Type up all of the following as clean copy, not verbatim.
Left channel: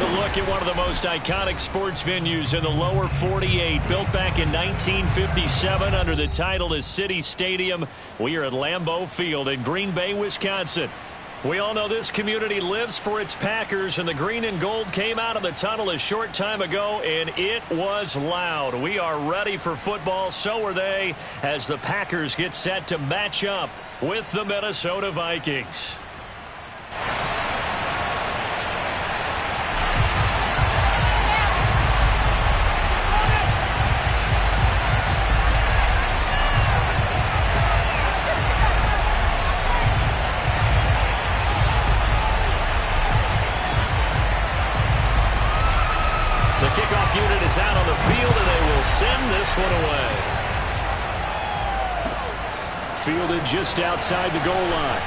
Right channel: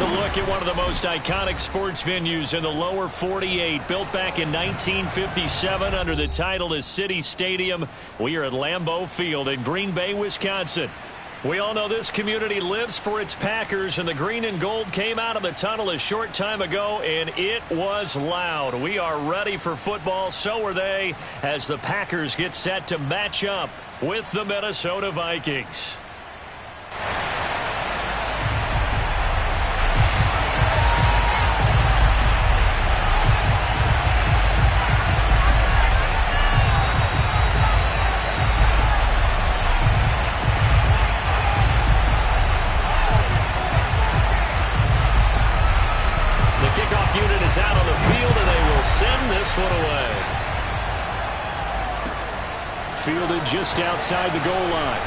Here's a look at one of the most iconic sports venues in the lower 48. Built back in 1957 under the title of City Stadium. We are at Lambeau Field in Green Bay, Wisconsin. We all know this community lives for its Packers, and the green and gold came out of the tunnel a short time ago, and it was loud. We are ready for football, so are they, as the Packers get set to match up with the Minnesota Vikings. The kickoff unit is out on the field, and they will send this one away. Fielded just outside the goal line.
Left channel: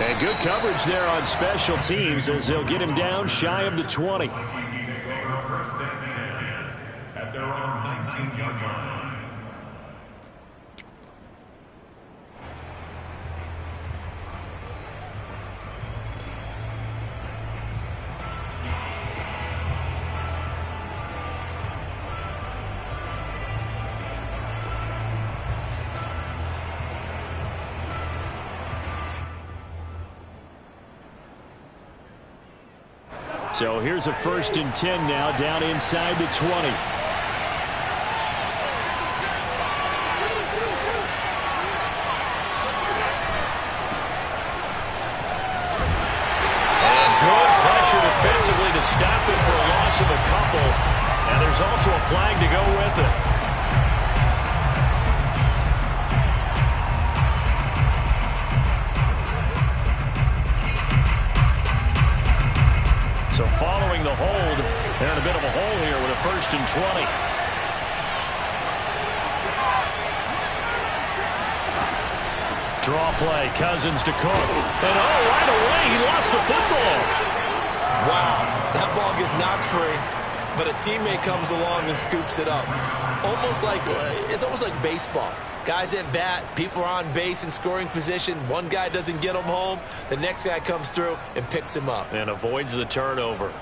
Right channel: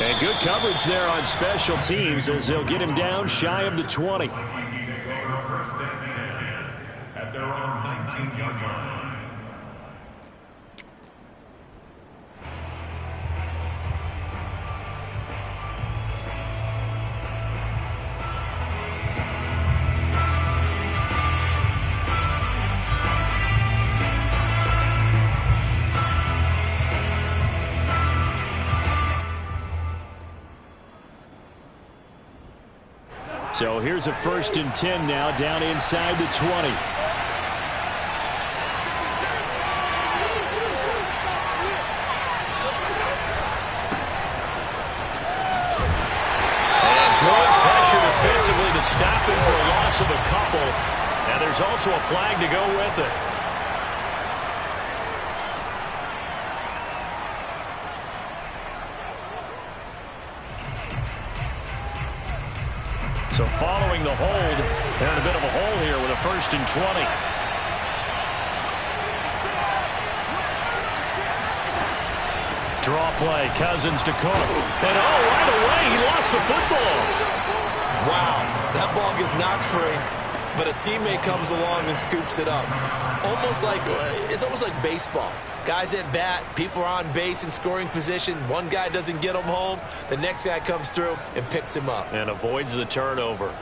And good coverage there on special teams as they'll get him down shy of the 20. At their own 19-yard line. So here's a 1st and 10 now, down inside the 20. And good pressure defensively to stop him for a loss of a couple. And there's also a flag to go with it. So following the hold, they're in a bit of a hole here with a 1st and 20. Draw play, Cousins to Cook. And right away, he lost the football. Wow, that ball gets knocked free, but a teammate comes along and scoops it up. It's almost like baseball. Guys at bat, people are on base in scoring position. One guy doesn't get him home. The next guy comes through and picks him up. And avoids the turnover.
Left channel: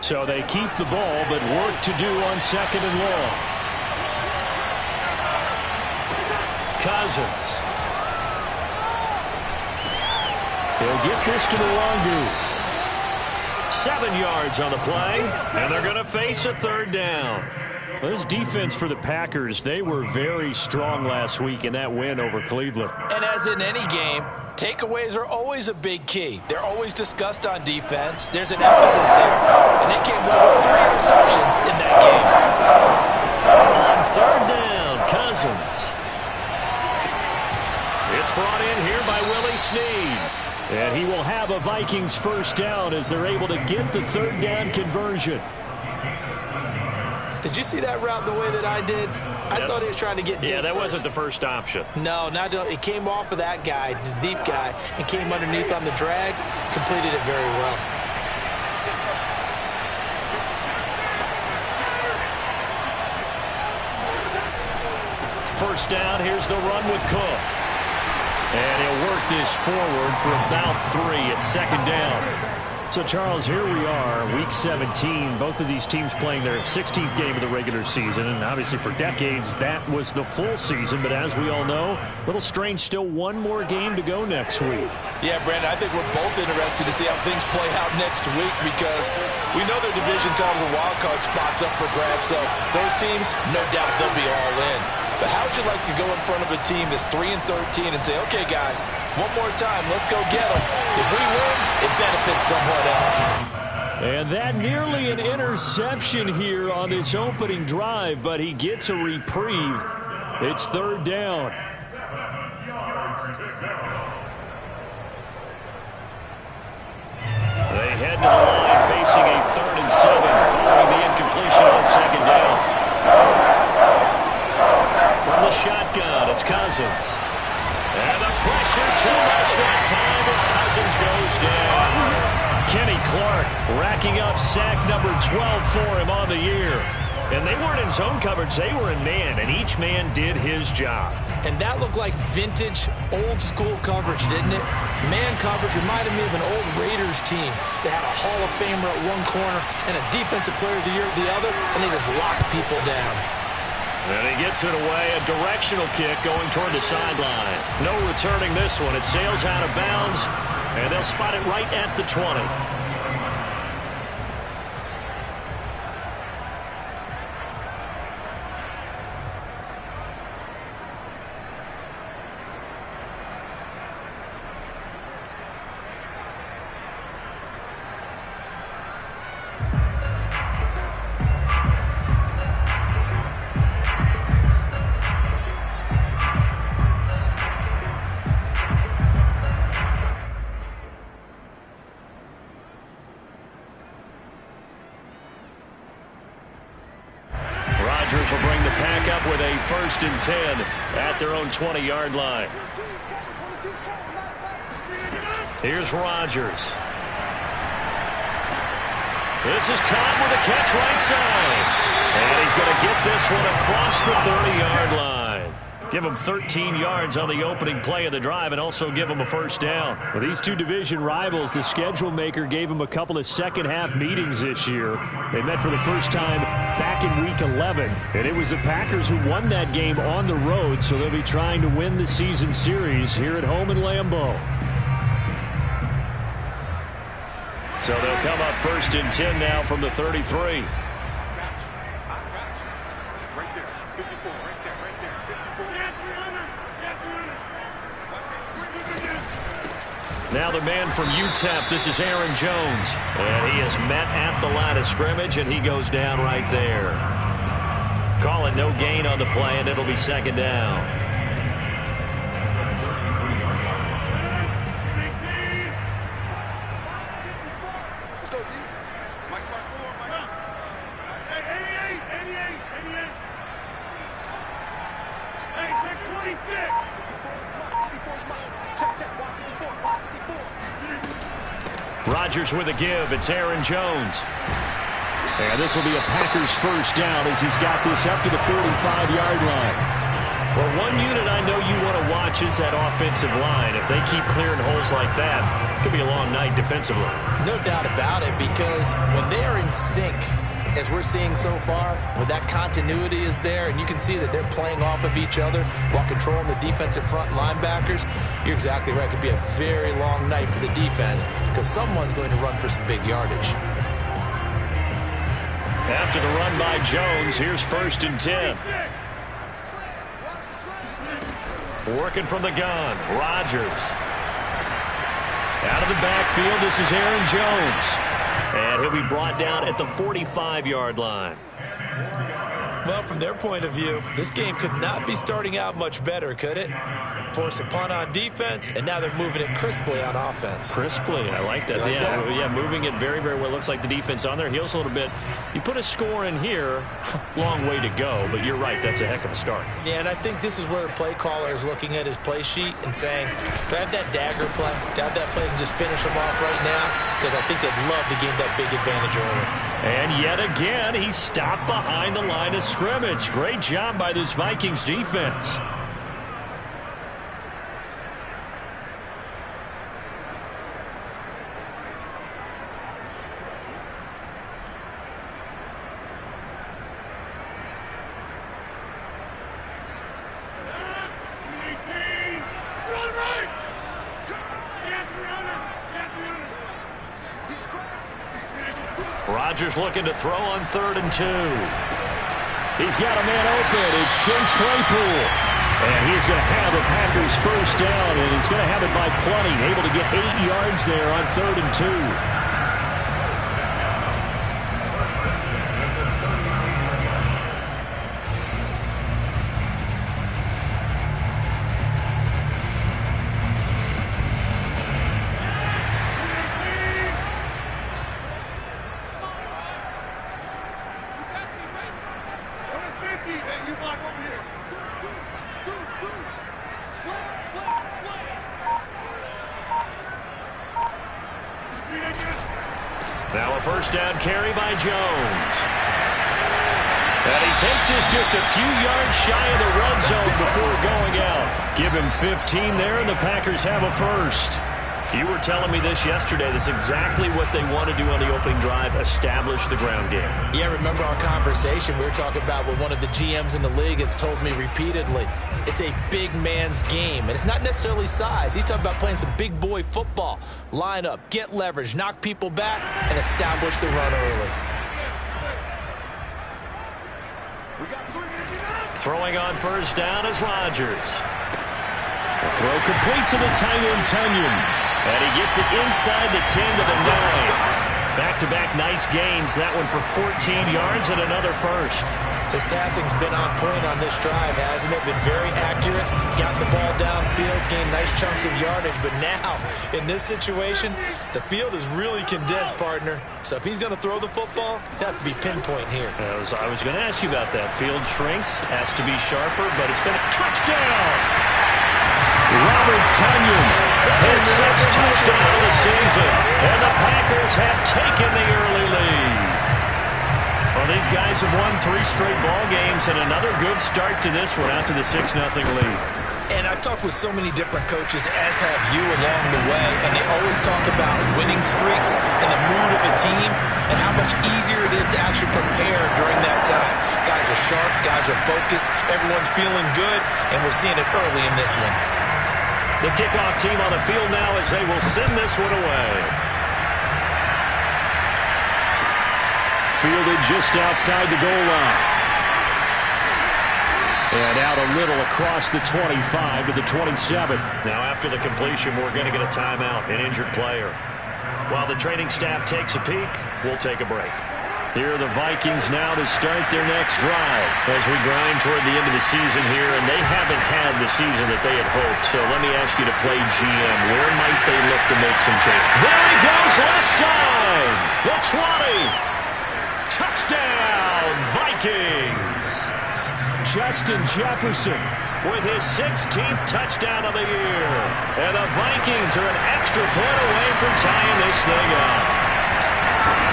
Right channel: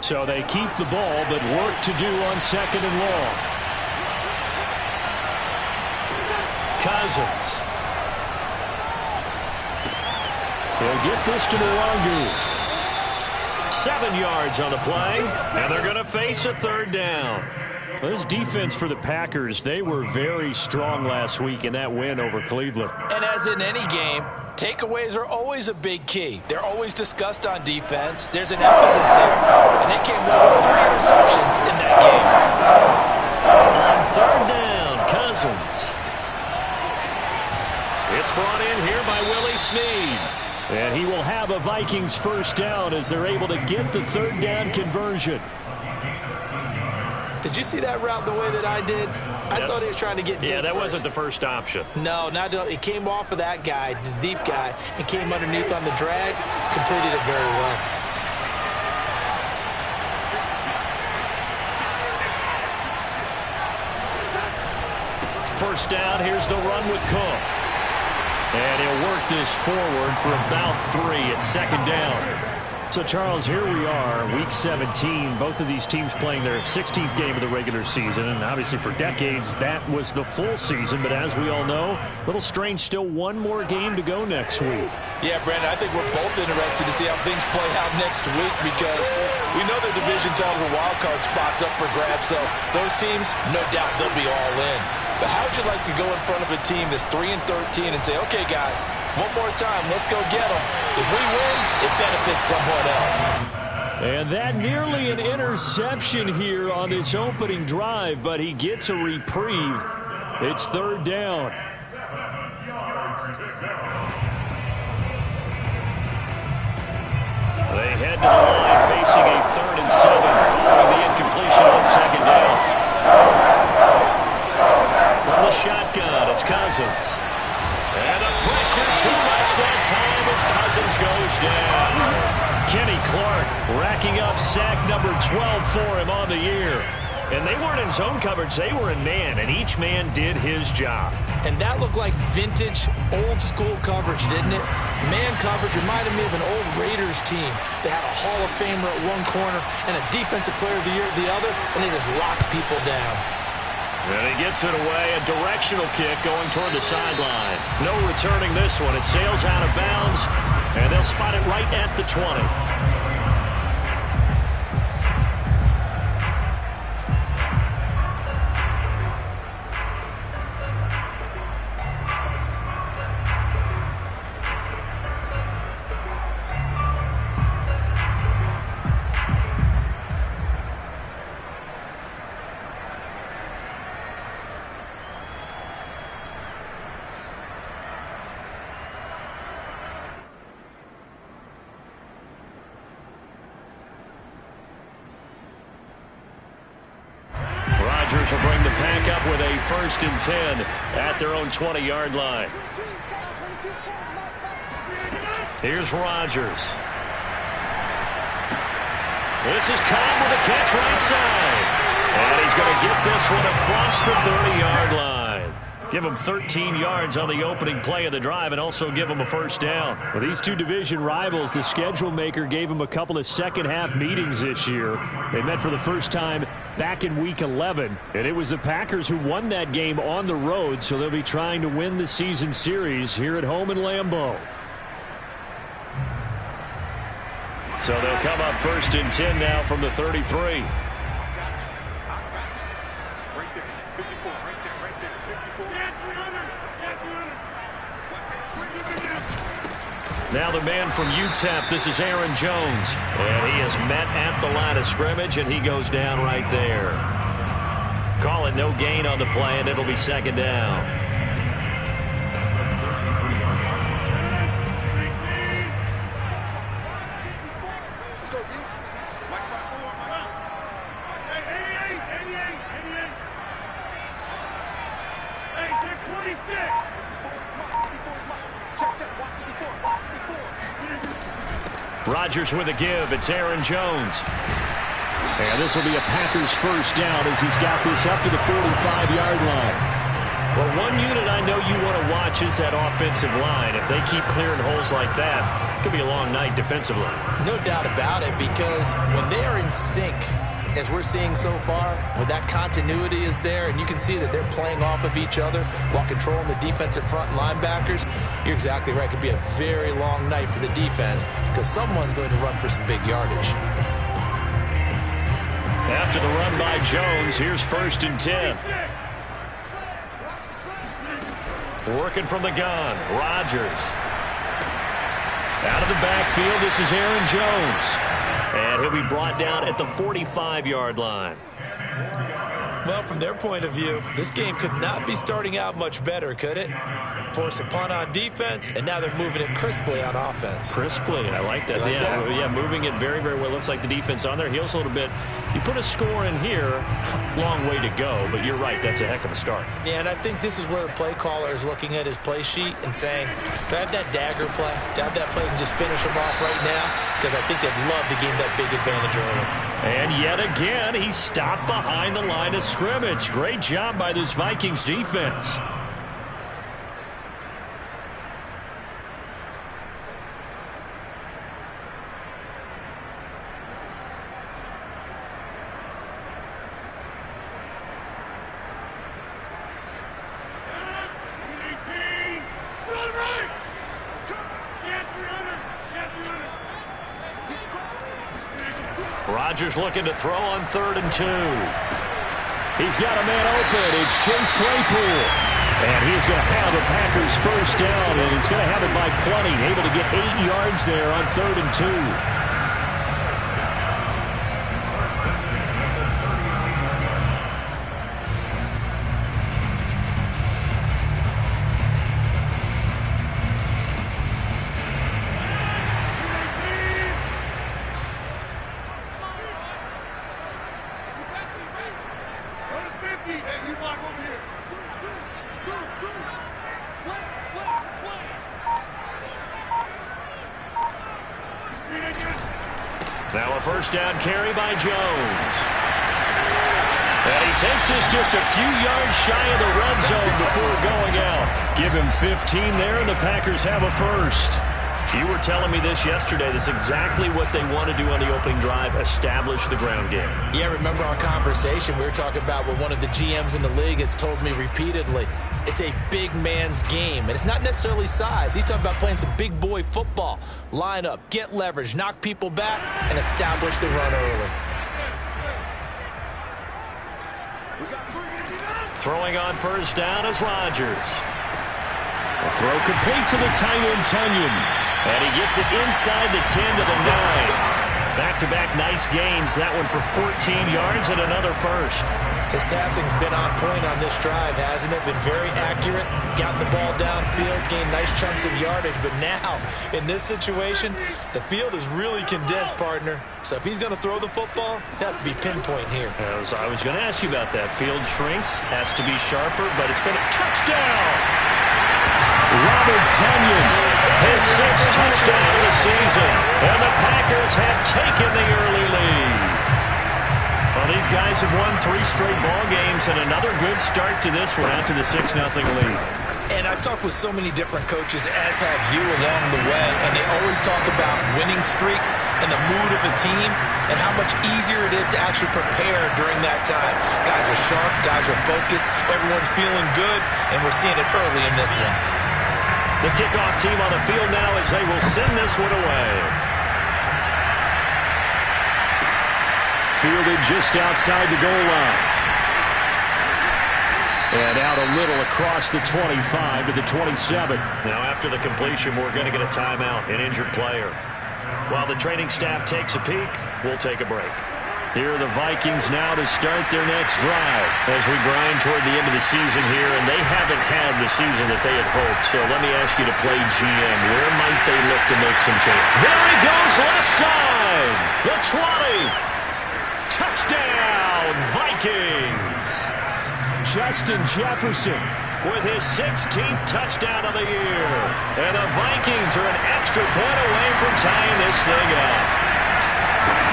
So they keep the ball, but work to do on 2nd and long. Cousins. He'll get this to Mwangu. 7 yards on the play, and they're going to face a 3rd down. Well, this defense for the Packers, they were very strong last week in that win over Cleveland. And as in any game, takeaways are always a big key. They're always discussed on defense. There's an emphasis there. And they came away with 3 interceptions in that game. On 3rd down, Cousins. It's brought in here by Willie Snead. And he will have a Vikings 1st down as they're able to get the 3rd down conversion. Did you see that route the way that I did? I thought he was trying to get deep. Yeah, that wasn't the first option. No, it came off of that guy, the deep guy, and came underneath on the drag. Completed it very well. First down, here's the run with Cook. And he'll work this forward for about 3 at 2nd down. So, Charles, here we are, Week 17. Both of these teams playing their 16th game of the regular season. And obviously for decades, that was the full season. But as we all know, a little strange, still one more game to go next week. Yeah, Brandon, I think we're both interested to see how things play out next week because we know their division titles and wild card spots up for grabs. So those teams, no doubt they'll be all in. But how would you like to go in front of a team that's 3-13 and say, okay, guys, one more time, let's go get them. If we win, it benefits someone else. And that nearly an interception here on this opening drive, but he gets a reprieve. It's 3rd down. They head to the line facing a 3rd and 7 following the incompletion on 2nd down. From the shotgun, it's Cousins. And the pressure too much that time as Cousins goes down. Kenny Clark racking up sack number 12 for him on the year. And they weren't in zone coverage. They were in man, and each man did his job. And that looked like vintage, old-school coverage, didn't it? Man coverage reminded me of an old Raiders team that had a Hall of Famer at one corner and a Defensive Player of the Year at the other, and they just locked people down. And he gets it away, a directional kick going toward the sideline. No returning this one. It sails out of bounds, and they'll spot it right at the 20. Rodgers will bring the pack up with a 1st and 10 at their own 20-yard line. Here's Rodgers. This is Cobb with a catch right side. And he's going to get this one across the 30-yard line. Give him 13 yards on the opening play of the drive and also give him a 1st down. Well, these two division rivals, the schedule maker gave them a couple of second-half meetings this year. They met for the first time back in Week 11, and it was the Packers who won that game on the road, so they'll be trying to win the season series here at home in Lambeau. So they'll come up 1st and 10 now from the 33. Now the man from UTEP, this is Aaron Jones. And he is met at the line of scrimmage, and he goes down right there. Call it no gain on the play, and it'll be 2nd down. Let's go, D. Mike 5-4, Mike. Hey, 88. Hey, check 26. 54 is Mike. 54 is Mike. Check. Watch 54. Watch 54. Rodgers with a give. It's Aaron Jones. And this will be a Packers 1st down as he's got this up to the 45-yard line. Well, one unit I know you want to watch is that offensive line. If they keep clearing holes like that, it could be a long night defensively. No doubt about it, because when they are in sync, as we're seeing so far, when that continuity is there and you can see that they're playing off of each other while controlling the defensive front linebackers, you're exactly right. It could be a very long night for the defense because someone's going to run for some big yardage. After the run by Jones, here's 1st and 10. Working from the gun, Rodgers. Out of the backfield, this is Aaron Jones. And he'll be brought down at the 45-yard line. Well, from their point of view, this game could not be starting out much better, could it? Force a punt on defense, and now they're moving it crisply on offense. Crisply, I like that. Yeah, moving it very, very well. Looks like the defense on their heels a little bit. You put a score in here, long way to go, but you're right, that's a heck of a start. Yeah, and I think this is where the play caller is looking at his play sheet and saying, do I have that dagger play? Do I have that play and just finish them off right now? Because I think they'd love to gain that big advantage early. And yet again, he stopped behind the line of scrimmage. Great job by this Vikings defense. Rodgers looking to throw on 3rd and 2. He's got a man open. It's Chase Claypool. And he's going to have a Packers 1st down, and he's going to have it by plenty. Able to get 8 yards there on 3rd and 2. Now a 1st down carry by Jones. And he takes us just a few yards shy of the red zone before going out. Give him 15 there, and the Packers have a first. You were telling me this yesterday. That's exactly what they want to do on the opening drive, establish the ground game. Yeah, remember our conversation? We were talking about what one of the GMs in the league has told me repeatedly. It's a big man's game, and it's not necessarily size. He's talking about playing some big boy football. Line up, get leverage, knock people back, and establish the run early. Throwing on first down is Rodgers. The throw complete to the tight end, Tunyon. And he gets it inside the 10 to the 9. Back-to-back nice gains. That one for 14 yards and another first. His passing's been on point on this drive, hasn't it? Been very accurate, gotten the ball downfield, gained nice chunks of yardage. But now, in this situation, the field is really condensed, partner. So if he's going to throw the football, that has to be pinpoint here. I was going to ask you about that. Field shrinks, has to be sharper, but it's been a touchdown. Robert Tunyon, his 6th touchdown of the season. And the Packers have taken the early lead. Well, these guys have won 3 straight ball games, and another good start to this one out to the 6-0 lead. And I've talked with so many different coaches, as have you, along the way, and they always talk about winning streaks and the mood of a team and how much easier it is to actually prepare during that time. Guys are sharp, guys are focused, everyone's feeling good, and we're seeing it early in this one. The kickoff team on the field now as they will send this one away. Fielded just outside the goal line. And out a little across the 25 to the 27. Now after the completion, we're going to get a timeout, an injured player. While the training staff takes a peek, we'll take a break. Here are the Vikings now to start their next drive as we grind toward the end of the season here, and they haven't had the season that they had hoped. So let me ask you to play GM. Where might they look to make some change? There he goes, left side. The 20. Touchdown, Vikings. Justin Jefferson with his 16th touchdown of the year. And the Vikings are an extra point away from tying this thing up.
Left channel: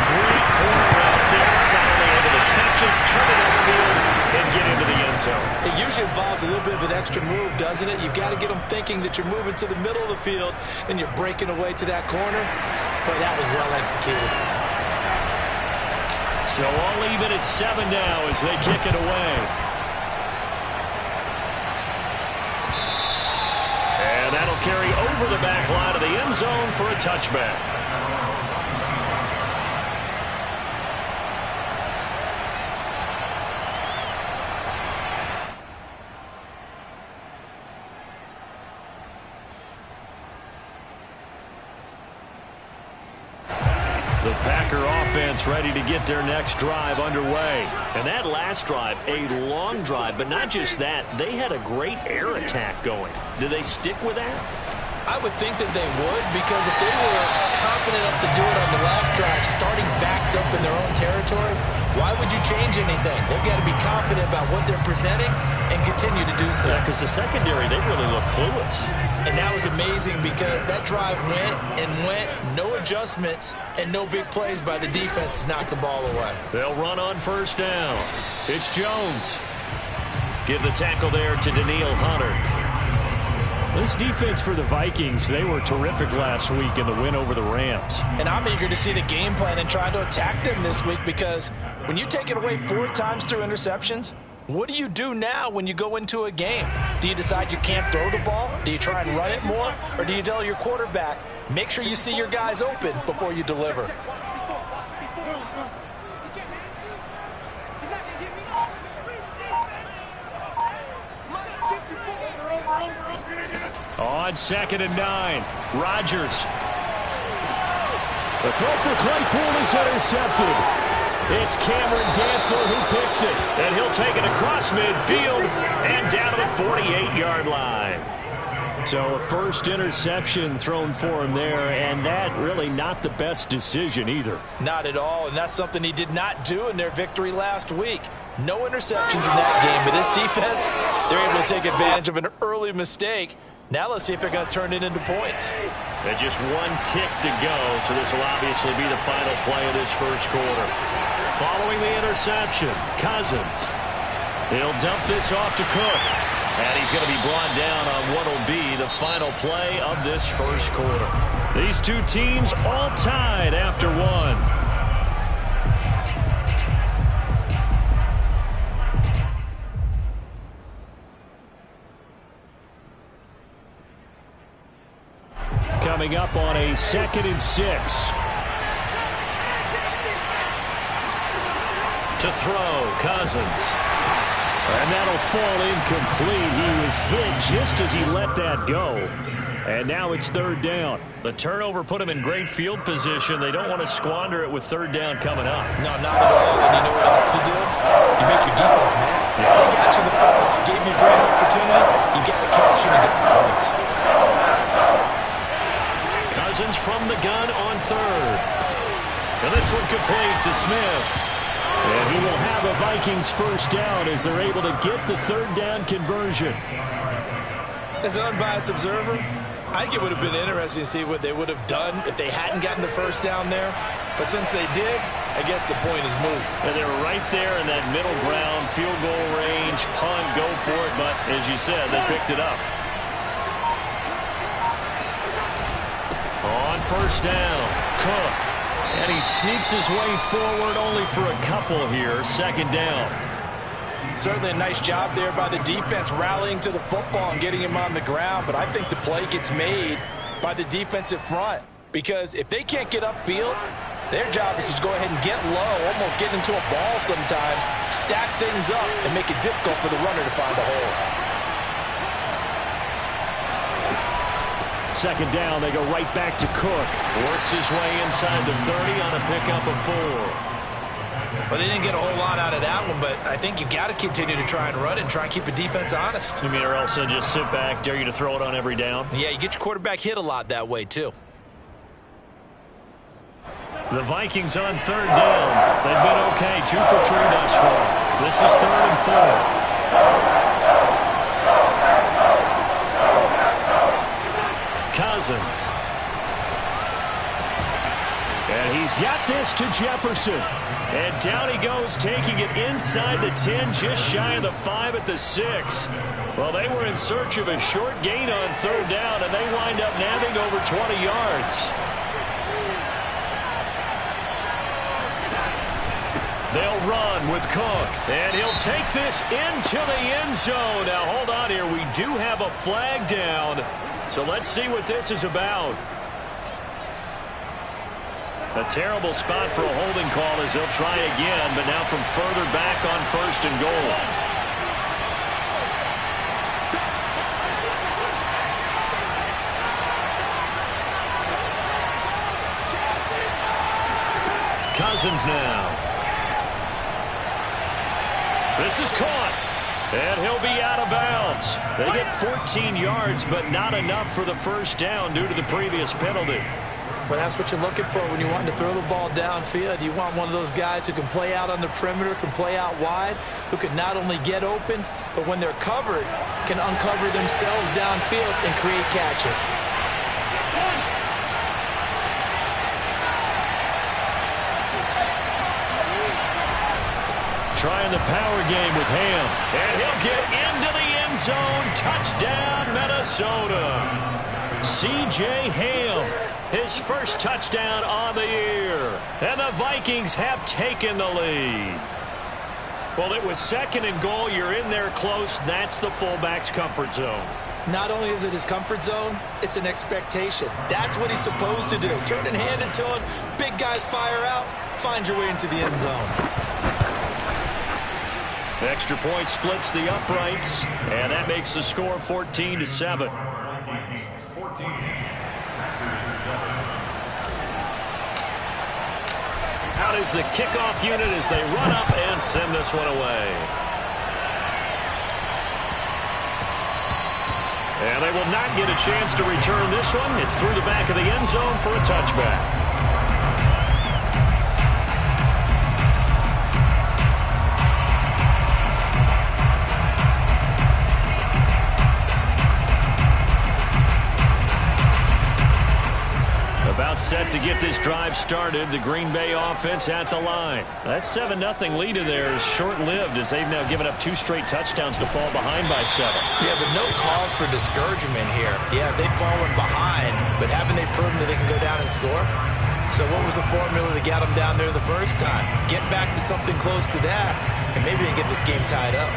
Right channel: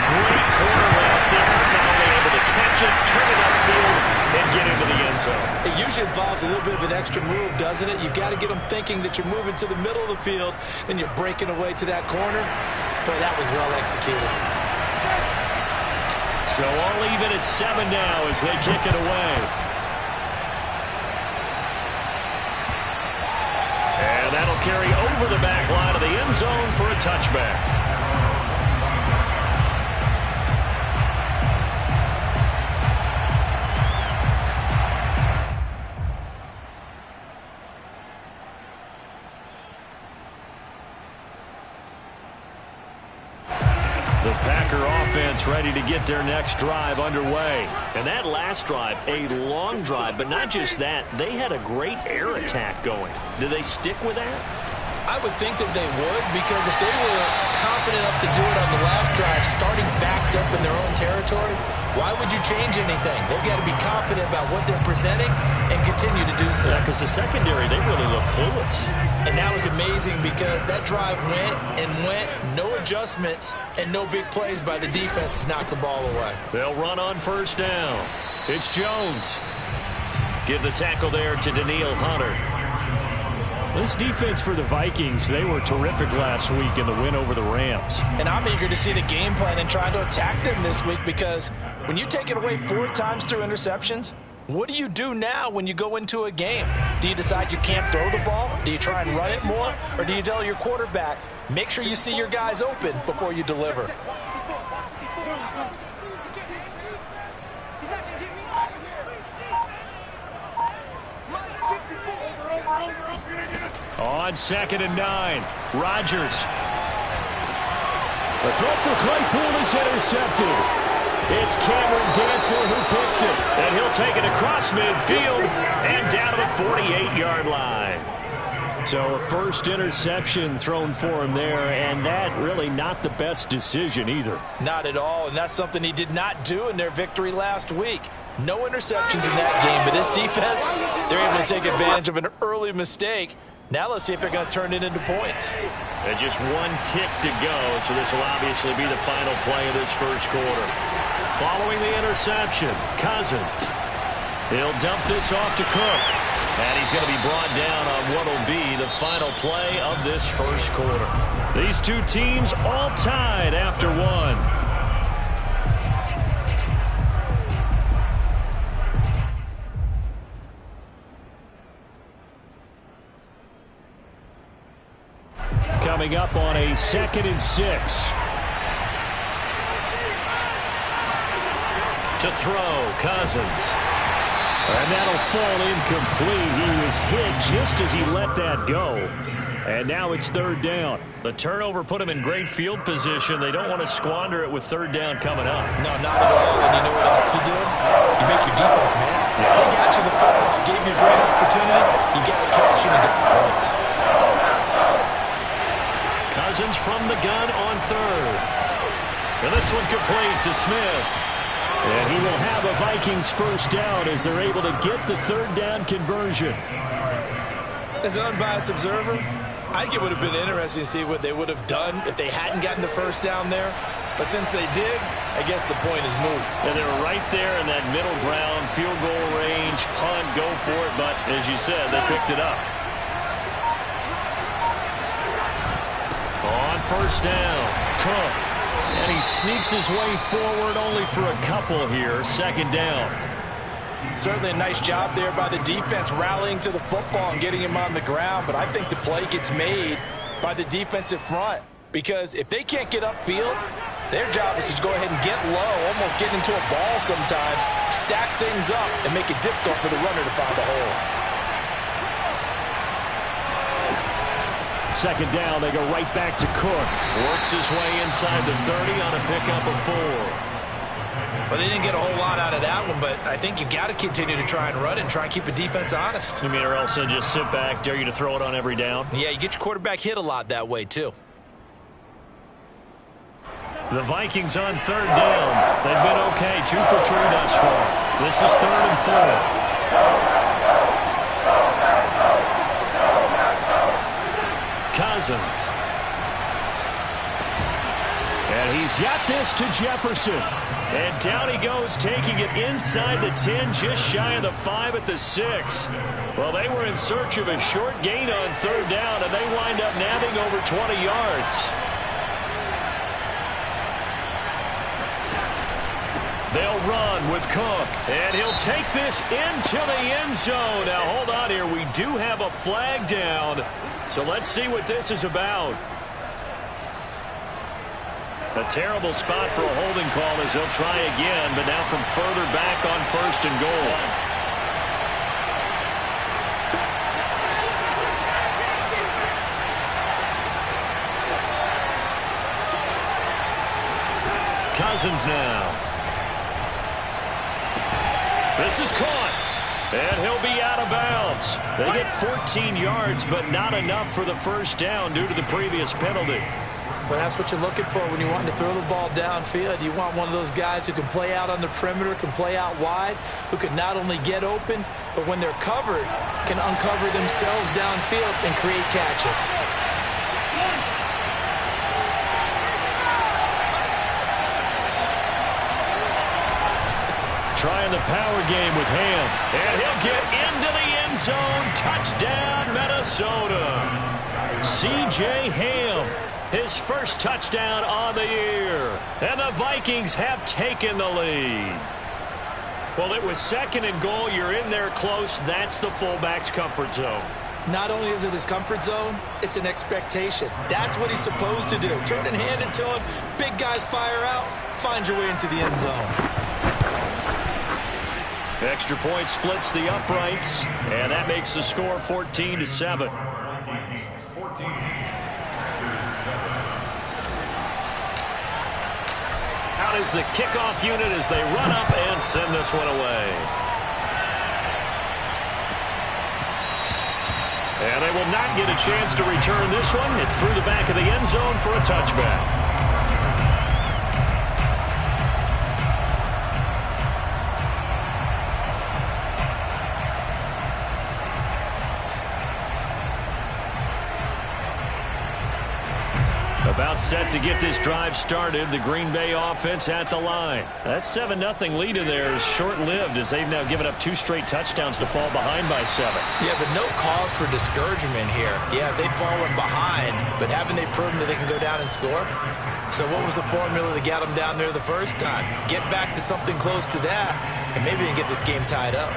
Great corner route there. Not only able to catch it, turn it upfield, and get into the end zone. It usually involves a little bit of an extra move, doesn't it? You've got to get them thinking that you're moving to the middle of the field, and you're breaking away to that corner. Boy, that was well executed. So all even at 7 now as they kick it away. And that'll carry over the back line of the end zone for a touchback. The Packer offense ready to get their next drive underway. And that last drive, a long drive, but not just that. They had a great air attack going. Do they stick with that? I would think that they would, because if they were confident enough to do it on the last drive, starting backed up in their own territory, why would you change anything? They've got to be confident about what they're presenting and continue to do so. Yeah, because the secondary, they really look clueless. And that was amazing because that drive went and went, no adjustments, and no big plays by the defense to knock the ball away. They'll run on first down. It's Jones. Give the tackle there to Daniil Hunter. This defense for the Vikings, they were terrific last week in the win over the Rams. And I'm eager to see the game plan and try to attack them this week, because when you take it away 4 times through interceptions, what do you do now when you go into a game? Do you decide you can't throw the ball? Do you try and run it more? Or do you tell your quarterback, make sure you see your guys open before you deliver? On 2nd and 9, Rodgers. The throw for Claypool is intercepted. It's Cameron Dantzler who picks it. And he'll take it across midfield and down to the 48-yard line. So a first interception thrown for him there, and that really not the best decision either. Not at all, and that's something he did not do in their victory last week. No interceptions in that game, but this defense, they're able to take advantage of an early mistake Now let's see if they're going to turn it into points. And just one tick to go, so this will obviously be the final play of this first quarter. Following the interception, Cousins. He'll dump this off to Cook. And he's going to be brought down on what will be the final play of this first quarter. These two teams all tied after one. Coming up on a 2nd and 6. To throw, Cousins. And that'll fall incomplete. He was hit just as he let that go. And now it's 3rd down. The turnover put him in great field position. They don't want to squander it with 3rd down coming up. No, not at all. And you know what else you do? You make your defense mad. They got you the football, gave you a great opportunity. You got to cash in and get some points. Cousins from the gun on 3rd. And this one complete to Smith. And he will have a Vikings first down as they're able to get the 3rd down conversion. As an unbiased observer, I think it would have been interesting to see what they would have done if they hadn't gotten the first down there. But since they did, I guess the point is moot. And they're right there in that middle ground, field goal range, punt, go for it. But as you said, they picked it up. On first down, Cook. And he sneaks his way forward only for a couple here. 2nd down. Certainly a nice job there by the defense rallying to the football and getting him on the ground. But I think the play gets made by the defensive front. Because if they can't get upfield, their job is to go ahead and get low, almost get into a ball sometimes, stack things up, and make it difficult for the runner to find a hole. 2nd down, they go right back to Cook. Works his way inside the 30 on a pickup of 4. Well, they didn't get a whole lot out of that one, but I think you've got to continue to try and run it and try and keep the defense honest. You mean, or else they'll just sit back, dare you to throw it on every down? Yeah, you get your quarterback hit a lot that way, too. The Vikings on 3rd down. They've been okay, 2 for 3 thus far. This is 3rd and 4. Cousins. And he's got this to Jefferson. And down he goes, taking it inside the 10, just shy of the 5 at the 6. Well, they were in search of a short gain on 3rd down, and they wind up nabbing over 20 yards. They'll run with Cook, and he'll take this into the end zone. Now, hold on here. We do have a flag down, so let's see what this is about. A terrible spot for a holding call as they'll try again, but now from further back on 1st and goal. Cousins now. This is caught, and he'll be out of bounds. They get 14 yards, but not enough for the first down due to the previous penalty. But that's what you're looking for when you want to throw the ball downfield. You want one of those guys who can play out on the perimeter, can play out wide, who can not only get open, but when they're covered, can uncover themselves downfield and create catches. Trying the power game with Ham. And he'll get into the end zone. Touchdown, Minnesota. C.J. Ham, his first touchdown on the year. And the Vikings have taken the lead. Well, it was 2nd and goal. You're in there close. That's the fullback's comfort zone. Not only is it his comfort zone, it's an expectation. That's what he's supposed to do. Turn and hand it to him. Big guys fire out. Find your way into the end zone. Extra point splits the uprights, and that makes the score 14-7. Out is the kickoff unit as they run up and send this one away. And they will not get a chance to return this one. It's through the back of the end zone for a touchback. About set to get this drive started. The Green Bay offense at the line. That 7-0 lead in there is short-lived as they've now given up 2 straight touchdowns to fall behind by 7. Yeah, but no cause for discouragement here. Yeah, they've fallen behind, but haven't they proven that they can go down and score? So what was the formula that got them down there the first time? Get back to something close to that, and maybe they can get this game tied up.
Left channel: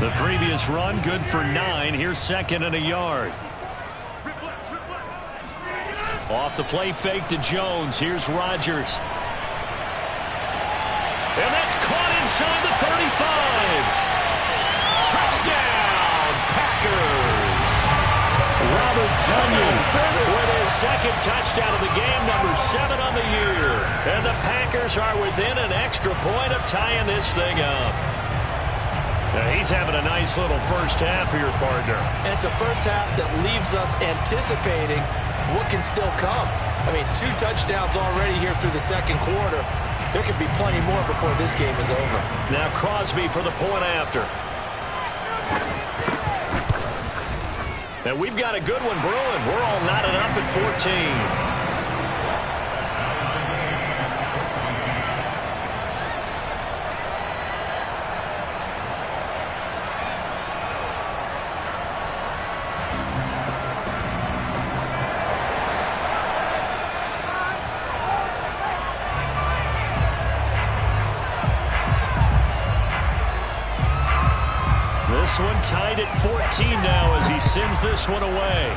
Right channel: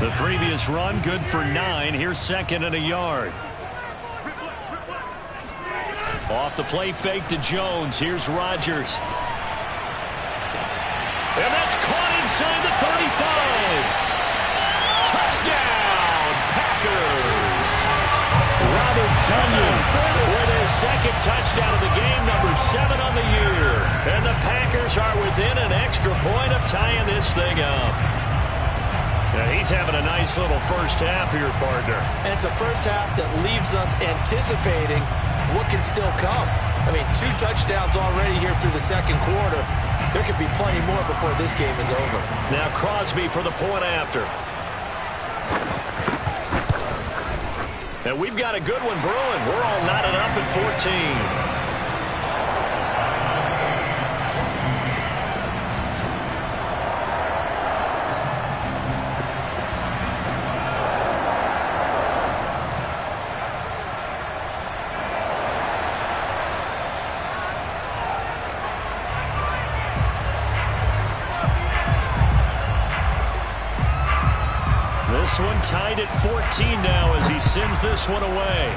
The previous run, good for 9. Here's 2nd and a yard. Off the play fake to Jones. Here's Rodgers. And that's caught inside the 35. Touchdown, Packers. Robert Tonyan with his 2nd touchdown of the game, number 7 on the year. And the Packers are within an extra point of tying this thing up. Now he's having a nice little first half here, partner. And it's a first half that leaves us anticipating what can still come. I mean, 2 touchdowns already here through the second quarter. There could be plenty more before this game is over. Now Crosby for the point after. And we've got a good one brewing. We're all knotted up at 14. This one tied at 14 now as he sends this one away.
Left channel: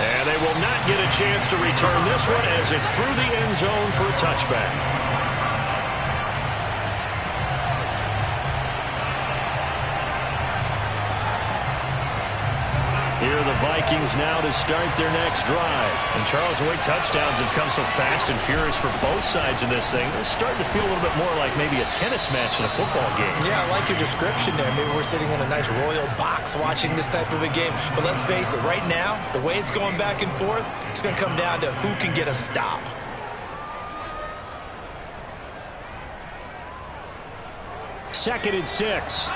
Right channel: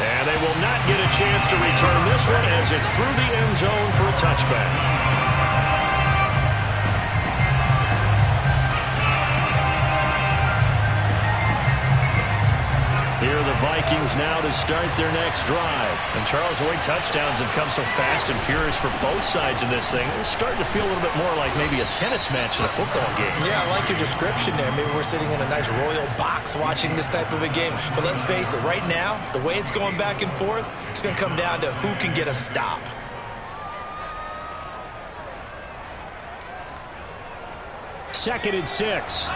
And they will not get a chance to return this one as it's through the end zone for a touchback. Here are the Vikings now to start their next drive. And Charles, the way touchdowns have come so fast and furious for both sides of this thing, it's starting to feel a little bit more like maybe a tennis match in a football game. Yeah, I like your description there. Maybe we're sitting in a nice royal box watching this type of a game. But let's face it, right now, the way it's going back and forth, it's going to come down to who can get a stop. Second and 6.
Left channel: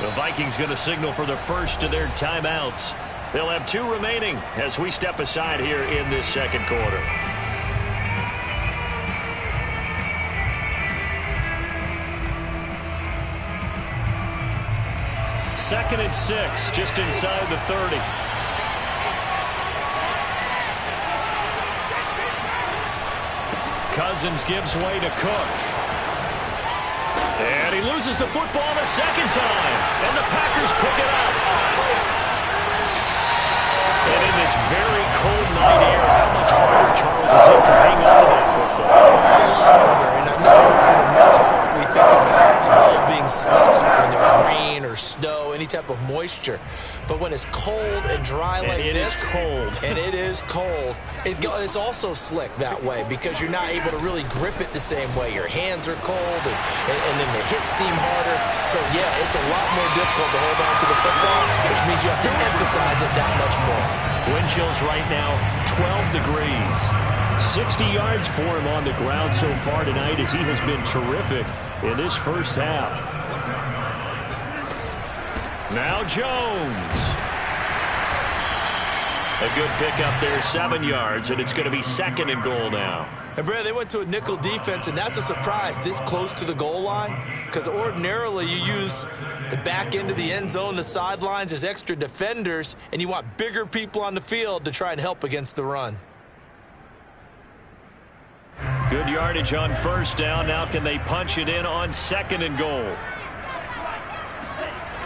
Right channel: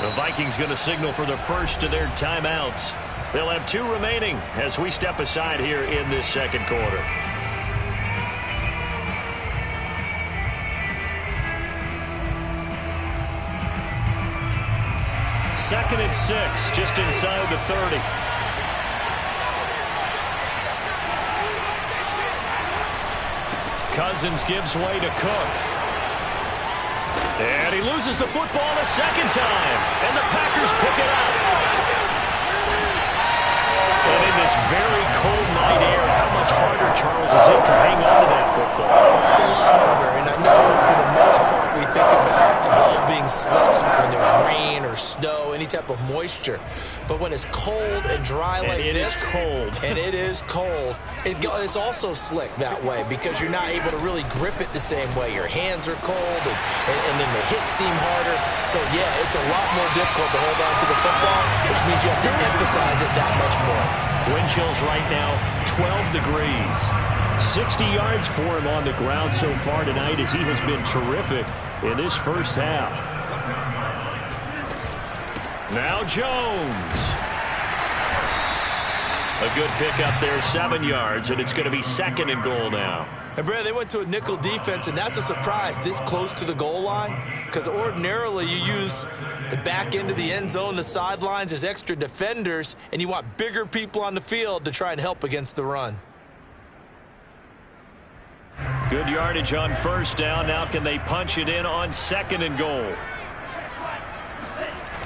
The Vikings going to signal for the first of their timeouts. They'll have 2 remaining as we step aside here in this second quarter. Second and 6, just inside the 30. Cousins gives way to Cook. And he loses the football a second time. And the Packers pick it up. And in this very cold night air, how much harder, Charles, is it to hang on to that football? It's a lot harder, and I know for the most part we think about the ball being slick when there's rain or snow, any type of moisture. But when it's cold and dry like this, and it is cold, it's also slick that way because you're not able to really grip it the same way. Your hands are cold, and then the hits seem harder. So, yeah, it's a lot more difficult to hold on to the football, which means you have to emphasize it that much more. Wind chills right now, 12 degrees. 60 yards for him on the ground so far tonight as he has been terrific in this first half. Now Jones. A good pickup there, 7 yards, and it's going to be 2nd and goal now. And, Brad, they went to a nickel defense, and that's a surprise this close to the goal line because ordinarily you use the back end of the end zone, the sidelines as extra defenders, and you want bigger people on the field to try and help against the run. Good yardage on first down. Now can they punch it in on 2nd and goal?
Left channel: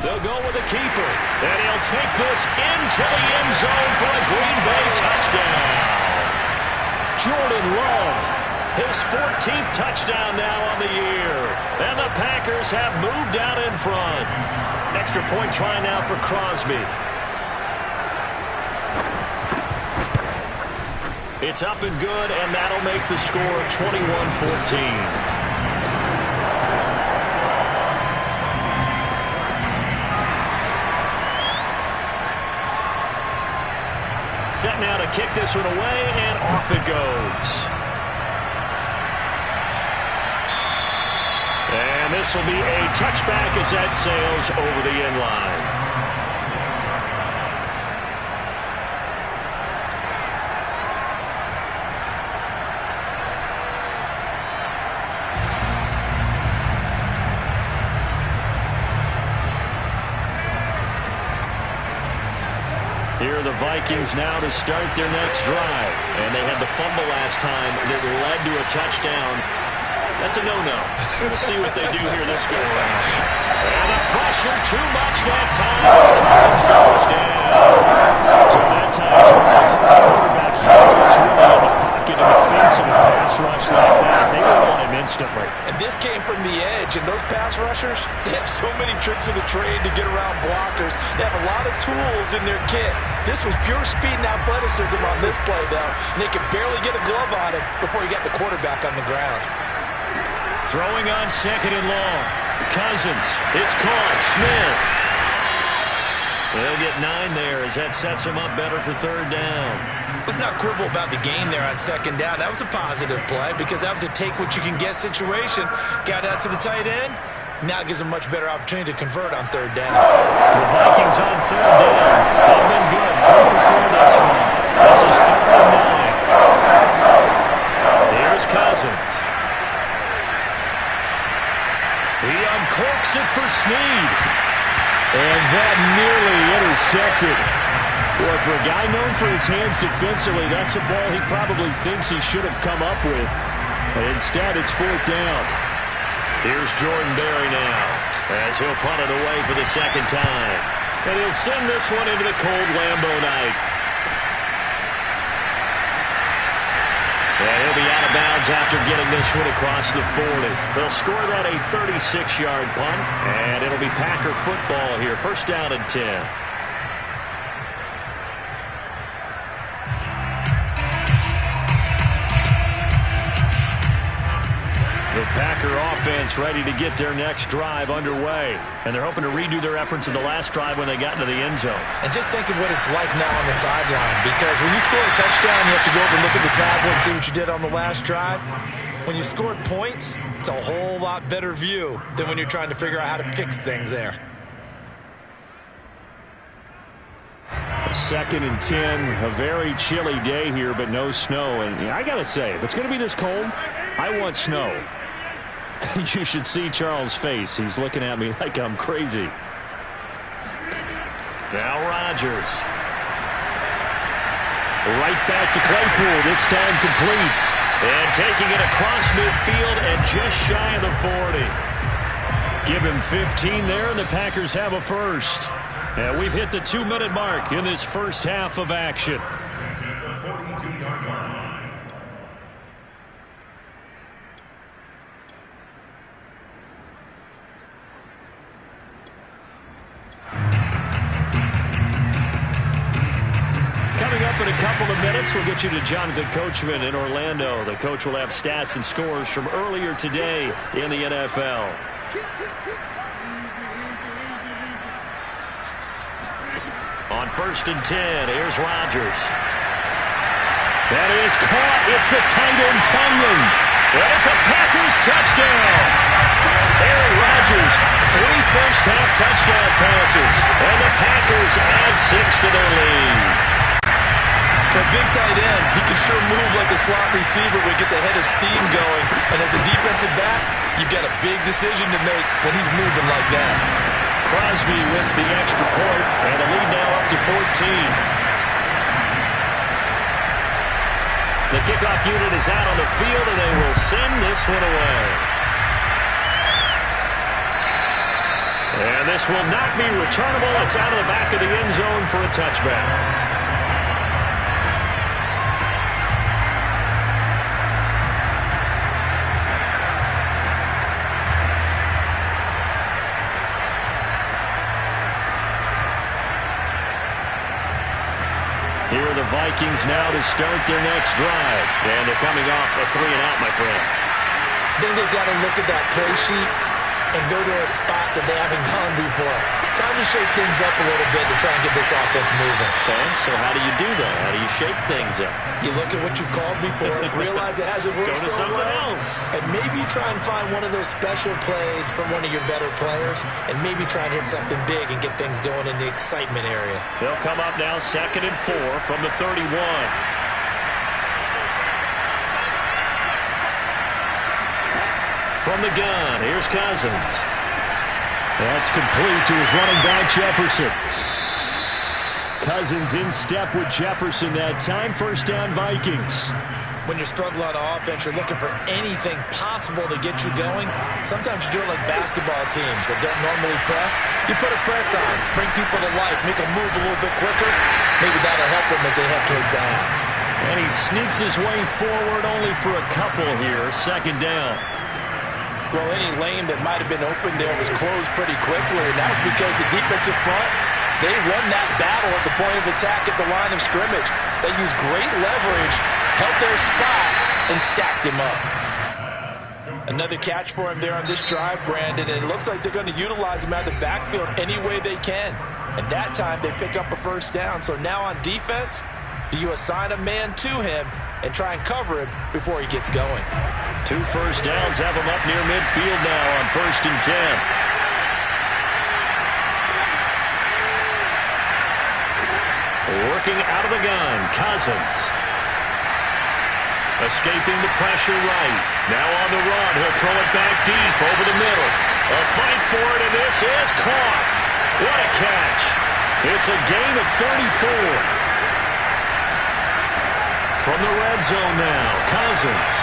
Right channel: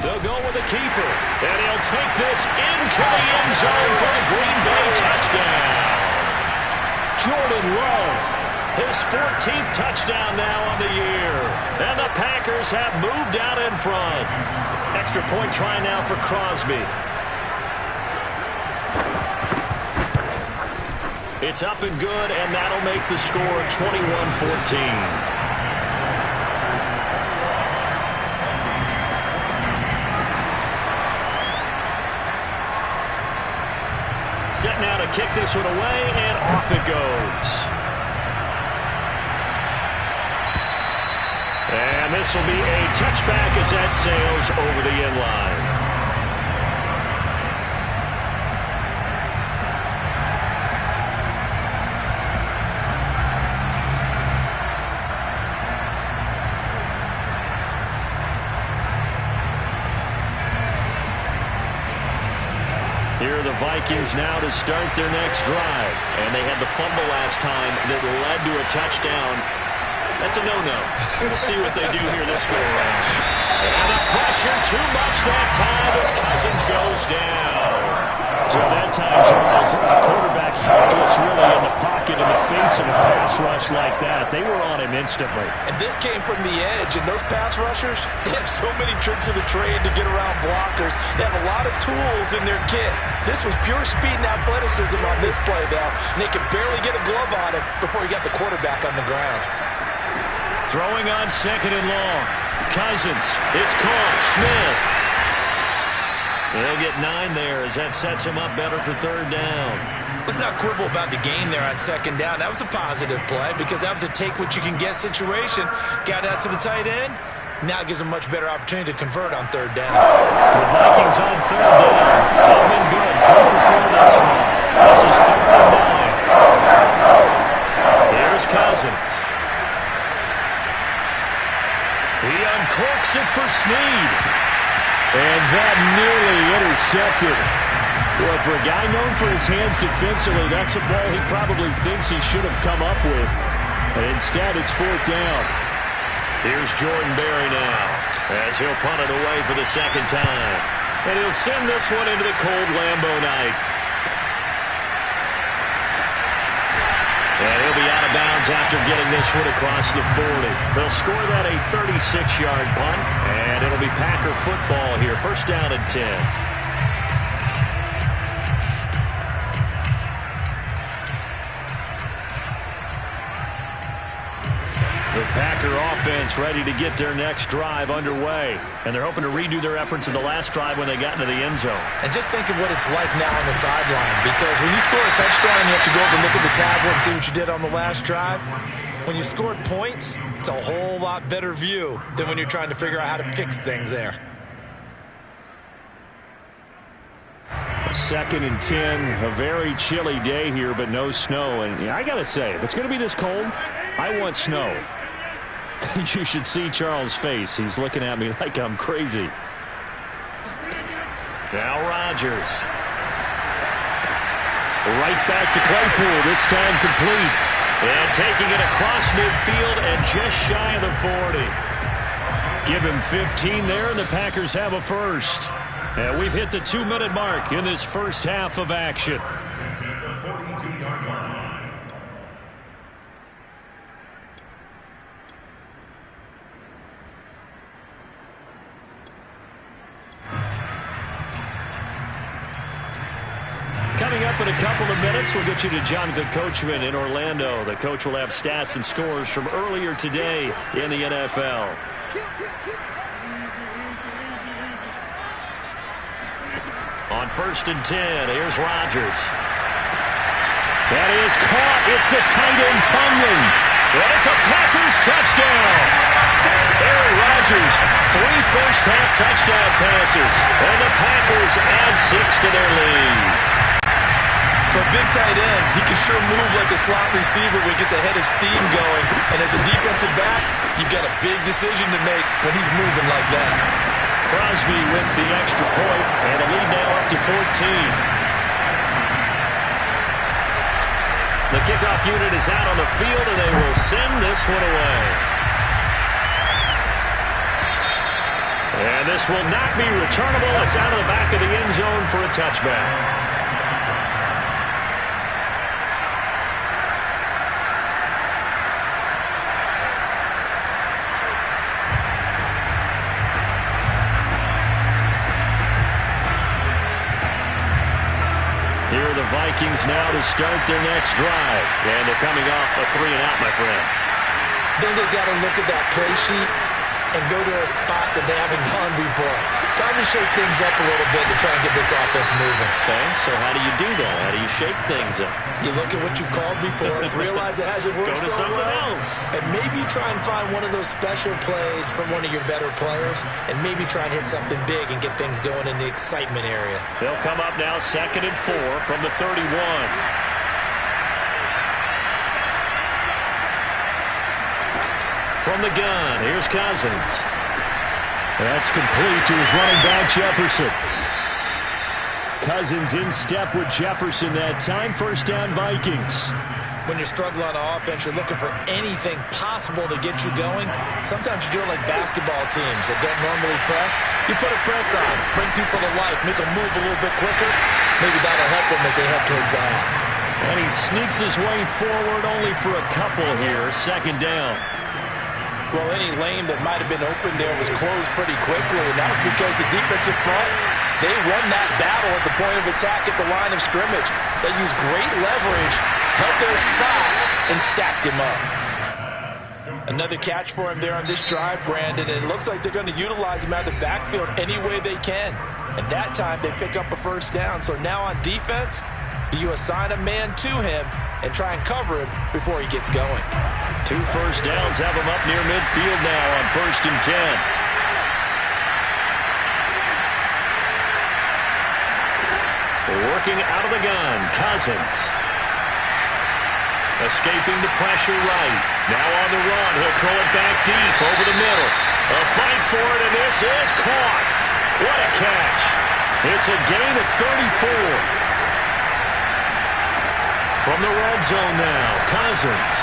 They'll go with a keeper, and he'll take this into the end zone for a Green Bay touchdown. Jordan Love, his 14th touchdown now on the year. And the Packers have moved out in front. Extra point try now for Crosby. It's up and good, and that'll make the score 21-14. Set now to kick this one away, and off it goes. And this will be a touchback as that sails over the end line. Here are the Vikings now to start their next drive. And they had the fumble last time that led to a touchdown. That's a no-no. We'll see what they do here this go-around. And the pressure too much that time as Cousins goes down. So that time, Charles, the quarterback helpless really in the pocket in the face of a pass rush like that. They were on him instantly. And this came from the edge, and those pass rushers, they have so many tricks of the trade to get around blockers. They have a lot of tools in their kit. This was pure speed and athleticism on this play, though. And they could barely get a glove on him before he got the quarterback on the ground. Throwing on second and long. Cousins. It's caught. Smith. They'll get 9 there as that sets him up better for third down. Let's not quibble about the gain there on second down. That was a positive play because that was a take-what-you-can-get situation. Got out to the tight end. Now it gives them a much better opportunity to convert on third down. The Vikings on third down. They've been good. 3 for 4 thus far. This is 3rd and 9. Here's Cousins. He uncorks it for Snead. And that nearly intercepted. Boy, for a guy known for his hands defensively, that's a ball he probably thinks he should have come up with. But instead, it's 4th down. Here's Jordan Berry now as he'll punt it away for the second time. And he'll send this one into the cold Lambeau night. And he'll be out of bounds after getting this one across the 40. They'll score that a 36-yard punt, and it'll be Packer football here. 1st down and 10. The Packer offense ready to get their next drive underway. And they're hoping to redo their efforts in the last drive when they got into the end zone. And just think of what it's like now on the sideline. Because when you score a touchdown, you have to go over and look at the tablet and see what you did on the last drive. When you scored points, it's a whole lot better view than when you're trying to figure out how to fix things there. 2nd and 10. A very chilly day here, but no snow. And I got to say, if it's going to be this cold, I want snow. You should see Charles' face. He's looking at me like I'm crazy. Now Rodgers. Right back to Claypool, this time complete. And taking it across midfield and just shy of the 40. Give him 15 there, and the Packers have a first. And we've hit the 2-minute mark in this first half of action. Coming up in a couple of minutes, we'll get you to Jonathan Coachman in Orlando. The coach will have stats and scores from earlier today in the NFL. On 1st and 10, here's Rodgers. That is caught. It's the tight end Tunyon. And it's a Packers touchdown. Aaron Rodgers, 3 first-half touchdown passes. And the Packers add 6 to their lead. For a big tight end, he can sure move like a slot receiver when he gets a head of steam going. And as a defensive back, you've got a big decision to make when he's moving like that. Crosby with the extra point, and a lead now up to 14. The kickoff unit is out on the field, and they will send this one away. And this will not be returnable. It's out of the back of the end zone for a touchback. Here are the Vikings now to start their next drive. And they're coming off a 3-and-out, my friend. I think they've got to look at that play sheet and go to a spot that they haven't gone before. Time to shake things up a little bit to try and get this offense moving. Okay, so how do you do that? How do you shake things up? You look at what you've called before, realize it hasn't worked Go to so something well, else. and maybe try and find one of those special plays from one of your better players, and maybe try and hit something big and get things going in the excitement area. They'll come up now 2nd and 4 from the 31. From the gun, here's Cousins. That's complete to his running back, Jefferson. Cousins in step with Jefferson that time. First down, Vikings. When you're struggling on offense, you're looking for anything possible to get you going. Sometimes you do it like basketball teams that don't normally press. You put a press on, bring people to life, make them move a little bit quicker. Maybe that'll help them as they head towards the half. And he sneaks his way forward only for a couple here. 2nd down. Well, any lane that might have been open there was closed pretty quickly, and that was because the defensive front, they won that battle at the point of attack at the line of scrimmage. They used great leverage, held their spot, and stacked him up. Another catch for him there on this drive, Brandon, and it looks like they're going to utilize him out of the backfield any way they can. And that time they pick up a first down. So now on defense, do you assign a man to him and try and cover him before he gets going? 2 first downs have him up near midfield now on 1st and 10. Working out of the gun, Cousins. Escaping the pressure right. Now on the run, he'll throw it back deep over the middle. A fight for it, and this is caught. What a catch. It's a gain of 34. From the red zone now, Cousins.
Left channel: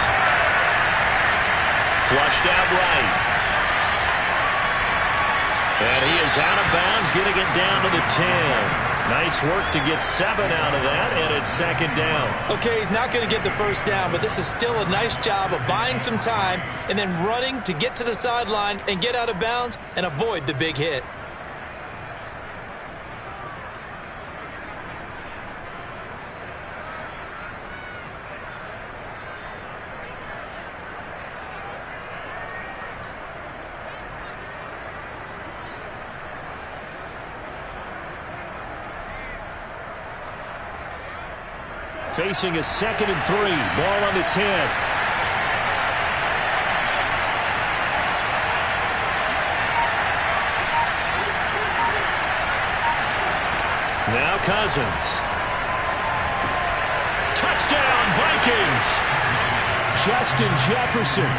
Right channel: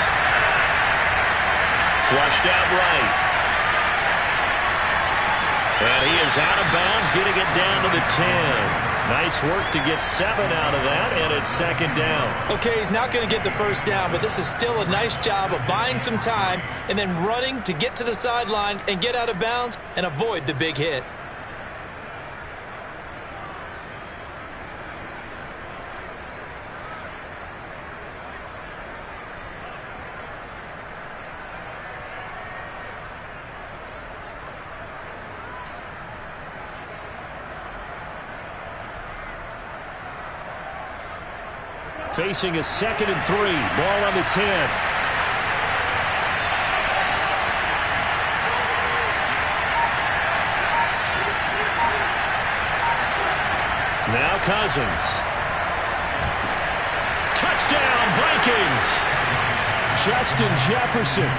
Flushed out right. And he is out of bounds, getting it down to the 10. Nice work to get 7 out of that, and it's 2nd down. Okay, he's not going to get the first down, but this is still a nice job of buying some time and then running to get to the sideline and get out of bounds and avoid the big hit. Facing a 2nd and 3. Ball on the 10. Now Cousins. Touchdown, Vikings. Justin Jefferson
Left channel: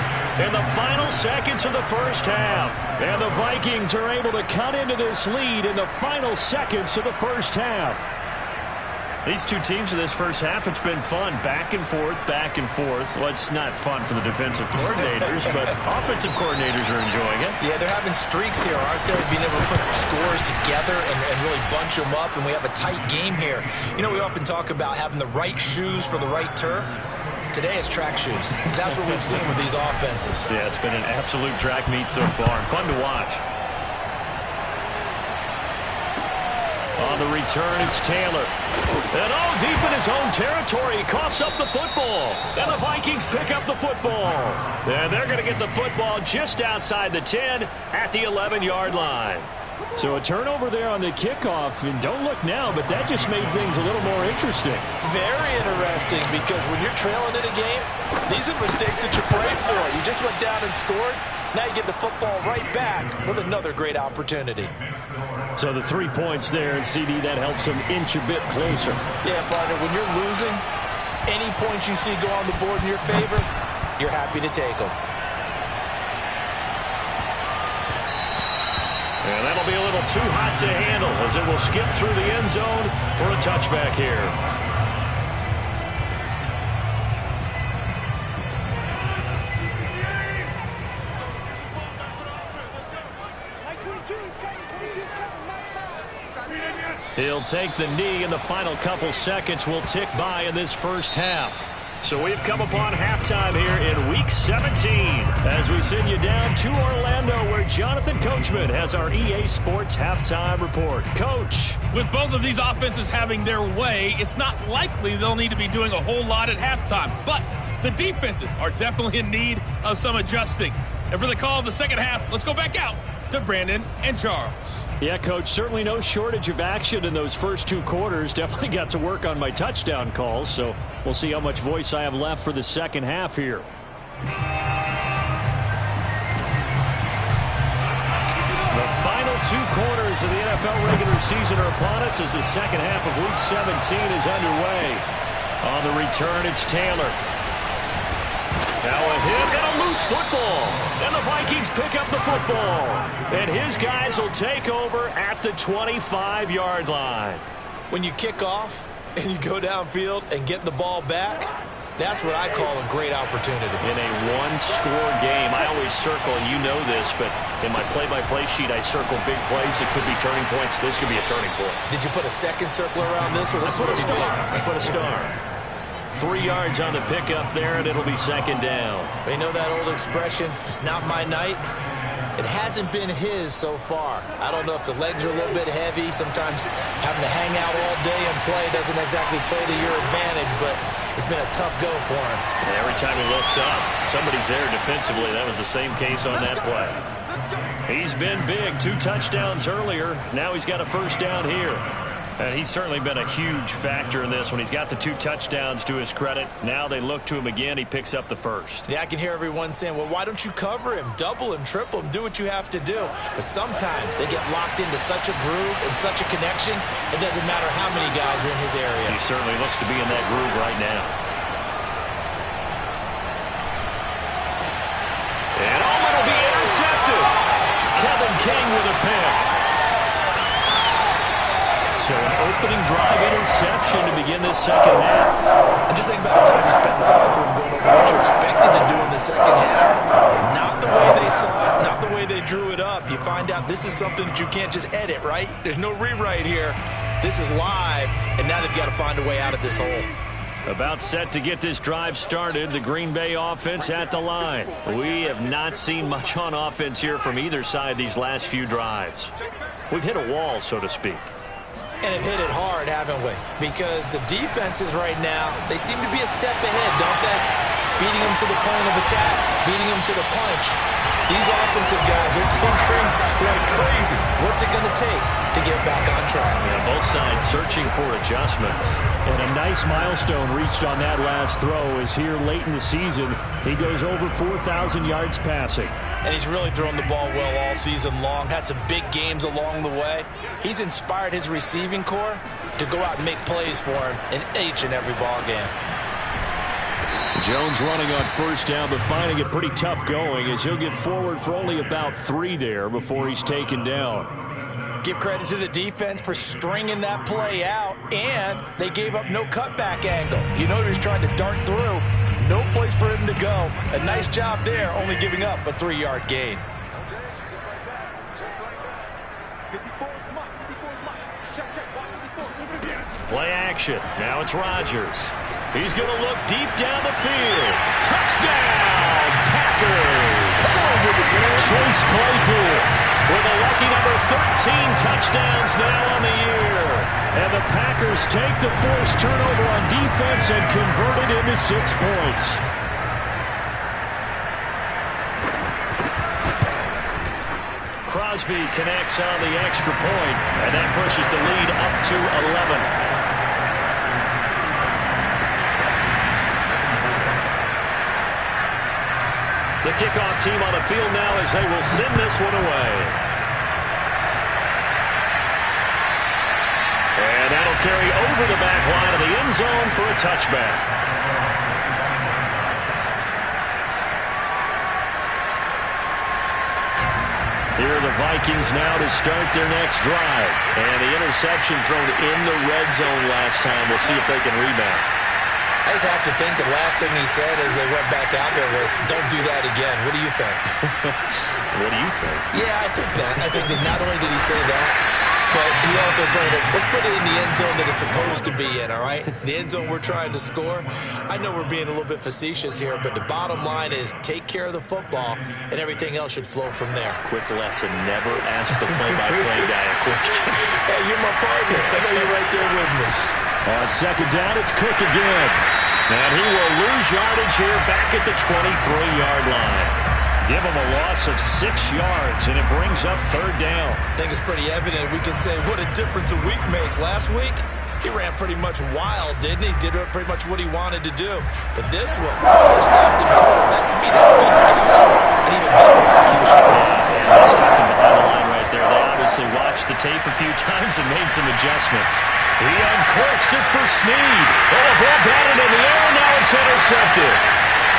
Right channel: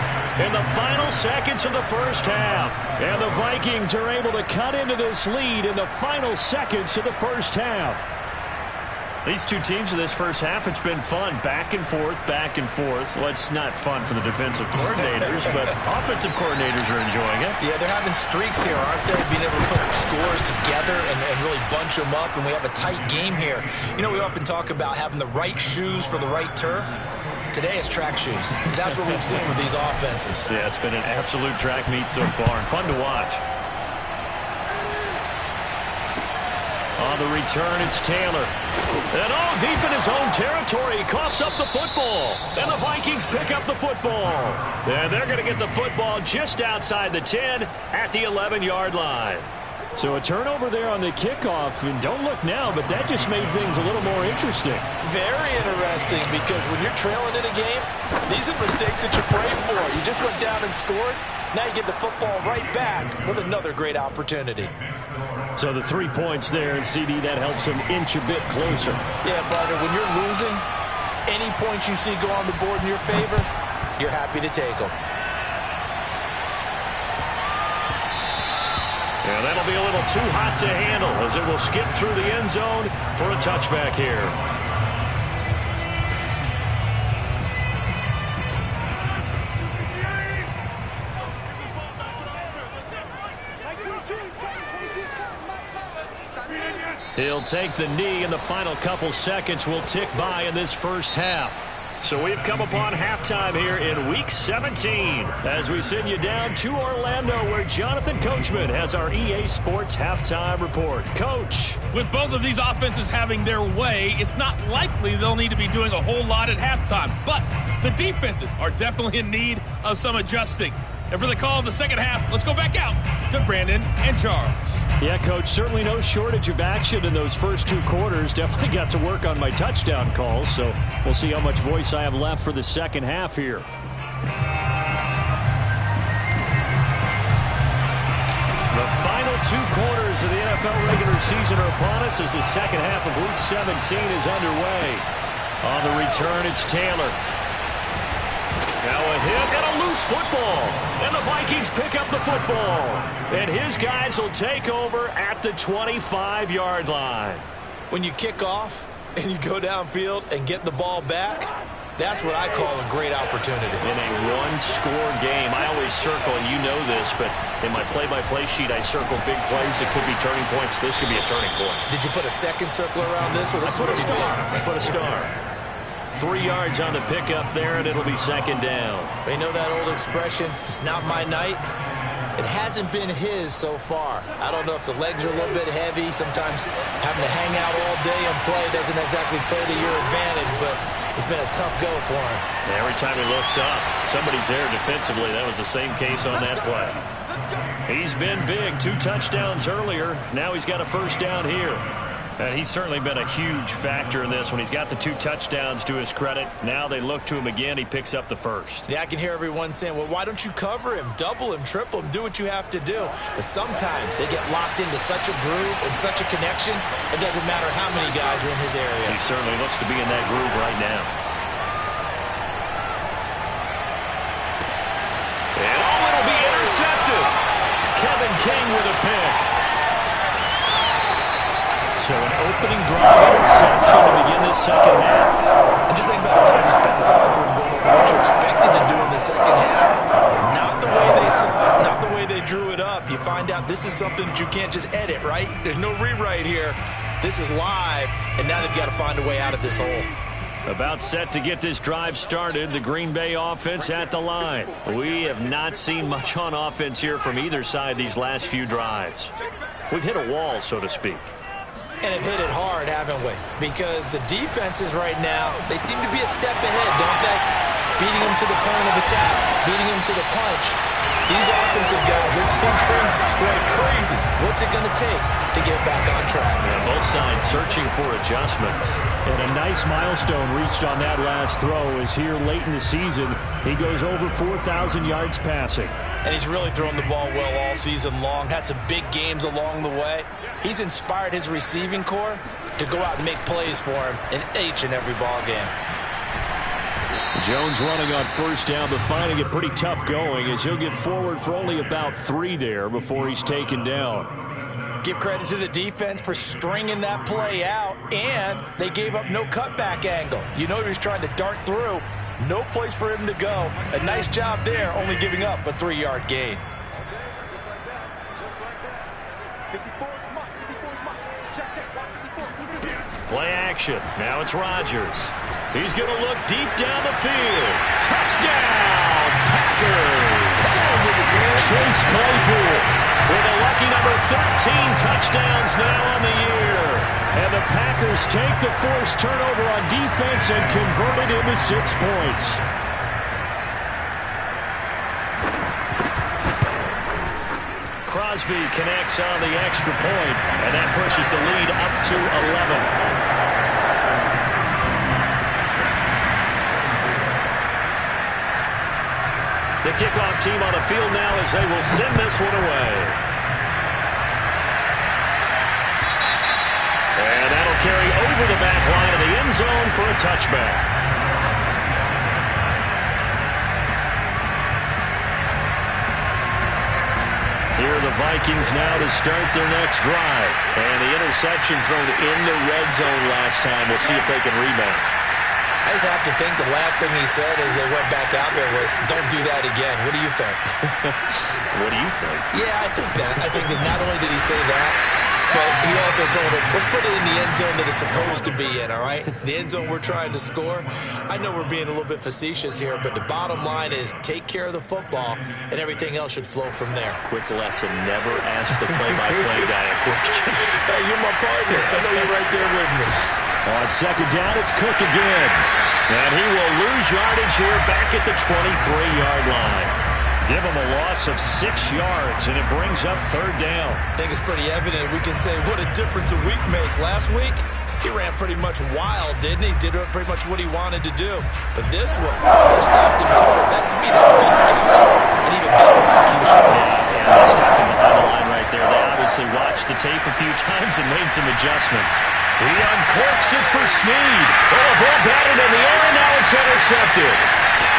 in the final seconds of the first half. And the Vikings are able to cut into this lead in the final seconds of the first half. These two teams in this first half, it's been fun. Back and forth, back and forth. Well, it's not fun for the defensive coordinators, but offensive coordinators are enjoying it. Yeah, they're having streaks here, aren't they? Being able to put scores together and really bunch them up, and we have a tight game here. You know, we often talk about having the right shoes for the right turf. Today it's track shoes. That's what we've seen with these offenses. Yeah, it's been an absolute track meet so far, and fun to watch. On the return, it's Taylor. And deep in his own territory, he coughs up the football. And the Vikings pick up the football. And they're going to get the football just outside the 10 at the 11-yard line. So a turnover there on the kickoff, and don't look now, but that just made things a little more interesting. Very interesting, because when you're trailing in a game, these are mistakes that you pray for. You just went down and scored. Now you get the football right back with another great opportunity. So the 3 points there, and CD, that helps him inch a bit closer. Yeah, but when you're losing, any points you see go on the board in your favor, you're happy to take them. And that'll be a little too hot to handle as it will skip through the end zone for a touchback here. He'll take the knee, and the final couple seconds will tick by in this first half. So we've come upon halftime here in Week 17 as we send you down to Orlando, where Jonathan Coachman has our EA Sports Halftime Report. Coach. With both of these offenses having their way, it's not likely they'll need to be doing a whole lot at halftime. But the defenses are definitely in need of some adjusting. And for the call of the second half, let's go back out to Brandon and Charles. Yeah, Coach, certainly no shortage of action in those first 2 quarters. Definitely got to work on my touchdown calls, so we'll see how much voice I have left for the second half here. The final 2 quarters of the NFL regular season are upon us as the second half of Week 17 is underway. On the return, it's Taylor. Now a hit and a loose football. And the Vikings pick up the football. And his guys will take over at the 25-yard line. When you kick off and you go downfield and get the ball back, that's what I call a great opportunity. In a one-score game, I always circle, and you know this, but in my play-by-play sheet, I circle big plays that could be turning points. This could be a turning point. Did you put a second circle around this? Or this I put a star. I put a star. 3 yards on the pickup there, and it'll be second down. You know that old expression, it's not my night? It hasn't been his so far. I don't know if the legs are a little bit heavy. Sometimes having to hang out all day and play doesn't exactly play to your advantage, but it's been a tough go for him. Every time he looks up, somebody's there defensively. That was the same case on that play. He's been big. 2 touchdowns earlier. Now he's got a first down here. And he's certainly been a huge factor in this when he's got the 2 touchdowns to his credit. Now they look to him again. He picks up the first. Yeah, I can hear everyone saying, well, why don't you cover him, double him, triple him, do what you have to do. But sometimes they get locked into such a groove and such a connection, it doesn't matter how many guys are in his area. He certainly looks to be in that groove right now. And it'll be intercepted. Kevin King with a pick. So an opening drive interception to begin this second half. And just think about the time you spent in the locker room going over what you expected to do in the second half. Not the way they saw it, not the way they drew it up. You find out this is something that you can't just edit, right? There's no rewrite here. This is live, and now they've got to find a way out of this hole. About set to get this drive started, the Green Bay offense at the line. We have not seen much on offense here from either side these last few drives. We've hit a wall, so to speak. And have hit it hard, haven't we? Because the defenses right now, they seem to be a step ahead, don't they? Beating them to the point of attack, beating them to the punch. These offensive guys are tinkering like crazy. What's it going to take to get back on track? Yeah, both sides searching for adjustments. And a nice milestone reached on that last throw is here late in the season. He goes over 4,000 yards passing. And he's really thrown the ball well all season long. Had some big games along the way. He's inspired his receiving corps to go out and make plays for him in each and every ball game. Jones running on first down, but finding it pretty tough going as he'll get forward for only about 3 there before he's taken down. Give credit to the defense for stringing that play out, and they gave up no cutback angle. You know he was trying to dart through. No place for him to go. A nice job there, only giving up a 3-yard gain. Okay, just like that. Just like that. 54 is mine. 54 is mine. Check, check. Watch 54. Play action. Now it's Rodgers. He's going to look deep down the field. Touchdown, Packers. Chase Claypool with a lucky number 13 touchdowns now on the year. And the Packers take the forced turnover on defense and convert it into 6 points. Crosby connects on the extra point, and that pushes the lead up to 11. The kickoff team on the field now as they will send this one away. And that'll carry over the back line of the end zone for a touchback. Here are the Vikings now to start their next drive. And the interception thrown in the red zone last time. We'll see if they can rebound. I just have to think the last thing he said as they went back out there was, don't do that again. What do you think? What do you think? Yeah, I think that. I think that not only did he say that, but he also told him, let's put it in the end zone that it's supposed to be in, all right? The end zone we're trying to score. I know we're being a little bit facetious here, but the bottom line is take care of the football, and everything else should flow from there. Quick lesson, never ask the play-by-play guy a question. Hey, you're my partner. I know you're right there with me. On second down, it's Cook again. And he will lose yardage here back at the 23-yard line. Give them a loss of 6 yards, and it brings up third down. I think it's pretty evident. We can say what a difference a week makes. Last week, he ran pretty much wild, didn't he? Did pretty much what he wanted to do. But this one, they stopped him cold. That, to me, that's good scouting and even better execution. Yeah, they stopped him behind the line right there. They obviously watched the tape a few times and made some adjustments. He uncorks it for Snead. Oh, a ball batted in the air, and now it's intercepted.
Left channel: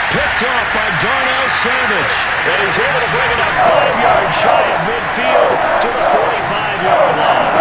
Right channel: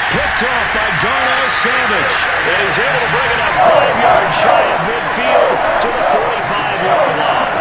Picked off by Darnell Savage. And he's able to bring it up 5 yards shy of midfield to the 45-yard line.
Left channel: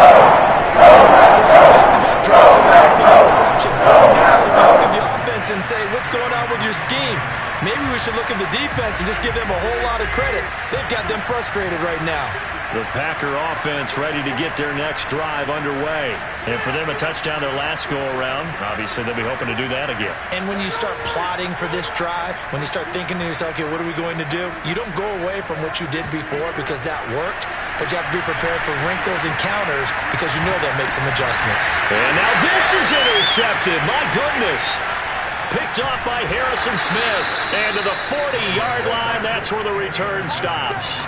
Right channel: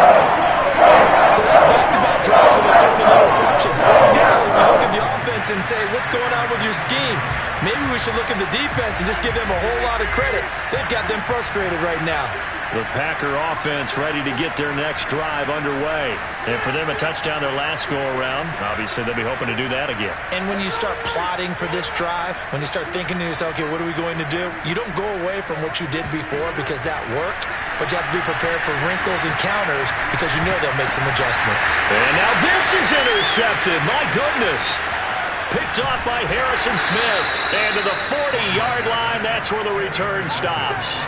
So that's back-to-back drives with a third and interception. Ordinarily, we look at the offense and say, what's going on with your scheme? Maybe we should look at the defense and just give them a whole lot of credit. They've got them frustrated right now. The Packer offense ready to get their next drive underway. And for them, a touchdown their last go-around. Obviously, they'll be hoping to do that again. And when you start plotting for this drive, when you start thinking to yourself, okay, what are we going to do? You don't go away from what you did before because that worked, but you have to be prepared for wrinkles and counters because you know they'll make some adjustments. And now this is intercepted. My goodness. Picked off by Harrison Smith. And to the 40-yard line, that's where the return stops.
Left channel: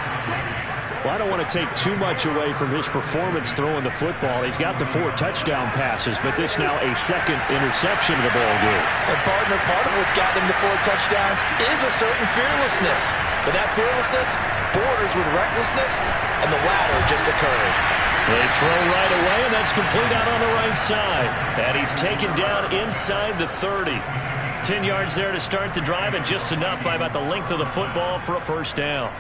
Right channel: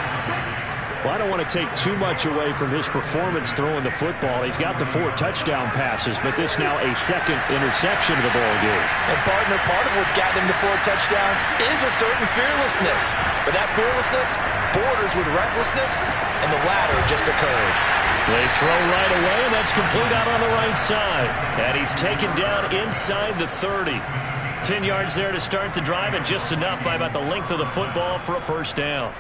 Well, I don't want to take too much away from his performance throwing the football. He's got the 4 touchdown passes, but this now a second interception of the ball game. And partner, part of what's gotten him to 4 touchdowns is a certain fearlessness. But that fearlessness borders with recklessness, and the latter just occurred. They throw right away, and that's complete out on the right side. And he's taken down inside the 30. 10 yards there to start the drive, and just enough by about the length of the football for a first down.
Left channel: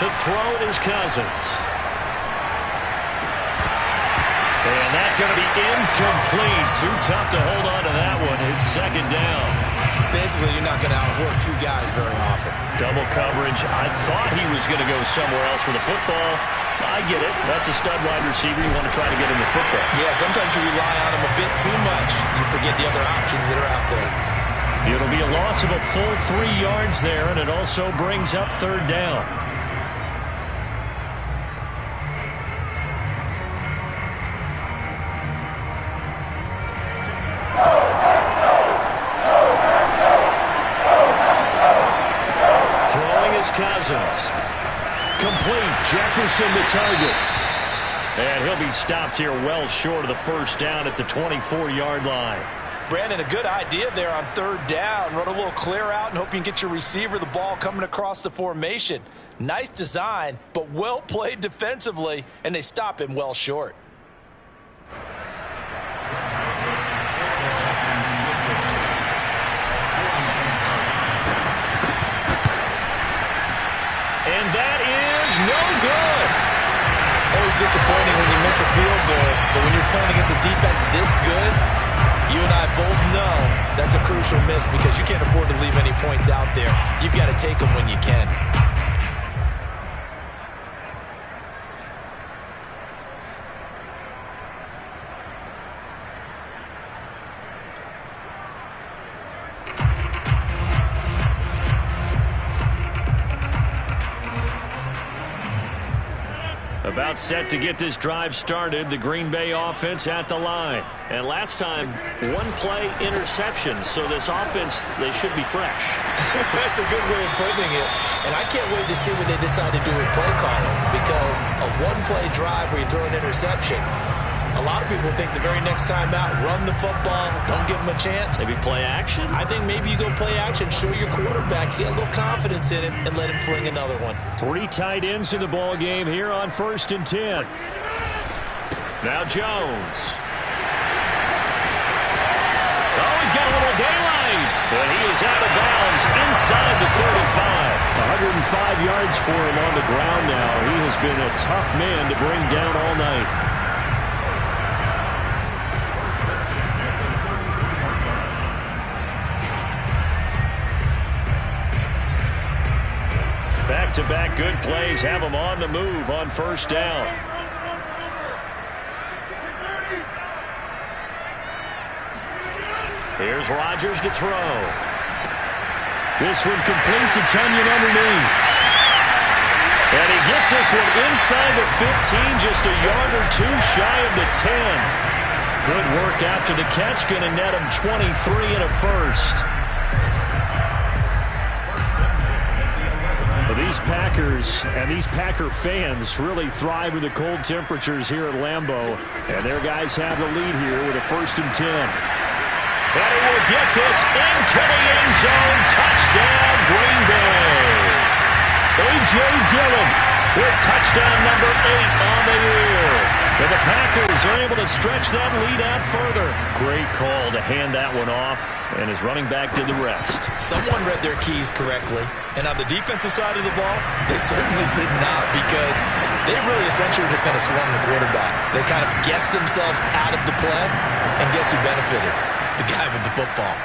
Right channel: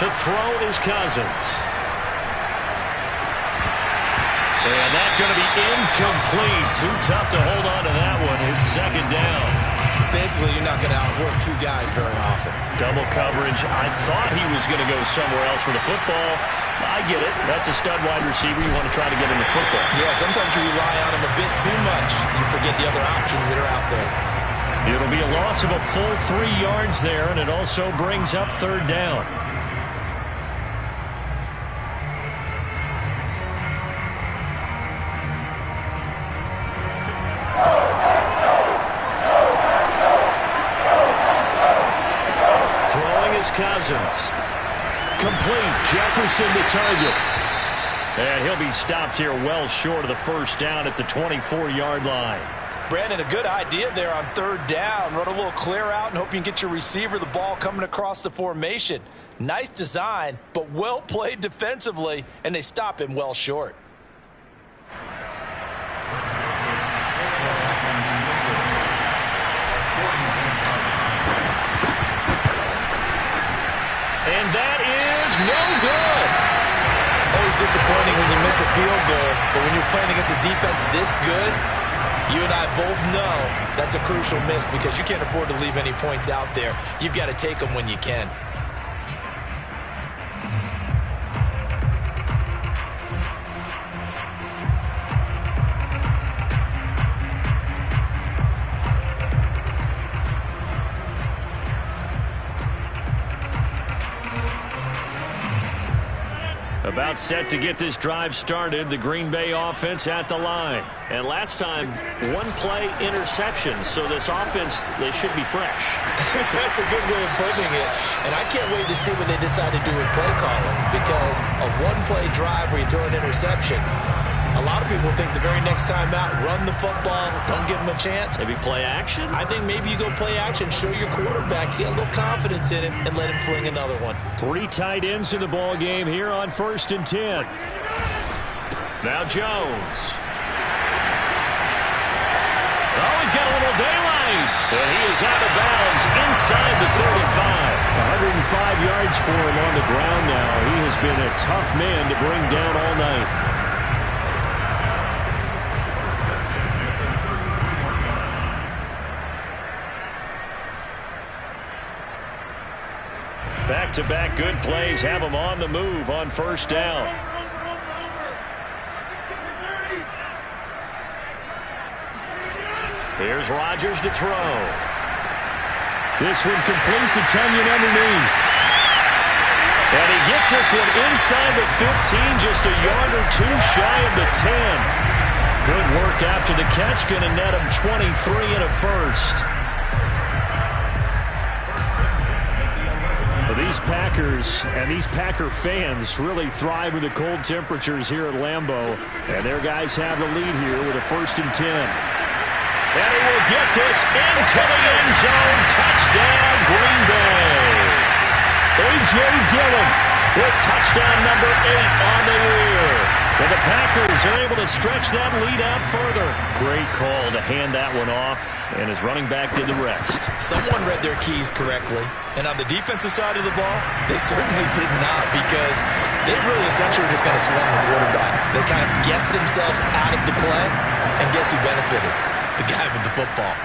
To throw is Cousins. And that's going to be incomplete. Too tough to hold on to that one. It's second down. Basically, you're not going to outwork 2 guys very often. Double coverage. I thought he was going to go somewhere else for the football. I get it. That's a stud wide receiver. You want to try to get him the football. Yeah, sometimes you rely on him a bit too much. You forget the other options that are out there. It'll be a loss of a full 3 yards there, and it also brings up third down. Cousins. Complete. Jefferson to target. And he'll be stopped here well short of the first down at the 24-yard line. Brandon, a good idea there on third down. Run a little clear out and hope you can get your receiver the ball coming across the formation. Nice design, but well played defensively, and they stop him well short. And that is no good. Always disappointing when you miss a field goal, but when you're playing against a defense this good, you and I both know that's a crucial miss because you can't afford to leave any points out there. You've got to take them when you can. About set to get this drive started, the Green Bay offense at the line. And last time, 1-play interception, so this offense, they should be fresh. That's a good way of putting it. And I can't wait to see what they decide to do with play calling, because a 1-play drive where you throw an interception, a lot of people think the very next time out, run the football, don't give them a chance. Maybe play action? I think maybe you go play action, show your quarterback, get a little confidence in him, and let him fling another one. 3 tight ends in the ball game here on 1st and 10. Now Jones. Oh, he's got a little daylight. And he is out of bounds inside the 35. 105 yards for him on the ground now. He has been a tough man to bring down all night. Back-to-back good plays have him on the move on first down. Here's Rodgers to throw. This one complete to Tunyon underneath. And he gets this one inside the 15, just a yard or 2 shy of the 10. Good work after the catch. Going to net him 23 and a first. These Packers and these Packer fans really thrive in the cold temperatures here at Lambeau. And their guys have the lead here with a 1st and 10. And he will get this into the end zone. Touchdown, Green Bay. A.J. Dillon with touchdown number 8 on the year. And the Packers are able to stretch that lead out further. Great call to hand that one off, and his running back did the rest. Someone read their keys correctly, and on the defensive side of the ball, they certainly did not, because they really essentially were just going to swarm the quarterback. They kind of guessed themselves out of the play, and guess who benefited? The guy with the football.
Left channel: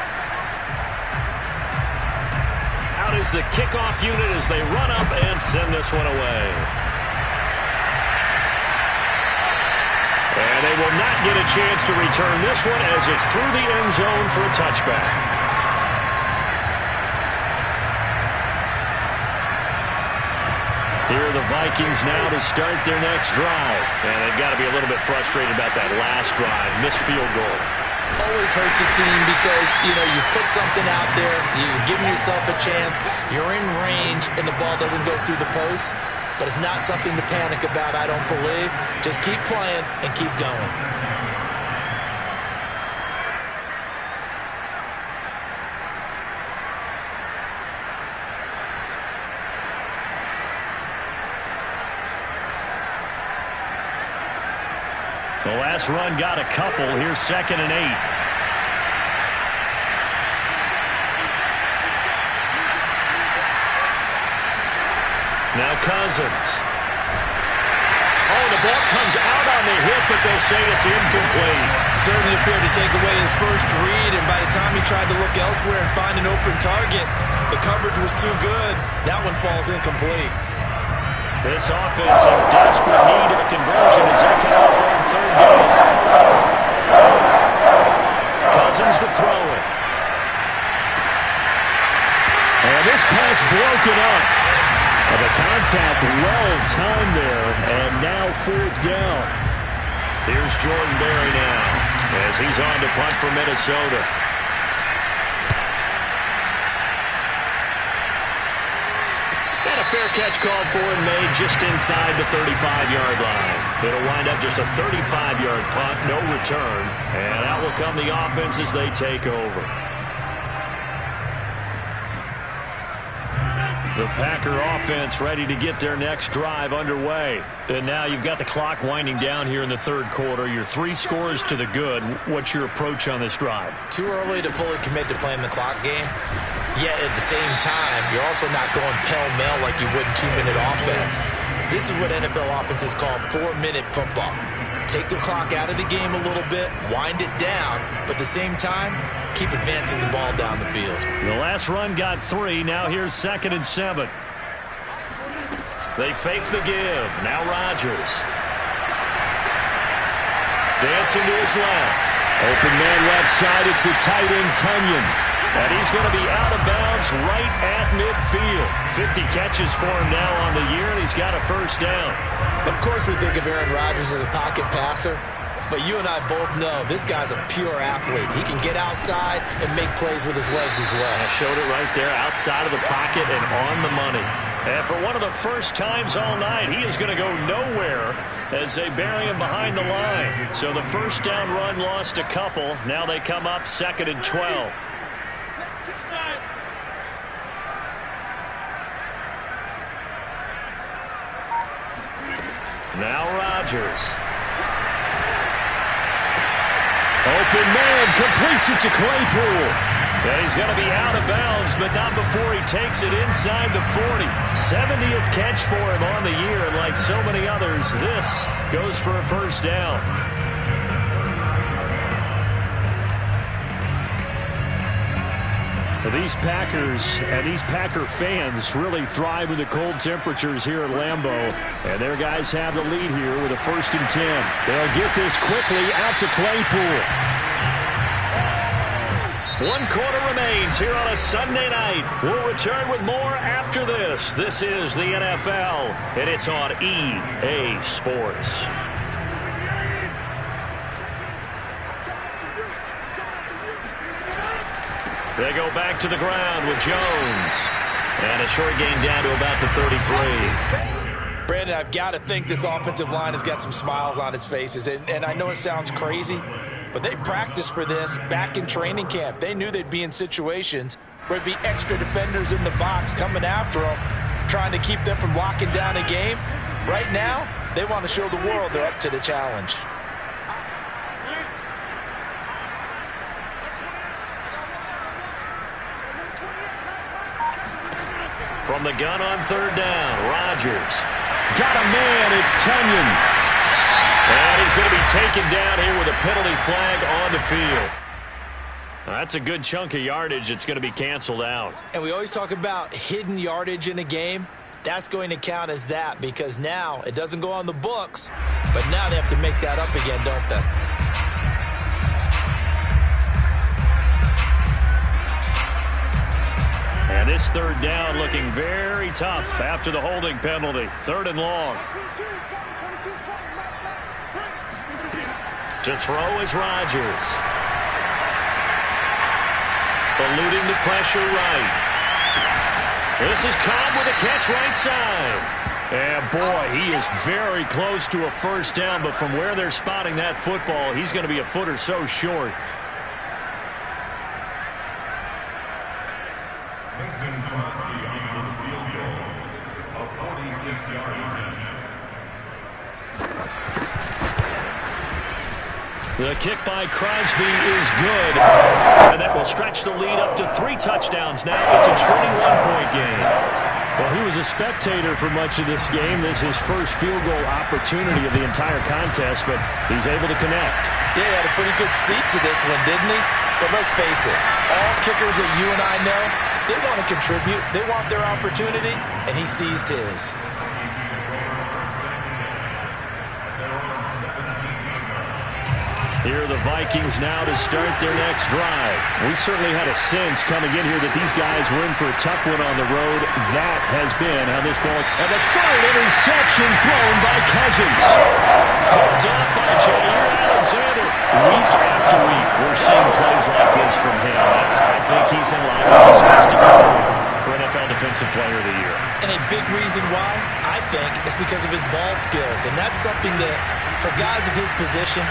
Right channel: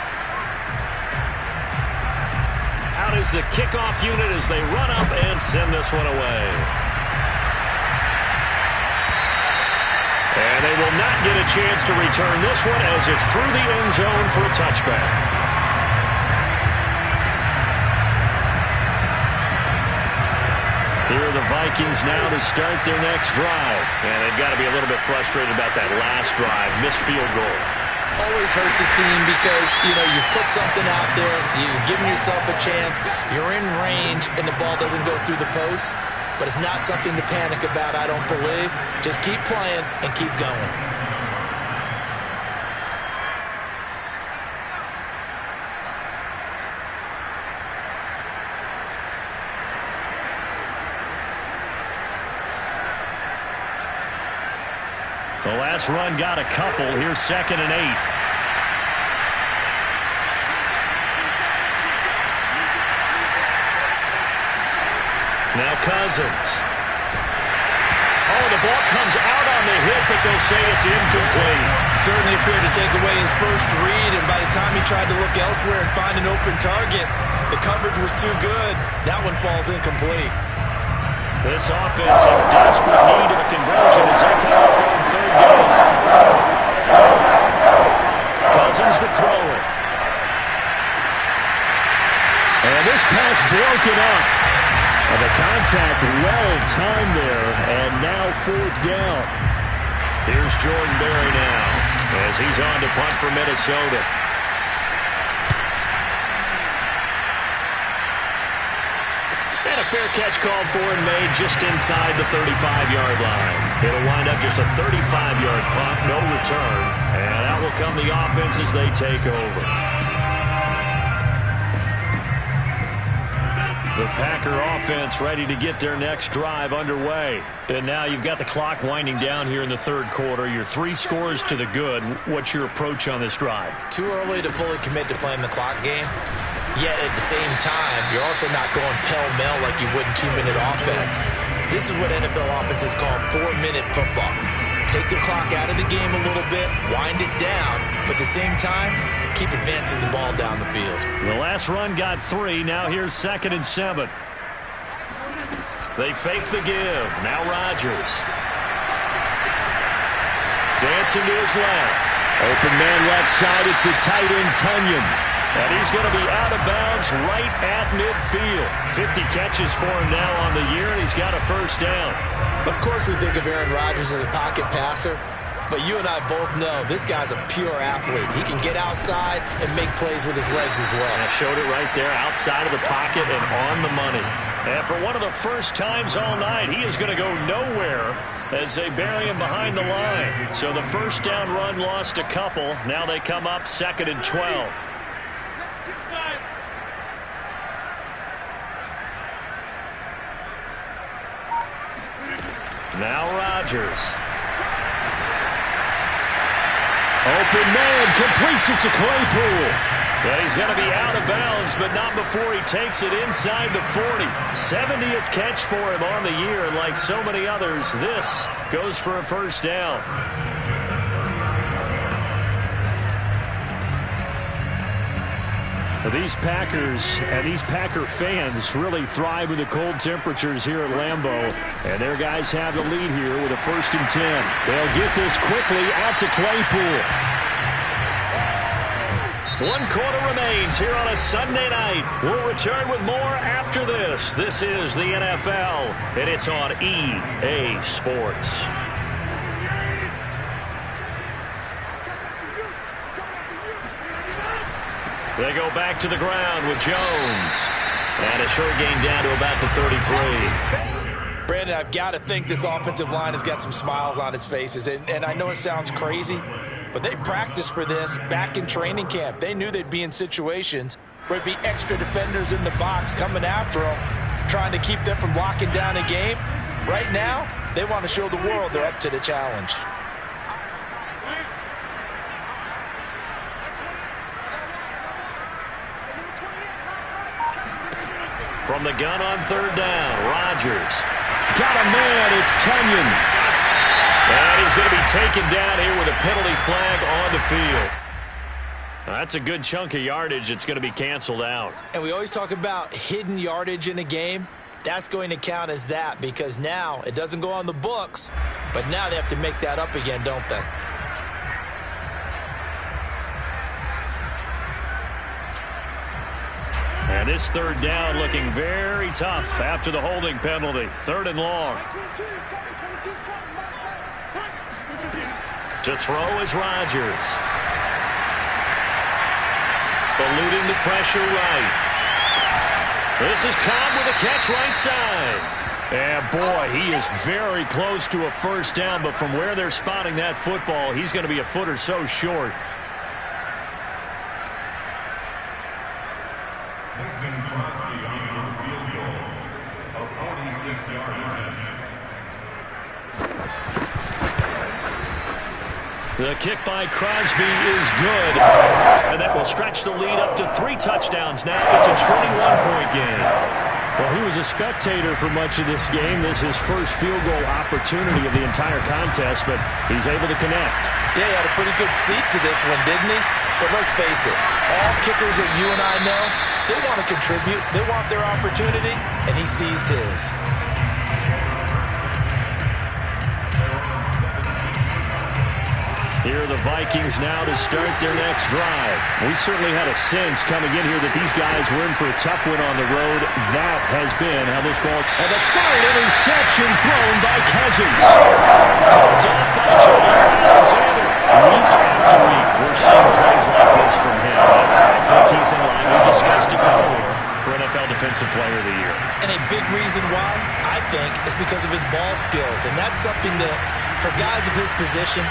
Out is the kickoff unit as they run up and send this one away. And they will not get a chance to return this one as it's through the end zone for a touchback. Here are the Vikings now to start their next drive. And they've got to be a little bit frustrated about that last drive. Missed field goal. Always hurts a team because, you've put something out there. You've given yourself a chance. You're in range, and the ball doesn't go through the posts. But it's not something to panic about, I don't believe. Just keep playing and keep going. The last run got a couple. Here's 2nd and 8. Now Cousins. Oh, the ball comes out on the hit, but they'll say it's incomplete. Certainly appeared to take away his first read, and by the time he tried to look elsewhere and find an open target, the coverage was too good. That one falls incomplete. This offense in desperate need of a conversion as they come up on 3rd down. Cousins to throw it. And this pass broken up. The contact well-timed there, and now 4th down. Here's Jordan Berry now as he's on to punt for Minnesota. And a fair catch called for and made just inside the 35-yard line. It'll wind up just a 35-yard punt, no return, and out will come the offense as they take over. The Packer offense ready to get their next drive underway. And now you've got the clock winding down here in the 3rd quarter. You're 3 scores to the good. What's your approach on this drive? Too early to fully commit to playing the clock game. Yet at the same time, you're also not going pell-mell like you would in 2-minute offense. This is what NFL offenses call 4-minute football. Take the clock out of the game a little bit, wind it down, but at the same time, keep advancing the ball down the field. The last run got 3. Now here's 2nd and 7. They fake the give. Now Rodgers. Dancing to his left. Open man left side. It's the tight end Tunyon. And he's going to be out of bounds right at midfield. 50 catches for him now on the year, and he's got a 1st down. Of course we think of Aaron Rodgers as a pocket passer, but you and I both know this guy's a pure athlete. He can get outside and make plays with his legs as well. I showed it right there, outside of the pocket and on the money. And for one of the first times all night, he is going to go nowhere as they bury him behind the line. So the 1st down run lost a couple. Now they come up 2nd and 12. Now Rodgers. Open man, completes it to Claypool. And he's going to be out of bounds, but not before he takes it inside the 40. 70th catch for him on the year, and like so many others, this goes for a 1st down. These Packers and these Packer fans really thrive in the cold temperatures here at Lambeau. And their guys have the lead here with a 1st and 10. They'll get this quickly out to Claypool. 1 quarter remains here on a Sunday night. We'll return with more after this. This is the NFL, and it's on EA Sports. They go back to the ground with Jones. And a short gain down to about the 33. Brandon, I've got to think this offensive line has got some smiles on its faces. And I know it sounds crazy, but they practiced for this back in training camp. They knew they'd be in situations where it'd be extra defenders in the box coming after them, trying to keep them from locking down a game. Right now, they want to show the world they're up to the challenge. From the gun on third down, Rodgers. Got a man, it's Tunyon. And he's going to be taken down here with a penalty flag on the field. That's a good chunk of yardage. It's going to be canceled out. And we always talk about hidden yardage in a game. That's going to count as that because now it doesn't go on the books, but now they have to make that up again, don't they? And this third down looking very tough after the holding penalty. Third and long. To throw is Rodgers. Eluding the pressure right. This is Cobb with a catch right side. And boy, he is very close to a first down, but from where they're spotting that football, he's going to be a foot or so short. Mason Crosby on for the field goal, a 46-yard attempt. The kick by Crosby is good, and that will stretch the lead up to 3 touchdowns now. It's a 21-point game. Well, he was a spectator for much of this game. This is his first field goal opportunity of the entire contest, but he's able to connect. Yeah, he had a pretty good seat to this one, didn't he? But let's face it, all kickers that you and I know, they want to contribute. They want their opportunity, and he seized his. Here are the Vikings now to start their next drive. We certainly had a sense coming in here that these guys were in for a tough one on the road. That has been how this ball... And the third interception thrown by Cousins. Picked up by Jair Alexander. Week after week, we're seeing plays like this from him. I think he's in line with discussed it before for NFL Defensive Player of the Year. And a big reason why, I think, is because of his ball skills. And that's something that, for guys of his position,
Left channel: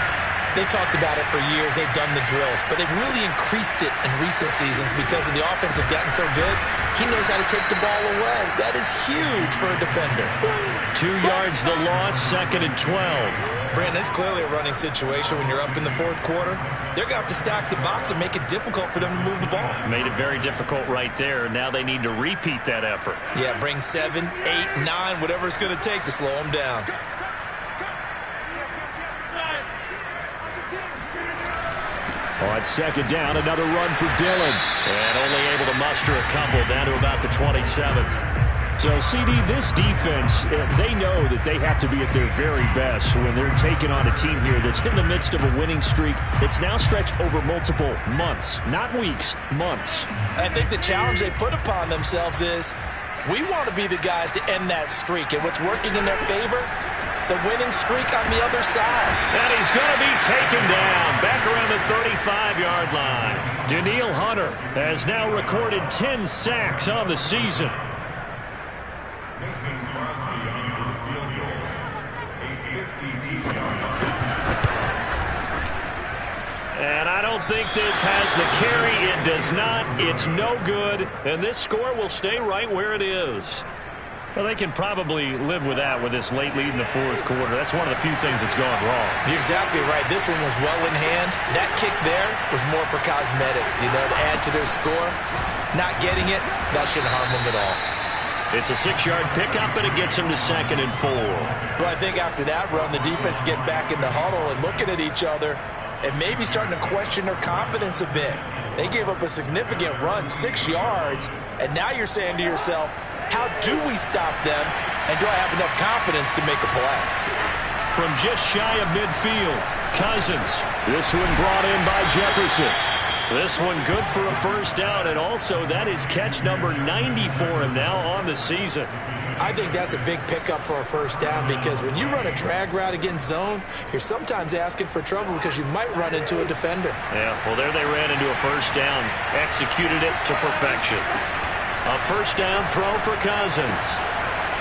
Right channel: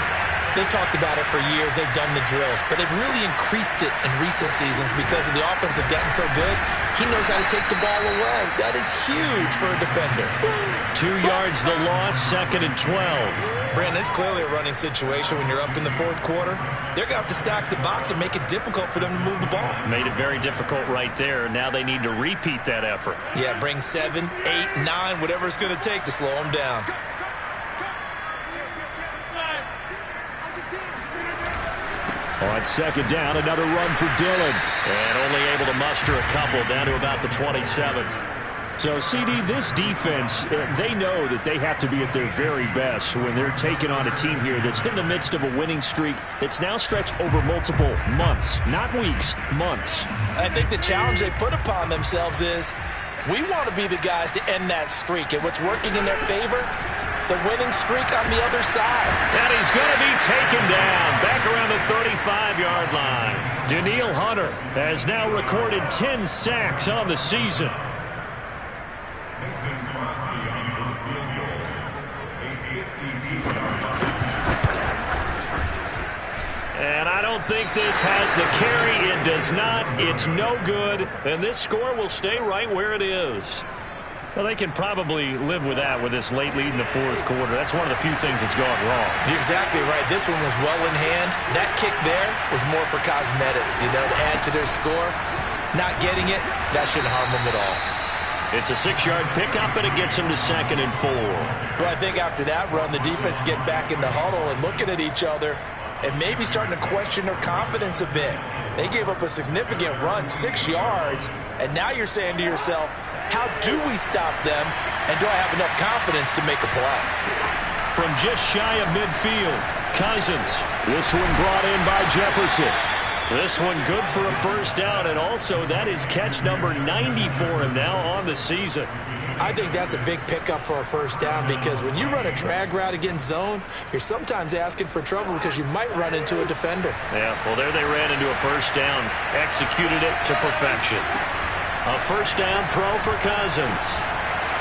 they've talked about it for years. They've done the drills. But they've really increased it in recent seasons because of the offense have gotten so good. He knows how to take the ball away. That is huge for a defender. 2 yards the loss, 2nd and 12. Brandon, it's clearly a running situation when you're up in the fourth quarter. They're going to have to stack the box and make it difficult for them to move the ball. Made it very difficult right there. Now they need to repeat that effort. Yeah, bring 7, 8, 9, whatever it's going to take to slow them down. On 2nd down, another run for Dillon. And only able to muster a couple down to about the 27. So, CD, this defense, they know that they have to be at their very best when they're taking on a team here that's in the midst of a winning streak that's now stretched over multiple months, not weeks, months. I think the challenge they put upon themselves is we want to be the guys to end that streak. And what's working in their favor? The winning streak on the other side. And he's going to be taken down back around the 35-yard line. Danielle Hunter has now recorded 10 sacks on the season. Mason Crosby on for the field goal, a 52-yard attempt. And I don't think this has the carry. It does not. It's no good. And this score will stay right where it is. Well, they can probably live with that with this late lead in the fourth quarter. That's one of the few things that's gone wrong. You're exactly right. This one was well in hand. That kick there was more for cosmetics, to add to their score. Not getting it, that shouldn't harm them at all. It's a 6-yard pickup, and it gets them to 2nd and 4. Well, I think after that run, the defense get back in the huddle and looking at each other and maybe starting to question their confidence a bit. They gave up a significant run, 6 yards, and now you're saying to yourself, how do we stop them, and do I have enough confidence to make a play? From just shy of midfield, Cousins. This one brought in by Jefferson. This one good for a first down, and also that is catch number 90 for him now on the season. I think that's a big pickup for a first down because when you run a drag route against zone, you're sometimes asking for trouble because you might run into a defender. Yeah, well, there they ran into a first down, executed it to perfection. A first down throw for Cousins.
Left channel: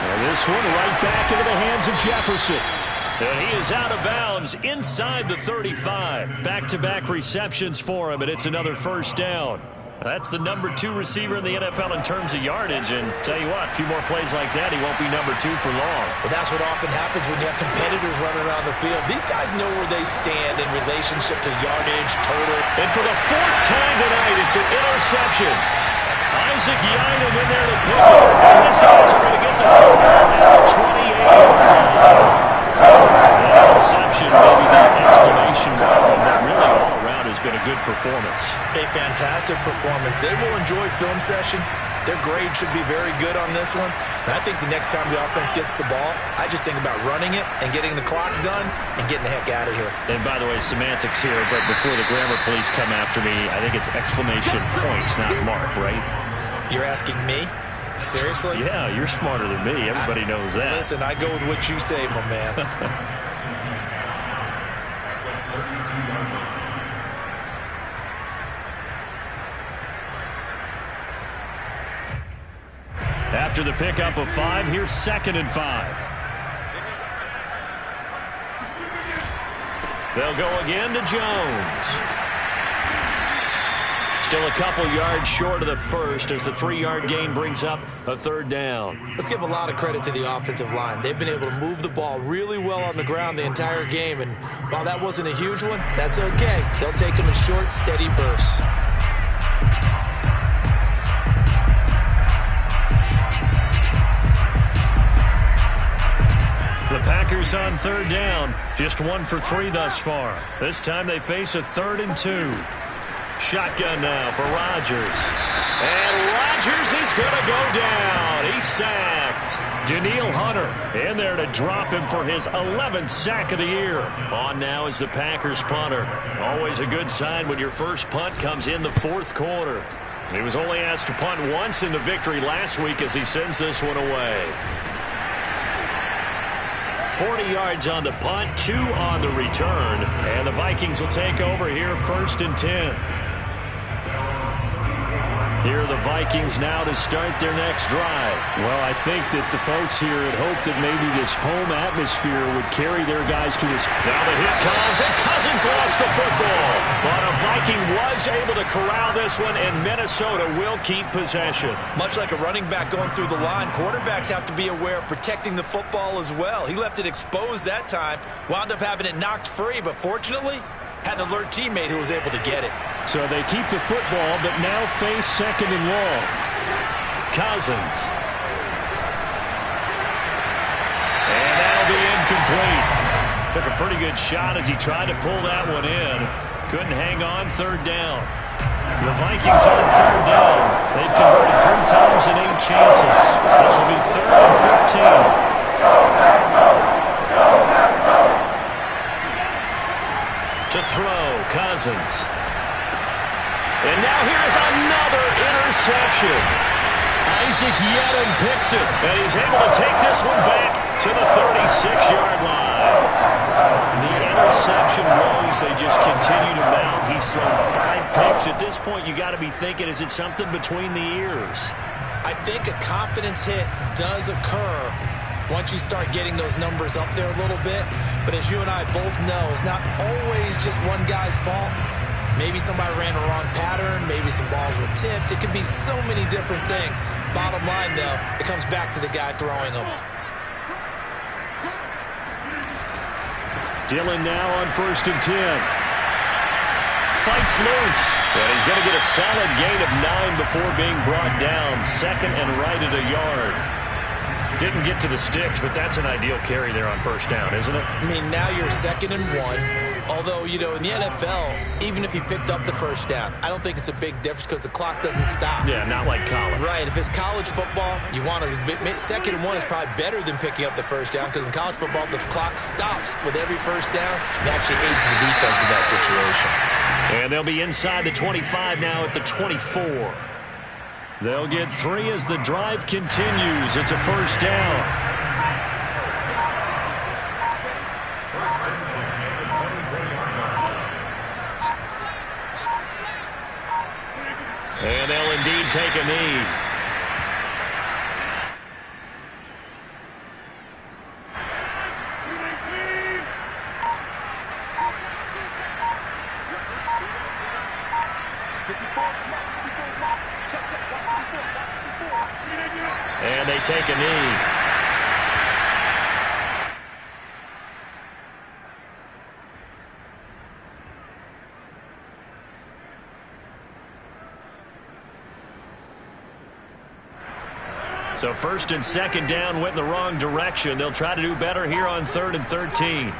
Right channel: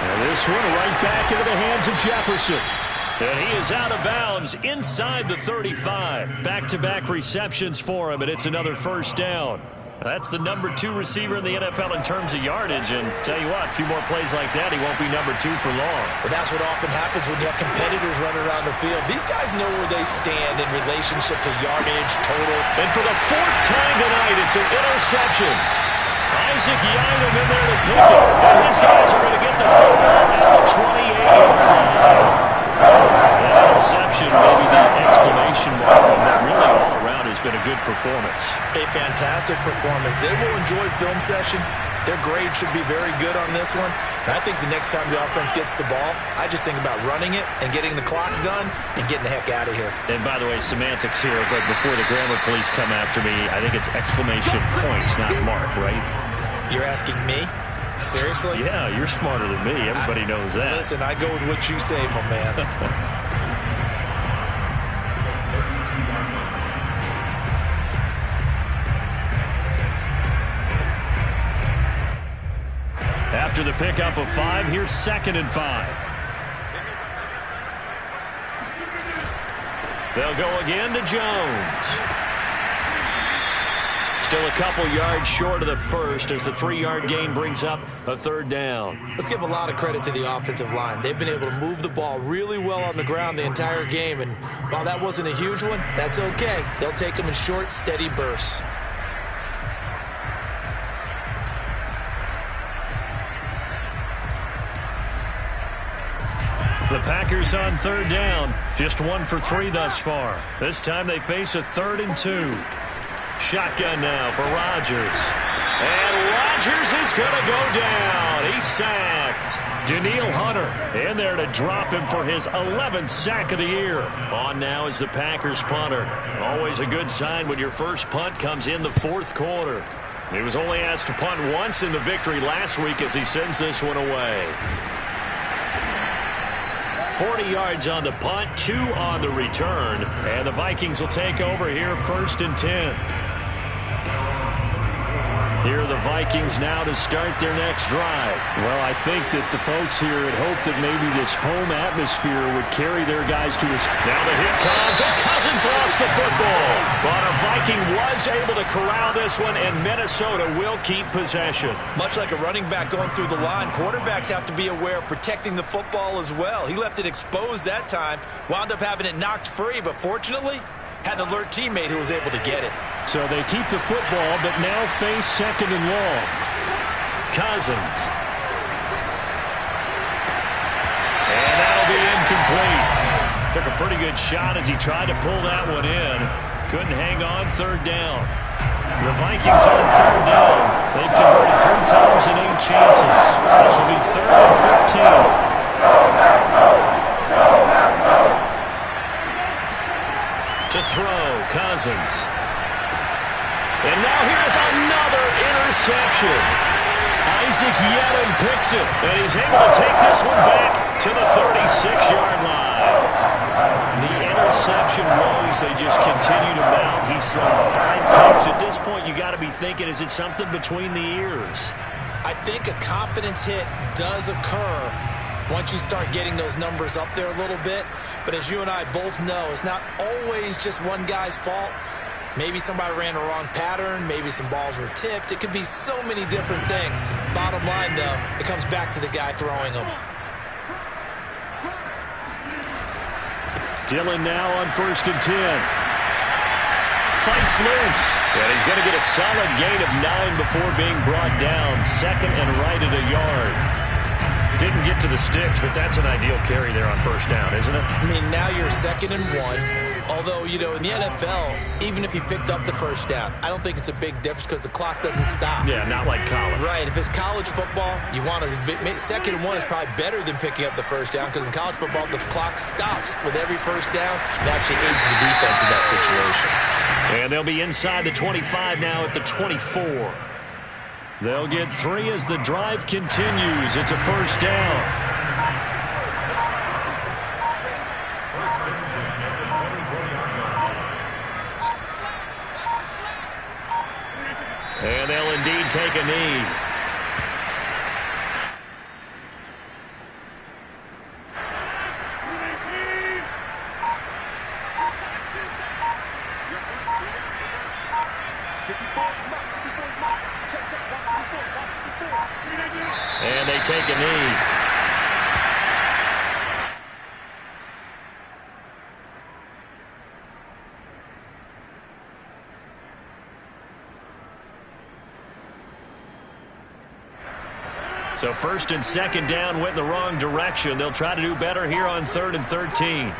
And this one right back into the hands of Jefferson. And he is out of bounds inside the 35. Back-to-back receptions for him, and it's another first down. That's the number 2 receiver in the NFL in terms of yardage. And tell you what, a few more plays like that, he won't be number 2 for long. Well, that's what often happens when you have competitors running around the field. These guys know where they stand in relationship to yardage, total. And for the 4th time tonight, it's an interception. Isaac Yiadom in there to pick it. And his guys are going to get the football at the 28-yard line. That interception, maybe the exclamation mark on that. Really all around has been a good performance. A fantastic performance. They will enjoy film session. Their grade should be very good on this one. And I think the next time the offense gets the ball, I just think about running it and getting the clock done and getting the heck out of here. And by the way, semantics here, but before the grammar police come after me, I think it's exclamation point, not mark, right? You're asking me? Seriously? Yeah, you're smarter than me. Everybody knows that. Listen, I go with what you say, my man. After the pickup of 5, here's 2nd and 5. They'll go again to Jones. Still a couple yards short of the first as the 3-yard gain brings up a 3rd down. Let's give a lot of credit to the offensive line. They've been able to move the ball really well on the ground the entire game, and while that wasn't a huge one, that's okay. They'll take them in short, steady bursts. The Packers on 3rd down, just 1 for 3 thus far. This time they face a 3rd and 2. Shotgun now for Rodgers. And Rodgers is going to go down. He's sacked. Danielle Hunter in there to drop him for his 11th sack of the year. On now is the Packers punter. Always a good sign when your first punt comes in the 4th quarter. He was only asked to punt once in the victory last week as he sends this one away. 40 yards on the punt, 2 on the return. And the Vikings will take over here 1st and 10. Here are the Vikings now to start their next drive. Well, I think that the folks here had hoped that maybe this home atmosphere would carry their guys to us. Now the hit comes, and Cousins lost the football. But a Viking was able to corral this one, and Minnesota will keep possession. Much like a running back going through the line, quarterbacks have to be aware of protecting the football as well. He left it exposed that time, wound up having it knocked free, but fortunately, had an alert teammate who was able to get it. So they keep the football, but now face 2nd and long. Cousins. And that'll be incomplete. Took a pretty good shot as he tried to pull that one in. Couldn't hang on 3rd down. The Vikings on 3rd down. They've converted 3 times in 8 chances. This will be 3rd and 15. To throw, Cousins. And now here's another interception. Isaac Yiadom picks it, and he's able to take this one back to the 36-yard line. The interception woes, they just continue to mount. He's thrown 5 picks. At this point, you got to be thinking, is it something between the ears? I think a confidence hit does occur once you start getting those numbers up there a little bit. But as you and I both know, it's not always just one guy's fault. Maybe somebody ran a wrong pattern. Maybe some balls were tipped. It could be so many different things. Bottom line, though, it comes back to the guy throwing them. Dillon now on 1st and 10. Fights loose. And he's going to get a solid gain of 9 before being brought down. 2nd and right at a yard. Didn't get to the sticks, but that's an ideal carry there on 1st down, isn't it? I mean, now you're 2nd and 1. Although, you know, in the NFL, even if he picked up the 1st down, I don't think it's a big difference because the clock doesn't stop. Yeah, not like college. Right. If it's college football, you want to 2nd and 1 is probably better than picking up the 1st down because in college football, the clock stops with every 1st down. It actually aids the defense in that situation. And they'll be inside the 25 now at the 24. They'll get 3 as the drive continues. It's a first down. And they'll indeed take a knee. And they take a knee. So first and second down went in the wrong direction. They'll try to do better here on 3rd and 13.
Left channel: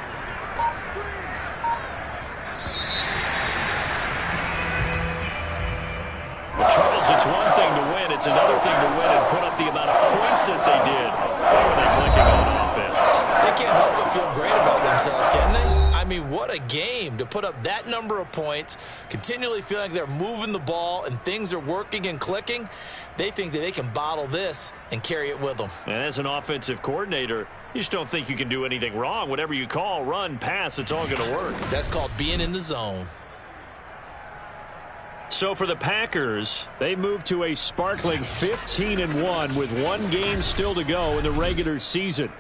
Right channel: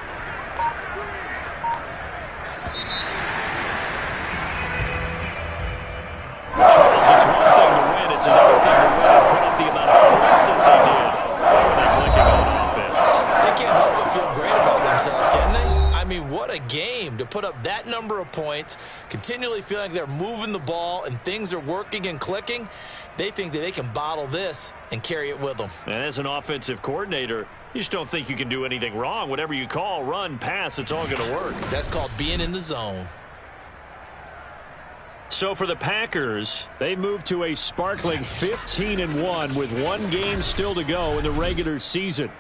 Charles, it's one thing to win. It's another thing to win and put up the amount of points that they did when they're clicking on offense. They can't help but feel great about themselves, can they? I mean, what a game to put up that number of points, continually feeling like they're moving the ball and things are working and clicking. They think that they can bottle this and carry it with them. And as an offensive coordinator, you just don't think you can do anything wrong. Whatever you call, run, pass, it's all going to work. That's called being in the zone. So for the Packers, they move to a sparkling 15-1 with 1 game still to go in the regular season.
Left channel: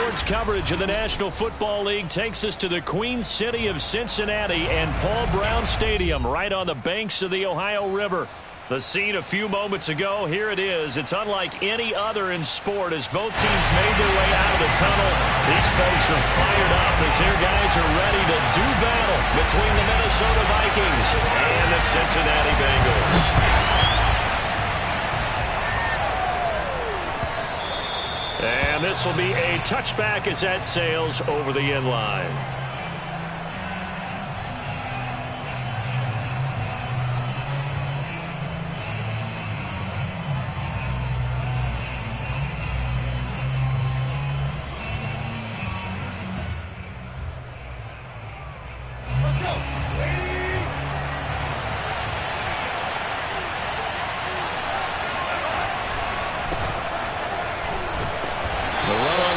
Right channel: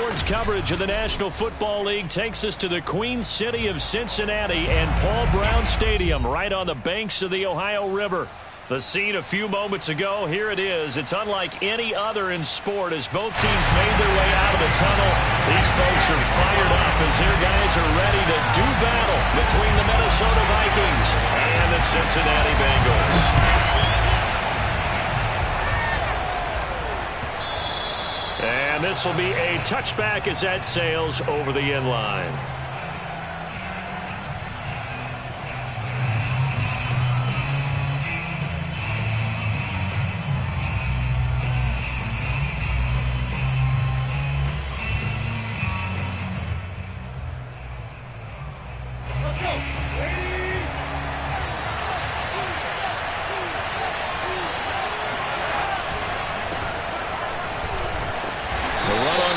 Sports coverage of the National Football League takes us to the Queen City of Cincinnati and Paul Brown Stadium right on the banks of the Ohio River. The scene a few moments ago, here it is. It's unlike any other in sport as both teams made their way out of the tunnel. These folks are fired up as their guys are ready to do battle between the Minnesota Vikings and the Cincinnati Bengals. And this will be a touchback as that sails over the end line.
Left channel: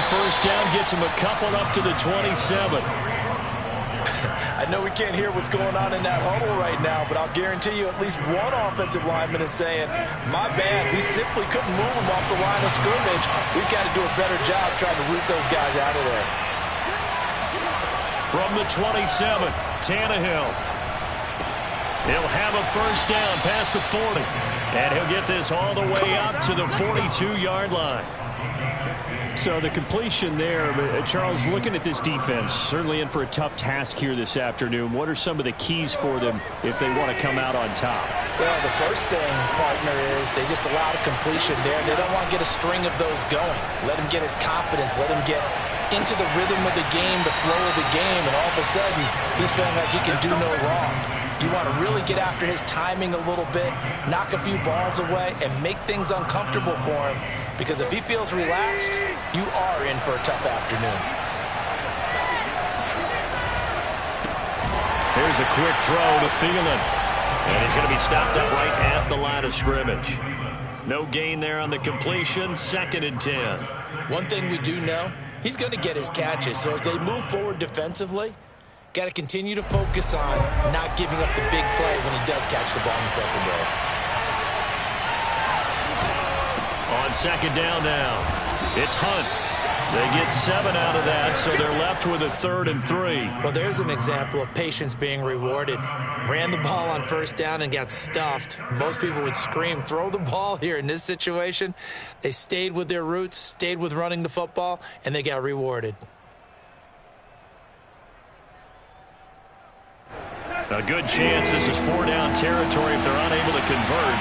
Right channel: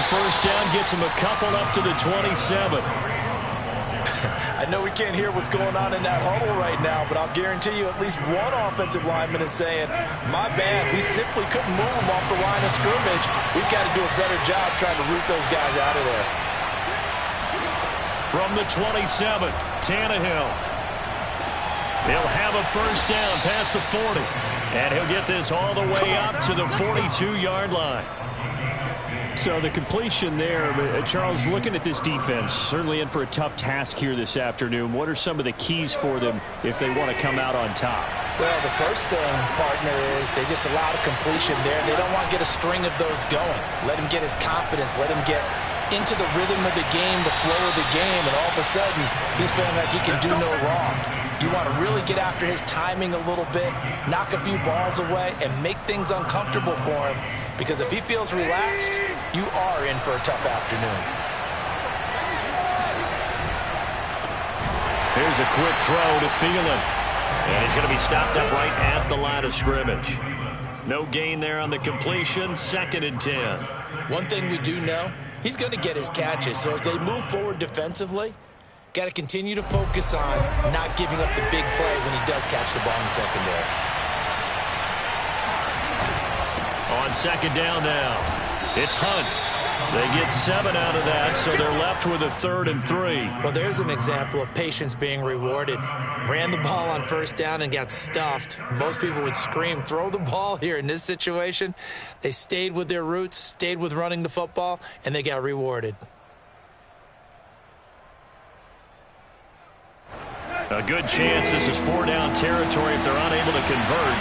First down gets him a couple up to the 27. I know we can't hear what's going on in that huddle right now, but I'll guarantee you at least one offensive lineman is saying, my bad, we simply couldn't move them off the line of scrimmage. We've got to do a better job trying to root those guys out of there. From the 27, Tannehill. He'll have a first down past the 40. And he'll get this all the way up to the 42-yard line. So the completion there, Charles, looking at this defense, certainly in for a tough task here this afternoon. What are some of the keys for them if they want to come out on top? Well, the first thing, partner, is they just allowed a completion there. They don't want to get a string of those going. Let him get his confidence. Let him get into the rhythm of the game, the flow of the game, and all of a sudden, he's feeling like he can do no wrong. You want to really get after his timing a little bit, knock a few balls away, and make things uncomfortable for him. Because if he feels relaxed, you are in for a tough afternoon. Here's a quick throw to Thielen. And he's going to be stopped up right at the line of scrimmage. No gain there on the completion. 2nd and 10. One thing we do know, he's going to get his catches. So as they move forward defensively, got to continue to focus on not giving up the big play when he does catch the ball in the secondary. On 2nd down now, it's Hunt. They get 7 out of that, so they're left with a 3rd and 3. Well, there's an example of patience being rewarded. Ran the ball on first down and got stuffed. Most people would scream, throw the ball here. In this situation, they stayed with their roots, stayed with running the football, and they got rewarded. A good chance this is 4-down territory if they're unable to convert.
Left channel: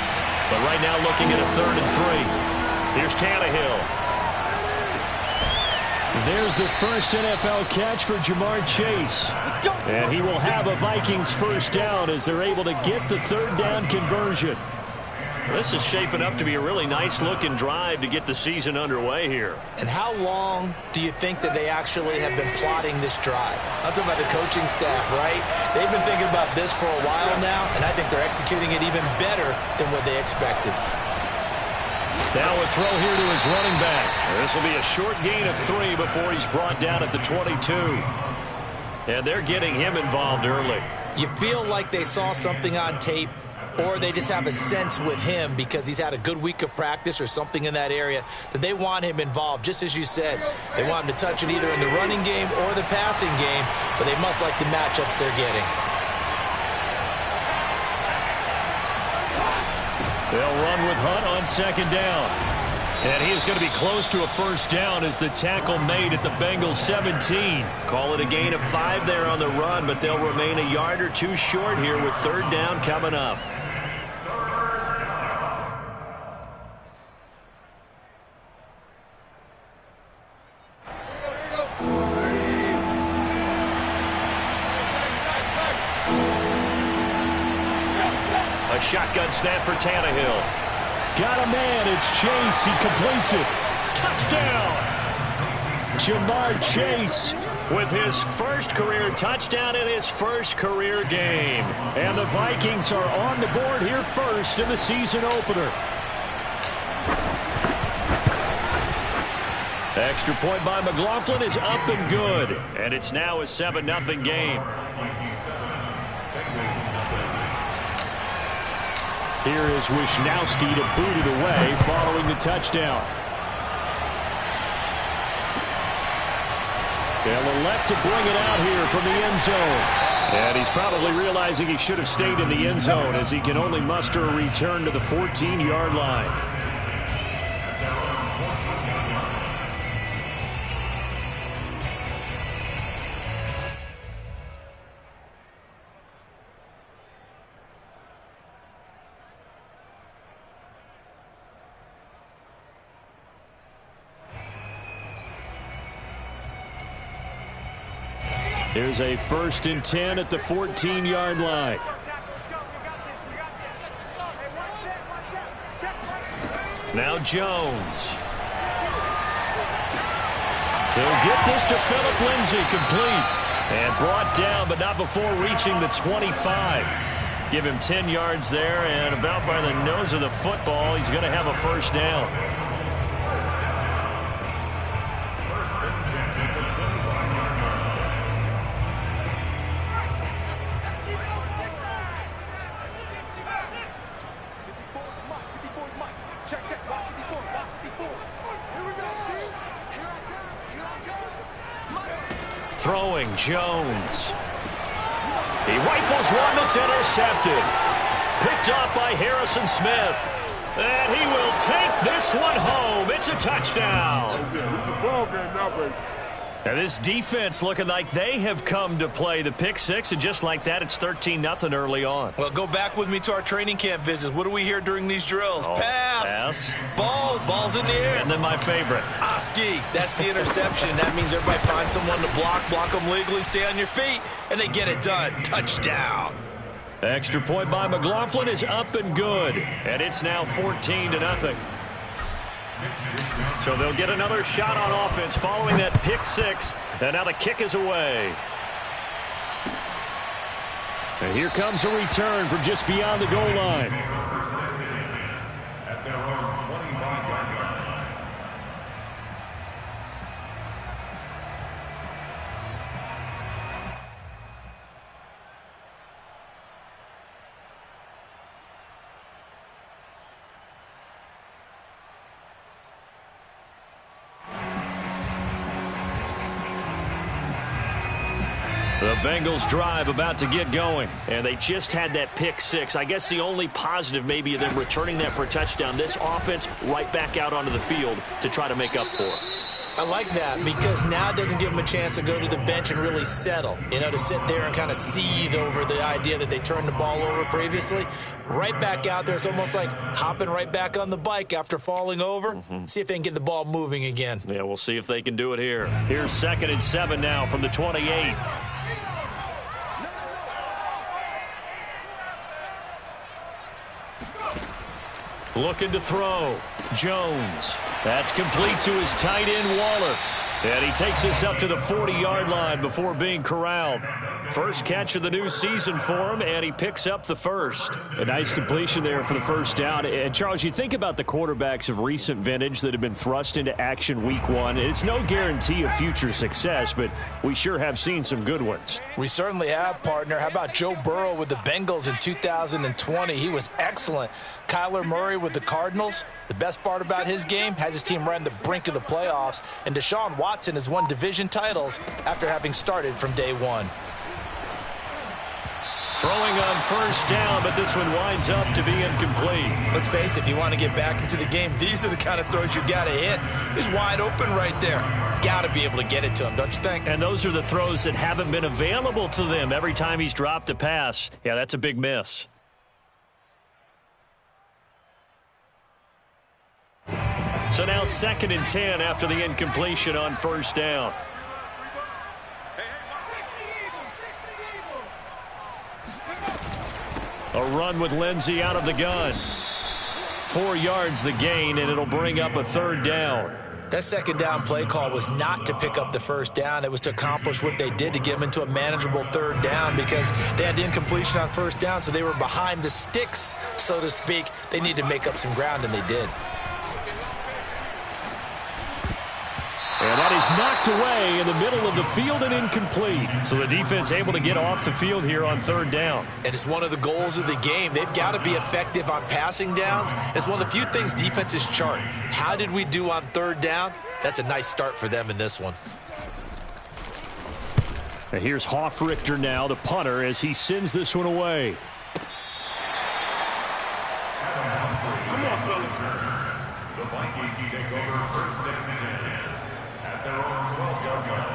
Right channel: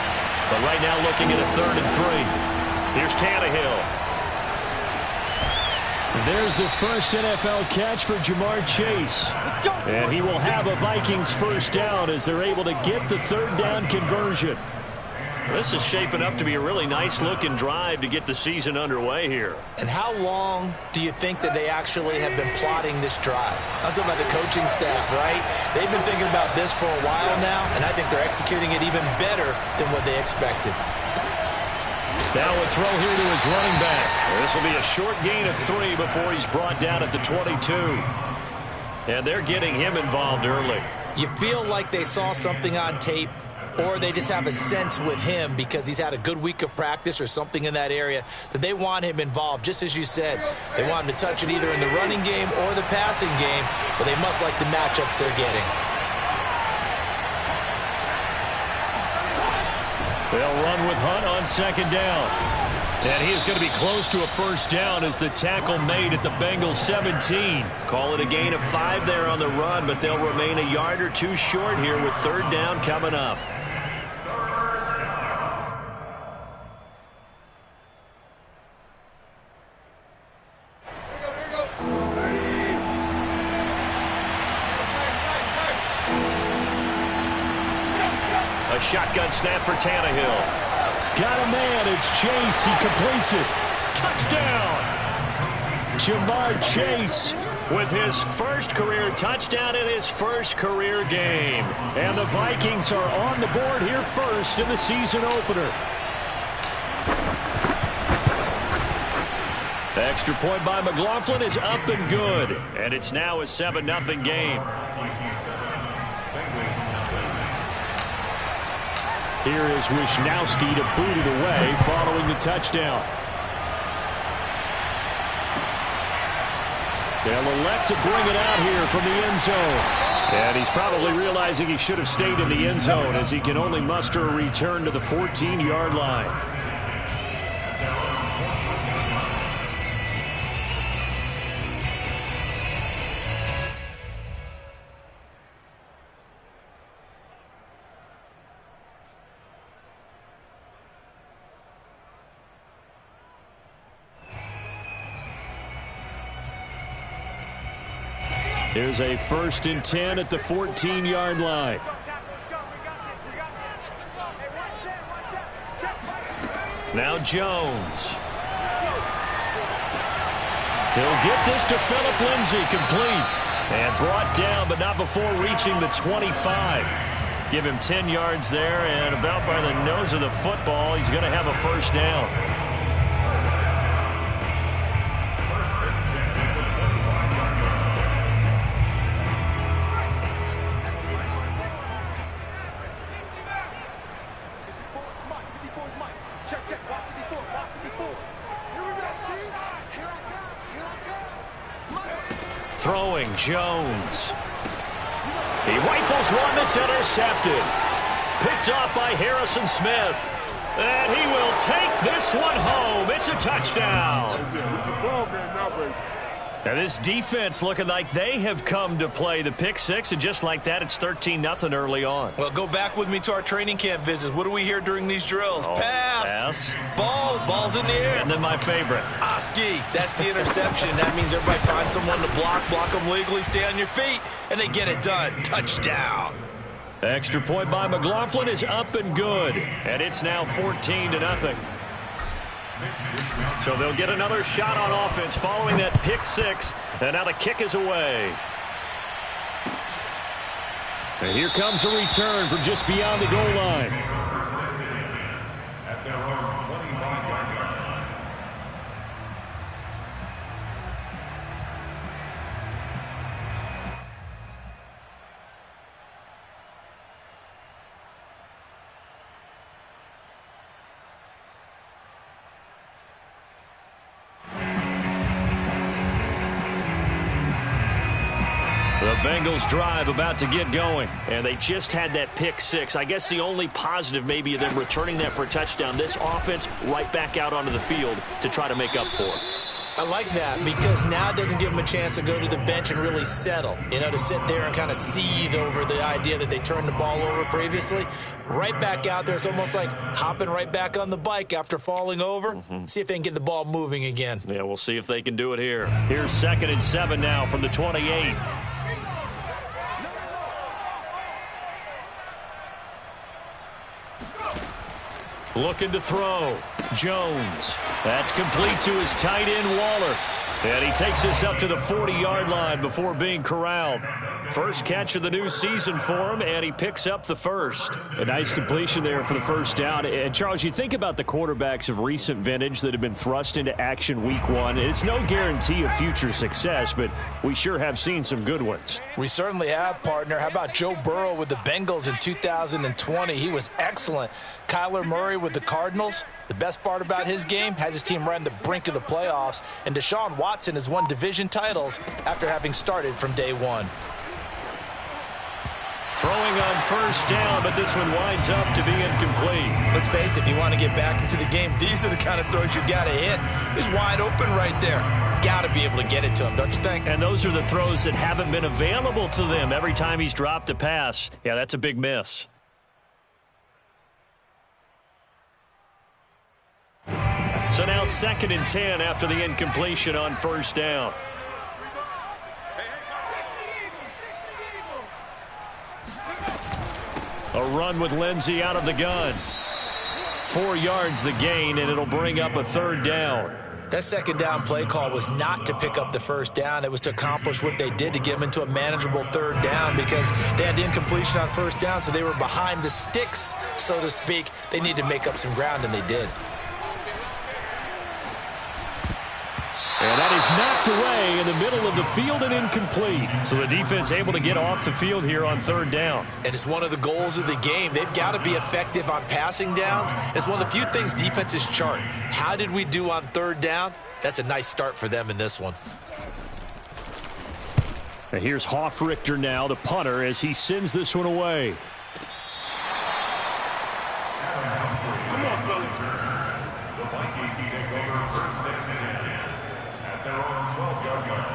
But right now looking at a 3rd and 3. Here's Tannehill. There's the first NFL catch for Jamar Chase. And he will have a Vikings first down as they're able to get the 3rd down conversion. This is shaping up to be a really nice-looking drive to get the season underway here. And how long do you think that they actually have been plotting this drive? I'm talking about the coaching staff, right? They've been thinking about this for a while now, and I think they're executing it even better than what they expected. Now a throw here to his running back. This will be a short gain of 3 before he's brought down at the 22. And they're getting him involved early. You feel like they saw something on tape, or they just have a sense with him because he's had a good week of practice or something in that area that they want him involved. Just as you said, they want him to touch it either in the running game or the passing game, but they must like the matchups they're getting. They'll run with Hunt on 2nd down. And he is going to be close to a first down as the tackle made at the Bengals 17. Call it a gain of 5 there on the run, but they'll remain a yard or 2 short here with 3rd down coming up. A shotgun snap for Tannehill. Got a man. It's Chase. He completes it. Touchdown! Jamar Chase with his first career touchdown in his first career game. And the Vikings are on the board here first in the season opener. Extra point by McLaughlin is up and good. And it's now a 7-0 game. Here is Wisnowski to boot it away following the touchdown. They'll elect to bring it out here from the end zone. And he's probably realizing he should have stayed in the end zone as he can only muster a return to the 14-yard line. Here's a 1st and 10 at the 14-yard line. Now Jones. He'll get this to Philip Lindsay, complete. And brought down, but not before reaching the 25. Give him 10 yards there, and about by the nose of the football, he's going to have a 1st down. Throwing, Jones. He rifles one that's intercepted. Picked off by Harrison Smith. And he will take this one home. It's a touchdown. And this defense looking like they have come to play the pick six, and just like that, it's 13-0 early on. Well, go back with me to our training camp visits. What do we hear during these drills? Pass. Ball's in the air. And then my favorite. Ski. That's the interception. That means everybody finds someone to block them legally, stay on your feet, and they get it done. Touchdown. Extra point by McLaughlin is up and good. And it's now 14-0. So they'll get another shot on offense following that pick six. And now the kick is away. And here comes a return from just beyond the goal line. At their own 25-yard line. The Bengals drive about to get going, and they just had that pick six. I guess the only positive maybe of them returning that for a touchdown. This offense right back out onto the field to try to make up for it. I like that because now it doesn't give them a chance to go to the bench and really settle, to sit there and kind of seethe over the idea that they turned the ball over previously. Right back out there. It's almost like hopping right back on the bike after falling over. See if they can get the ball moving again. Yeah, we'll see if they can do it here. Here's 2nd and 7 now from the 28. Looking to throw. Jones. That's complete to his tight end, Waller. And he takes this up to the 40-yard line before being corralled. First catch of the new season for him, and he picks up the first. A nice completion there for the 1st down. And, Charles, you think about the quarterbacks of recent vintage that have been thrust into action week one. It's no guarantee of future success, but we sure have seen some good ones. We certainly have, partner. How about Joe Burrow with the Bengals in 2020? He was excellent. Kyler Murray with the Cardinals. The best part about his game has his team right on the brink of the playoffs. And Deshaun Watson has won division titles after having started from day one. Throwing on 1st down, but this one winds up to be incomplete. Let's face it, if you want to get back into the game, these are the kind of throws you got to hit. He's wide open right there. Got to be able to get it to him, don't you think? And those are the throws that haven't been available to them every time he's dropped a pass. Yeah, that's a big miss. So now 2nd and 10 after the incompletion on 1st down. A run with Lindsay out of the gun. 4 yards the gain, and it'll bring up a 3rd down. That 2nd down play call was not to pick up the 1st down. It was to accomplish what they did to get them into a manageable 3rd down because they had the incompletion on 1st down, so they were behind the sticks, so to speak. They needed to make up some ground, and they did. And that is knocked away in the middle of the field and incomplete. So the defense able to get off the field here on 3rd down. And it's one of the goals of the game. They've got to be effective on passing downs. It's one of the few things defenses chart. How did we do on 3rd down? That's a nice start for them in this one. And here's Hofrichter now, the punter, as he sends this one away. The Vikings take over first and 10 at their own 12-yard line.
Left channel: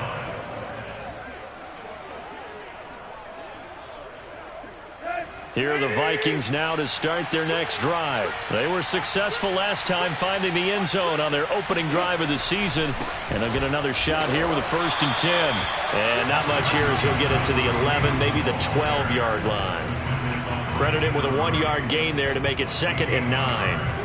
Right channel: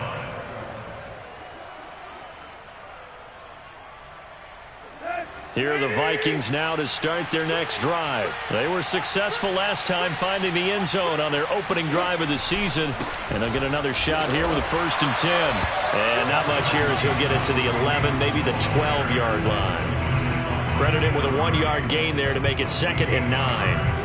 Here are the Vikings now to start their next drive. They were successful last time finding the end zone on their opening drive of the season. And they'll get another shot here with a 1st and 10. And not much here as he'll get it to the 11, maybe the 12-yard line. Credit him with a 1-yard gain there to make it 2nd and 9.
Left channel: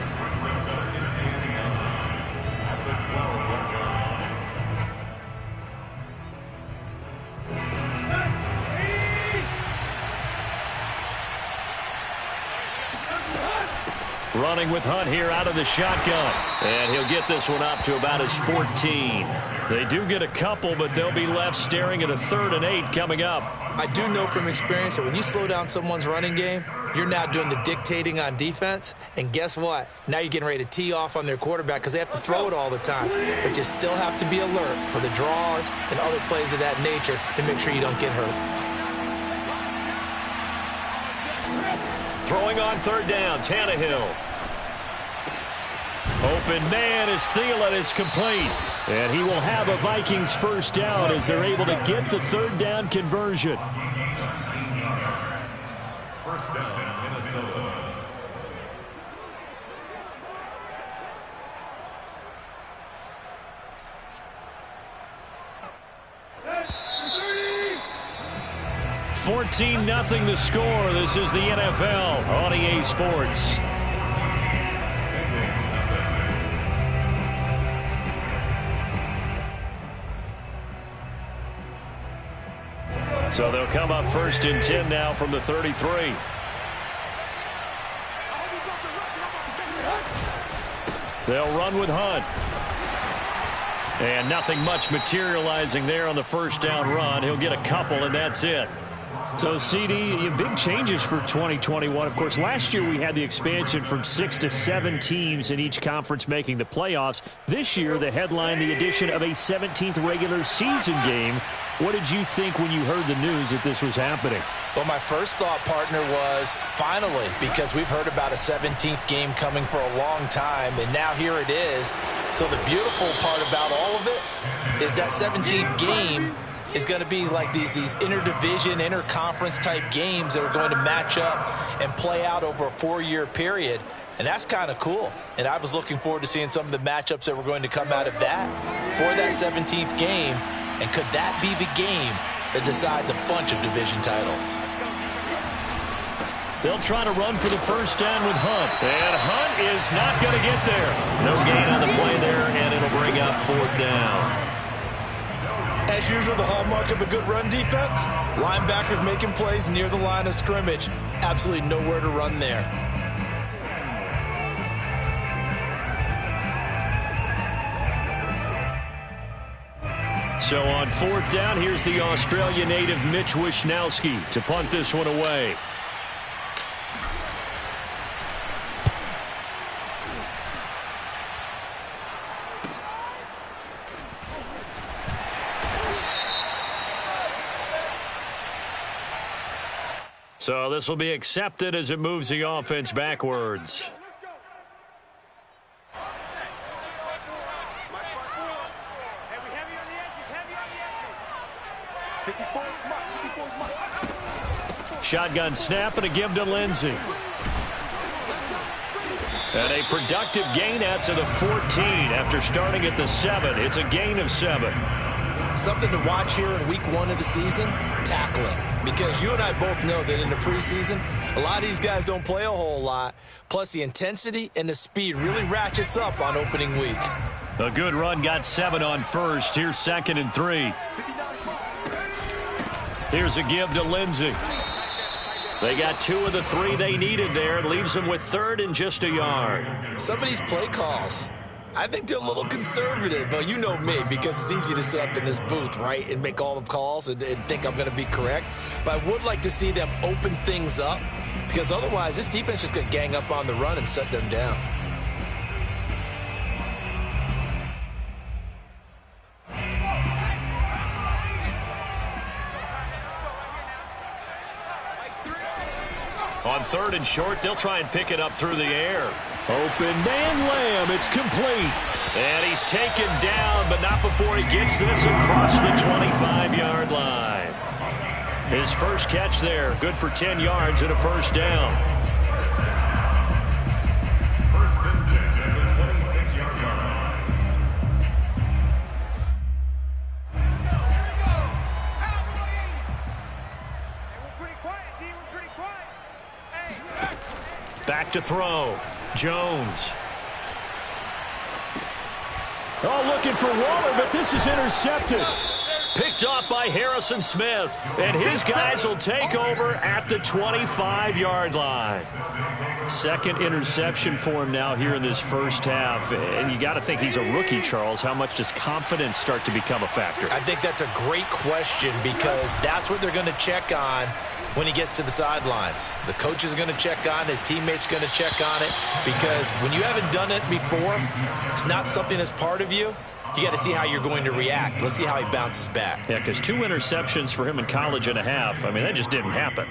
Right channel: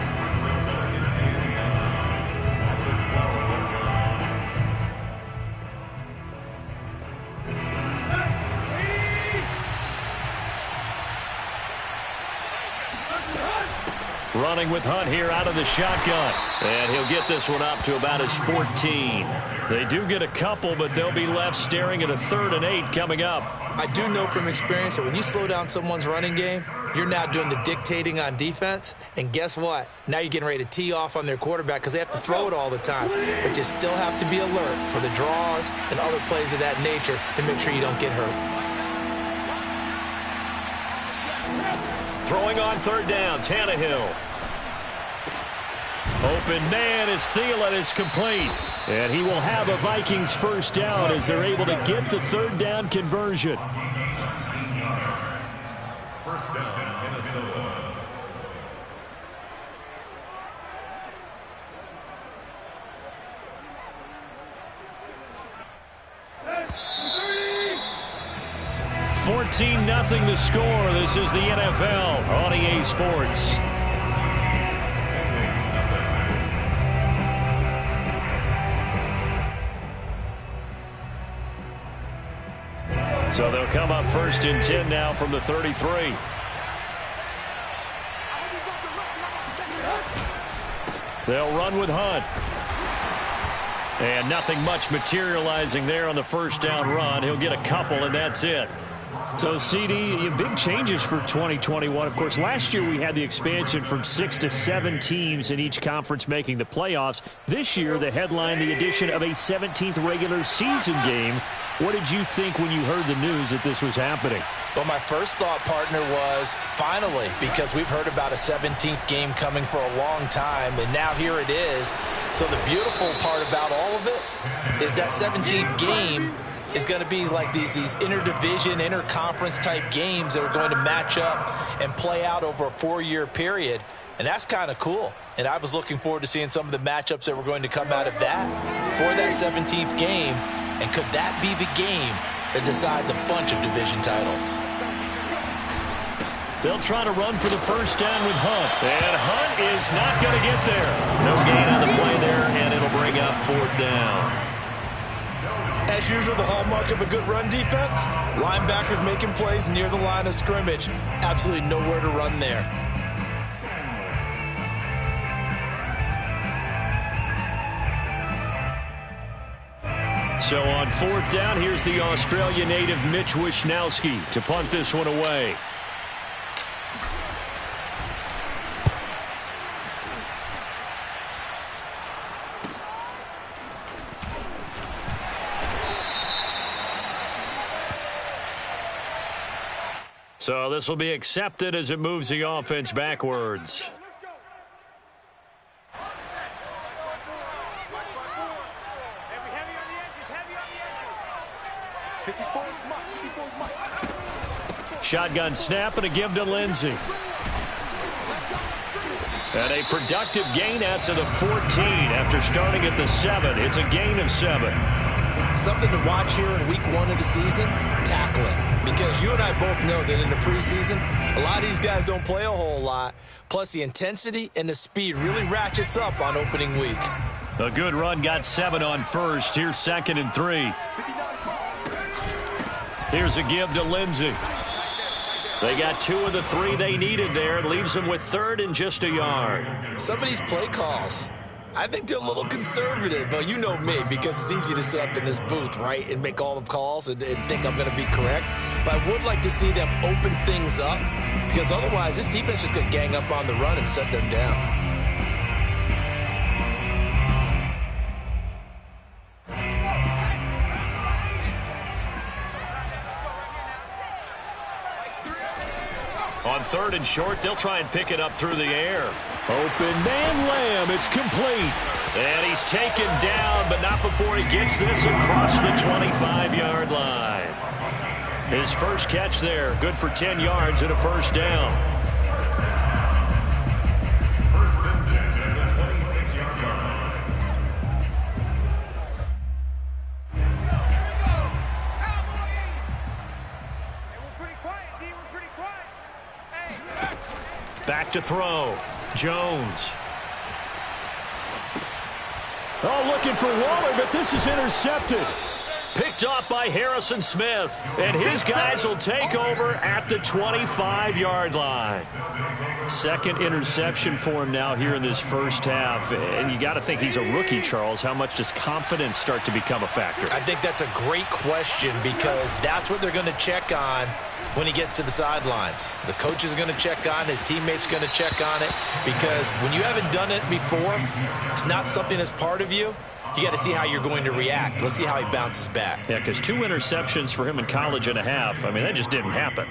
Running with Hunt here out of the shotgun. And he'll get this one up to about his 14. They do get a couple, but they'll be left staring at a 3rd and 8 coming up. I do know from experience that when you slow down someone's running game, you're now doing the dictating on defense. And guess what? Now you're getting ready to tee off on their quarterback because they have to throw it all the time. But you still have to be alert for the draws and other plays of that nature to make sure you don't get hurt. Throwing on 3rd down, Tannehill. Open man is Thielen. It's complete. And he will have a Vikings 1st down as they're able to get the 3rd down conversion. 1st down, Minnesota. $14-0 the score. This is the NFL on EA Sports. So they'll come up 1st and 10 now from the 33. They'll run with Hunt. And nothing much materializing there on the 1st down run. He'll get a couple, and that's it. So, CD, big changes for 2021. Of course, last year we had the expansion from 6 to 7 teams in each conference making the playoffs. This year, the headline, the addition of a 17th regular season game. What did you think when you heard the news that this was happening? Well, my first thought, partner, was finally, because we've heard about a 17th game coming for a long time, and now here it is. So the beautiful part about all of it is that 17th game is going to be like these interdivision, interconference type games that are going to match up and play out over a 4-year period. And that's kind of cool. And I was looking forward to seeing some of the matchups that were going to come out of that for that 17th game. And could that be the game that decides a bunch of division titles? They'll try to run for the 1st down with Hunt. And Hunt is not going to get there. No gain on the play there, and it'll bring up 4th down. As usual, the hallmark of a good run defense, linebackers making plays near the line of scrimmage. Absolutely nowhere to run there. So on 4th down, here's the Australia native Mitch Wishnowsky to punt this one away. So this will be accepted as it moves the offense backwards. Shotgun snap and a give to Lindsey. And a productive gain out to the 14 after starting at the 7. It's a gain of 7. Something to watch here in week 1 of the season, tackling. Because you and I both know that in the preseason, a lot of these guys don't play a whole lot. Plus the intensity and the speed really ratchets up on opening week. A good run got 7 on 1st. Here's 2nd and 3. Here's a give to Lindsey. They got 2 of the 3 they needed there. It leaves them with 3rd and just a yard. Some of these play calls, I think they're a little conservative. But you know me, because it's easy to sit up in this booth, right, and make all the calls and think I'm going to be correct. But I would like to see them open things up, because otherwise this defense is just going to gang up on the run and shut them down. on 3rd and short. They'll try and pick it up through the air. Open man Lamb. It's complete. And he's taken down, but not before he gets this across the 25-yard line. His first catch there, good for 10 yards and a first down. First and 10 at the 26-yard line. Back to throw. Jones. Oh, looking for Waller, but this is intercepted. Picked off by Harrison Smith. And his guys will take over at the 25-yard line. Second interception for him now here in this first half. And you got to think he's a rookie, Charles. How much does confidence start to become a factor? I think that's a great question because that's what they're going to check on when he gets to the sidelines. The coach is going to check on, his teammates going to check on it, because when you haven't done it before, it's not something that's part of you. You got to see how you're going to react. Let's see how he bounces back. Yeah, because 2 interceptions for him in college and a half. I mean, that just didn't happen.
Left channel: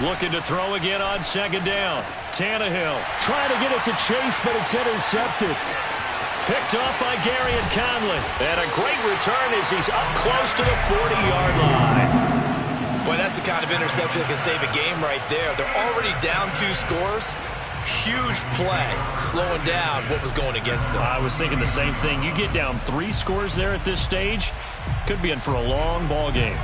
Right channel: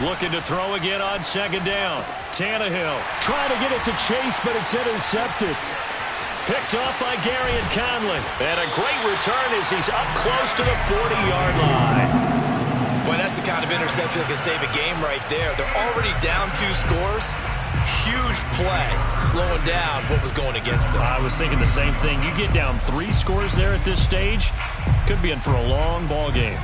Looking to throw again on 2nd down. Tannehill trying to get it to Chase, but it's intercepted. picked off by Gary and Conley. And a great return as he's up close to the 40-yard line. Boy, that's the kind of interception that can save a game right there. They're already down 2 scores. Huge play, slowing down what was going against them. I was thinking the same thing. You get down 3 scores there at this stage, could be in for a long ball game.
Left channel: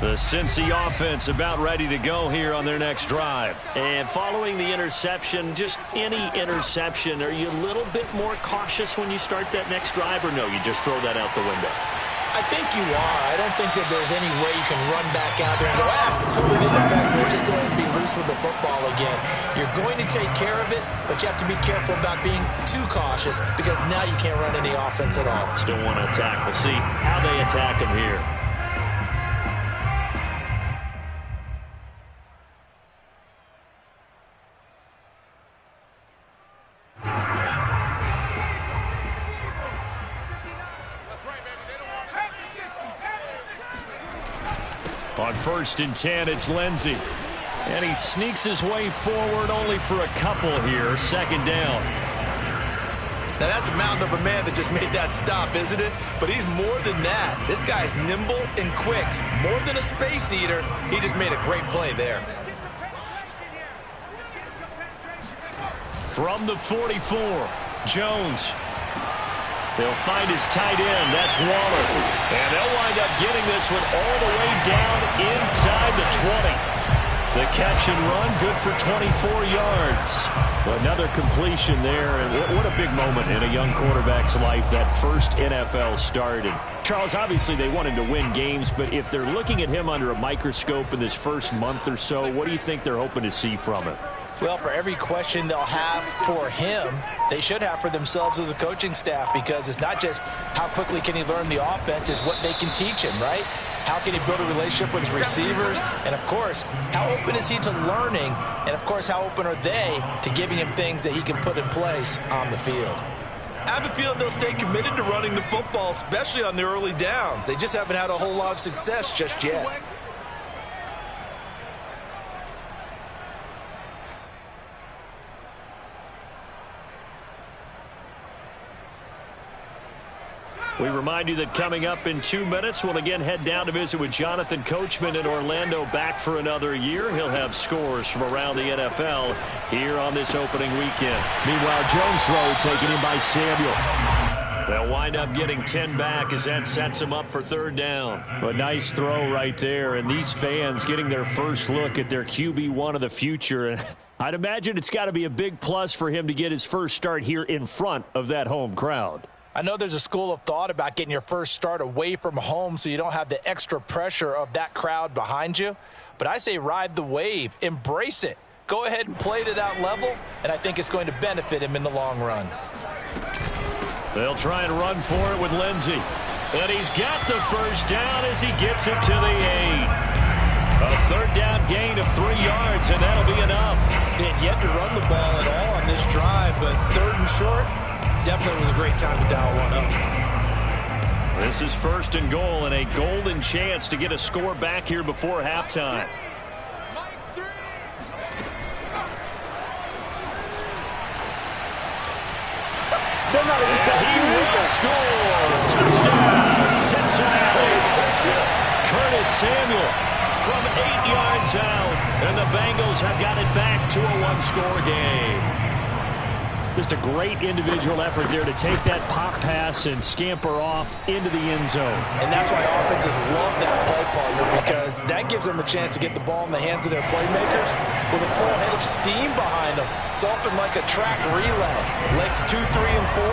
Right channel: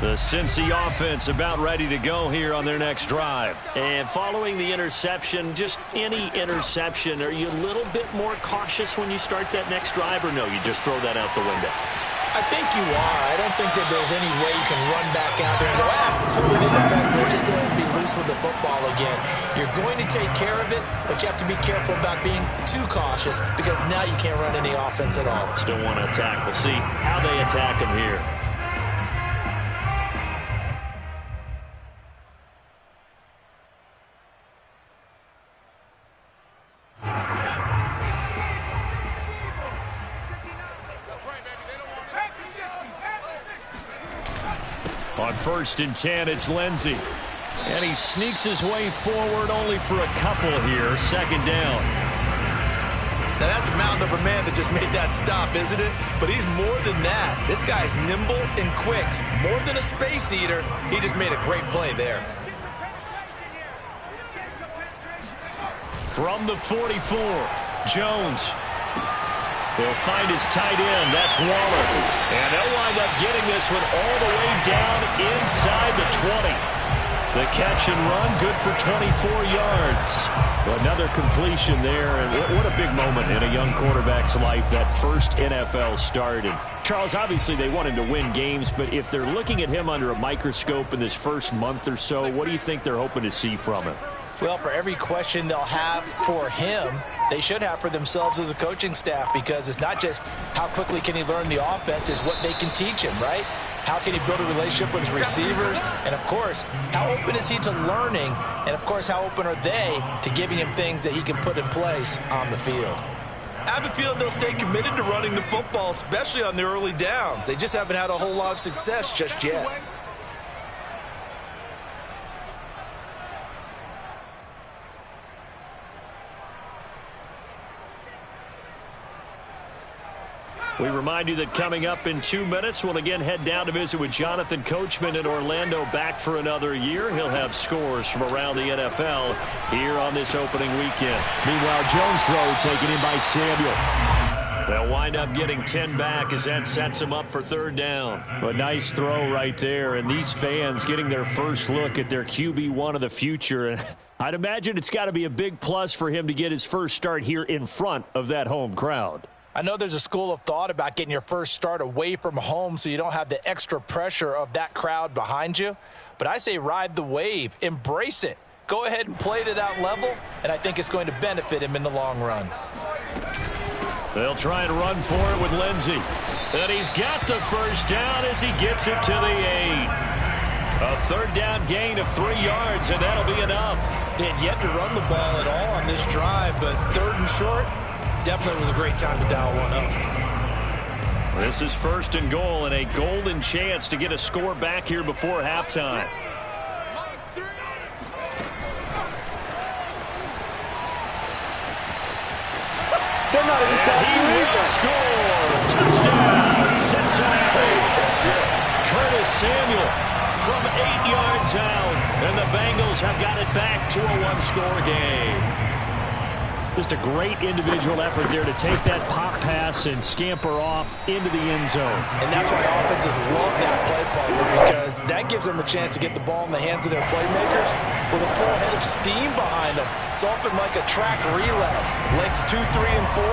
The Cincy offense about ready to go here on their next drive. And following the interception, just any interception, are you a little bit more cautious when you start that next drive, or no, you just throw that out the window? I think you are. I don't think that there's any way you can run back out there and go, totally didn't affect me. Let's just go ahead and be loose with the football again. You're going to take care of it, but you have to be careful about being too cautious because now you can't run any offense at all. Still want to attack. We'll see how they attack him here. On 1st and 10, it's Lindsey. And he sneaks his way forward only for a couple here. 2nd down. Now, that's a mountain of a man that just made that stop, isn't it? But he's more than that. This guy's nimble and quick. More than a space eater. He just made a great play there. From the 44, Jones. They'll find his tight end. That's Waller. And they'll wind up getting this one all the way down inside the 20. The catch and run, good for 24 yards. Well, another completion there. And what a big moment in a young quarterback's life, that first NFL start. And Charles, obviously they want him to win games, but if they're looking at him under a microscope in this first month or so, what do you think they're hoping to see from him? Well, for every question they'll have for him, they should have for themselves as a coaching staff, because it's not just how quickly can he learn the offense, it's what they can teach him, right? How can he build a relationship with his receivers? And, of course, how open is he to learning? And, of course, how open are they to giving him things that he can put in place on the field? I have a feeling they'll stay committed to running the football, especially on the early downs. They just haven't had a whole lot of success just yet. We remind you that coming up in 2 minutes, we'll again head down to visit with Jonathan Coachman in Orlando, back for another year. He'll have scores from around the NFL here on this opening weekend. Meanwhile, Jones' throw taken in by Samuel. They'll wind up getting 10 back as that sets him up for 3rd down. A nice throw right there, and these fans getting their first look at their QB1 of the future. And I'd imagine it's got to be a big plus for him to get his first start here in front of that home crowd. I know there's a school of thought about getting your first start away from home so you don't have the extra pressure of that crowd behind you. But I say ride the wave. Embrace it. Go ahead and play to that level, and I think it's going to benefit him in the long run. They'll try and run for it with Lindsey. And he's got the first down as he gets it to the 8. A third down gain of 3 yards, and that'll be enough. They had yet to run the ball at all on this drive, but 3rd and short, definitely was a great time to dial one up. This is 1st and goal and a golden chance to get a score back here before halftime. They're not even He will score. Touchdown, Cincinnati. Curtis Samuel from 8 yards out, and the Bengals have got it back to a 1-score game. Just a great individual effort there to take that pop pass and scamper off into the end zone. And that's why offenses love that play partner, because that gives them a chance to get the ball in the hands of their playmakers with a full head of steam behind them. It's often like a track relay. Legs 2, 3, and 4.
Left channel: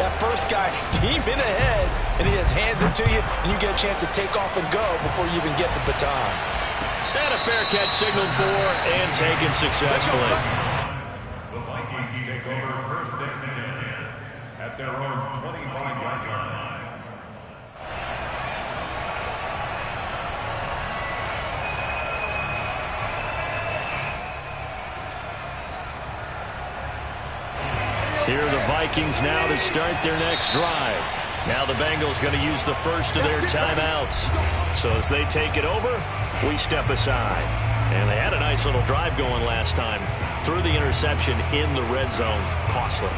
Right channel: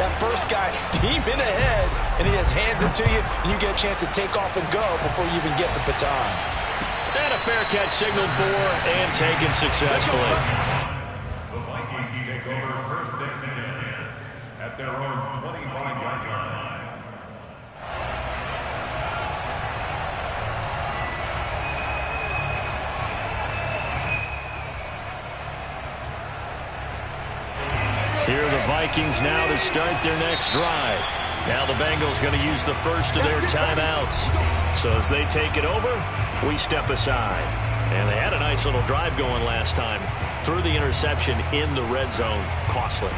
That first guy steaming ahead, and he just hands it to you, and you get a chance to take off and go before you even get the baton. And a fair catch signaled for and taken successfully. The Vikings take over 1st and 10 at their own 25-yard line. Here are the Vikings now to start their next drive. Now the Bengals going to use the first of their timeouts. So as they take it over, we step aside. And they had a nice little drive going last time. Threw the interception in the red zone. Costly.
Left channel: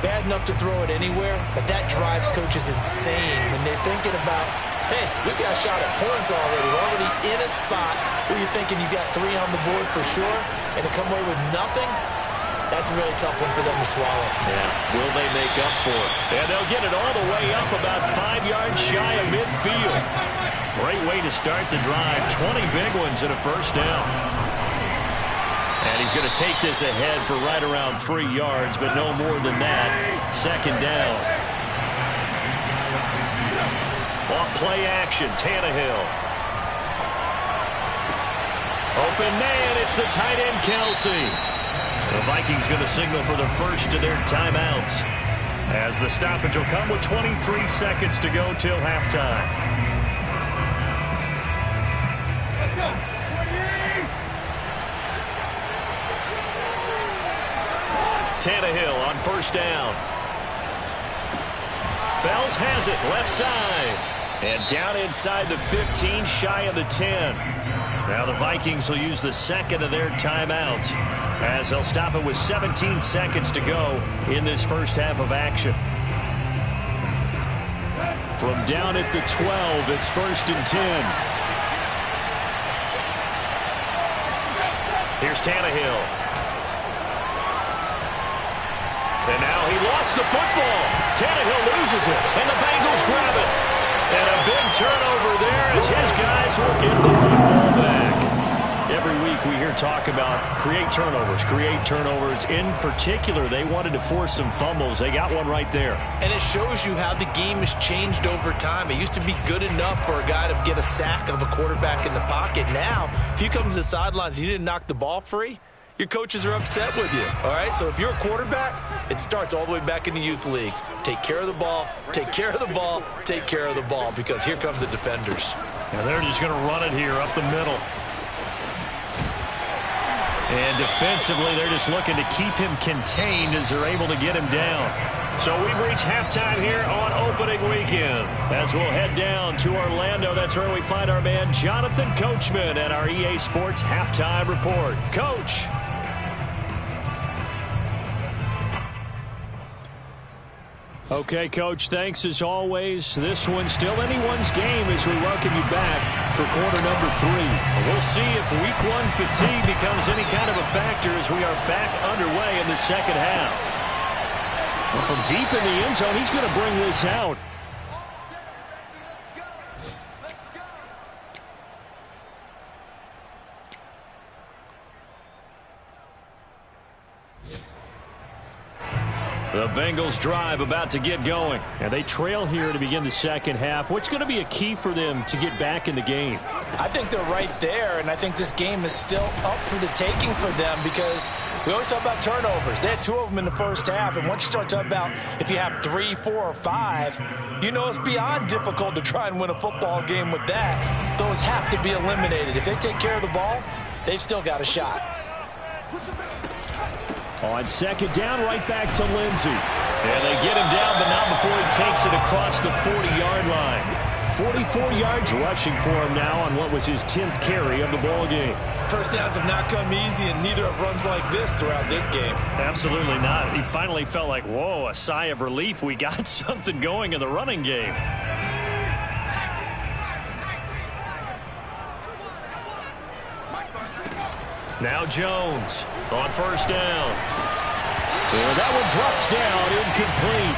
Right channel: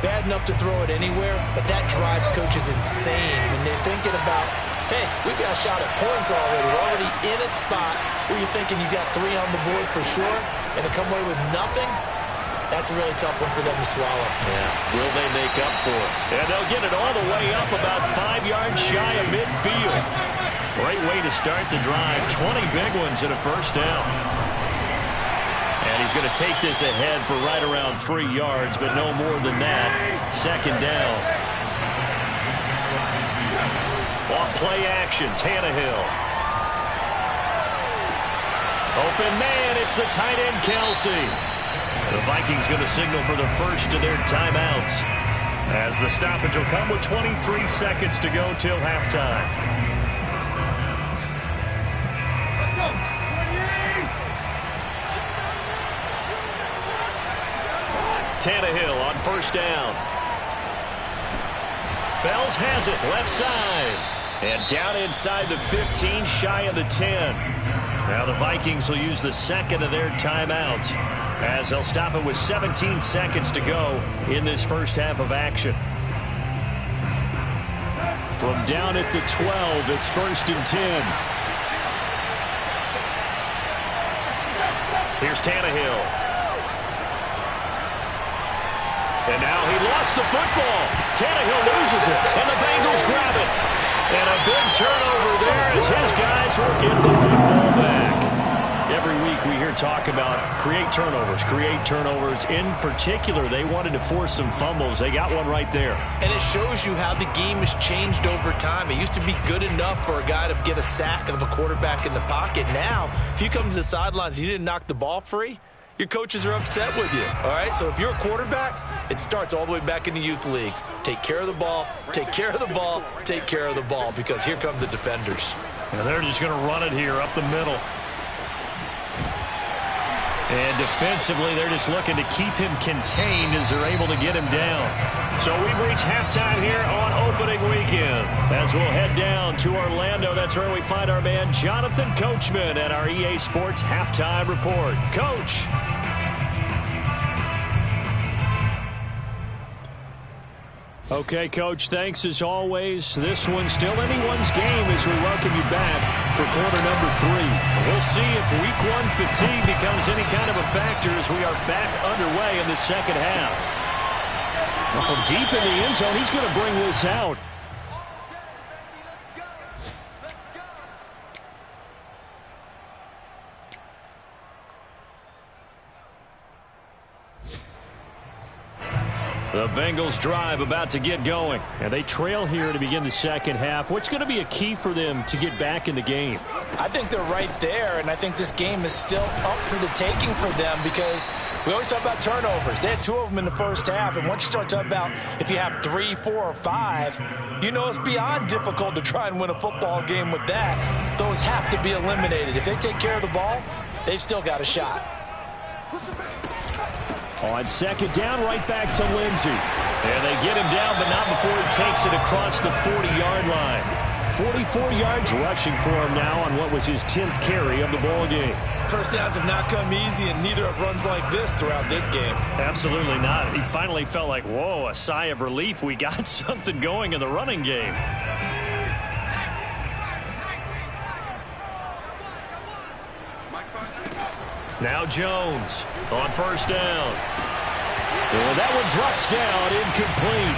Bad enough to throw it anywhere, but that drives coaches insane when they're thinking about, hey, we've got a shot at points already. We're already in a spot where you're thinking you got 3 on the board for sure, and to come away with nothing, that's a really tough one for them to swallow. Yeah, will they make up for it? And they'll get it all the way up about 5 yards shy of midfield. Great way to start the drive. 20 big ones and a first down. And he's going to take this ahead for right around 3 yards, but no more than that. 2nd down. Off play action, Tannehill. Open man, it's the tight end, Kelsey. The Vikings going to signal for the first of their timeouts, as the stoppage will come with 23 seconds to go till halftime. Let's go. 28. Tannehill on 1st down. Fells has it, left side. And down inside the 15, shy of the 10. Now the Vikings will use the 2nd of their timeouts, as they'll stop it with 17 seconds to go in this first half of action. From down at the 12, it's 1st and 10. Here's Tannehill. And now he lost the football. Tannehill loses it, and the Bengals grab it. And a big turnover there as his guys will get the football back. Every week we hear talk about create turnovers. In particular, they wanted to force some fumbles. They got one right there. And it shows you how the game has changed over time. It used to be good enough for a guy to get a sack of a quarterback in the pocket. Now, if you come to the sidelines and you didn't knock the ball free, your coaches are upset with you, all right? So if you're a quarterback, it starts all the way back in the youth leagues. Take care of the ball, take care of the ball, take care of the ball, because here come the defenders. And they're just going to run it here up the middle. And defensively, they're just looking to keep him contained as they're able to get him down. So we've reached halftime here on opening weekend. As we'll head down to Orlando, that's where we find our man Jonathan Coachman at our EA Sports Halftime Report. Coach. Okay, Coach, thanks as always. This one's still anyone's game as we welcome you back for quarter number 3. We'll see if week 1 fatigue becomes any kind of a factor as we are back underway in the second half. Well, from deep in the end zone, he's going to bring this out. The Bengals drive about to get going. And they trail here to begin the second half. What's going to be a key for them to get back in the game? I think they're right there, and I think this game is still up for the taking for them because we always talk about turnovers. They had 2 of them in the first half, and once you start talking about if you have 3, 4, or 5, you know it's beyond difficult to try and win a football game with that. Those have to be eliminated. If they take care of the ball, they've still got a shot. On second down, right back to Lindsey. And they get him down, but not before he takes it across the 40-yard line. 44 yards rushing for him now on what was his 10th carry of the ball game. First downs have not come easy, and neither have runs like this throughout this game. Absolutely not. He finally felt like, whoa, a sigh of relief. We got something going in the running game. Now Jones on first down. And that one drops down, incomplete.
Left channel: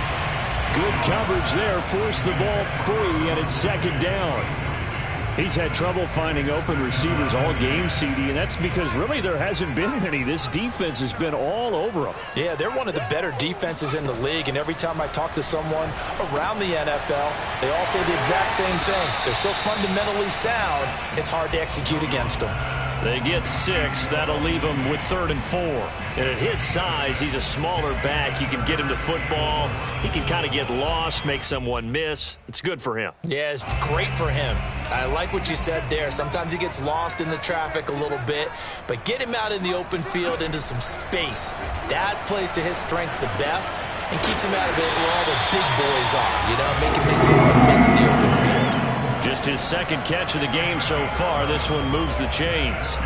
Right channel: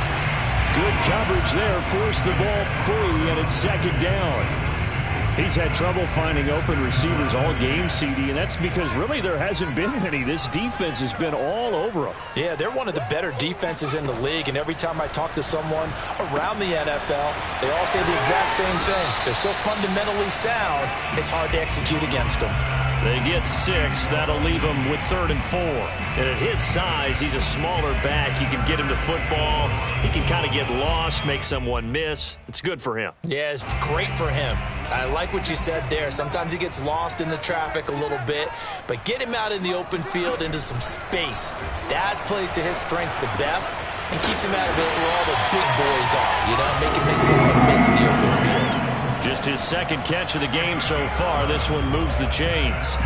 Good coverage there, forced the ball free, and it's second down. He's had trouble finding open receivers all game, CD, and that's because really there hasn't been many. This defense has been all over them. Yeah, they're one of the better defenses in the league, and every time I talk to someone around the NFL, they all say the exact same thing. They're so fundamentally sound, it's hard to execute against them. They get 6. That'll leave him with 3rd and 4. And at his size, he's a smaller back. You can get him to football. He can kind of get lost, make someone miss. It's good for him. Yeah, it's great for him. I like what you said there. Sometimes he gets lost in the traffic a little bit, but get him out in the open field into some space. That plays to his strengths the best and keeps him out of it where all the big boys are, you know, make someone miss in the open field. Just his 2nd catch of the game so far. This one moves the chains.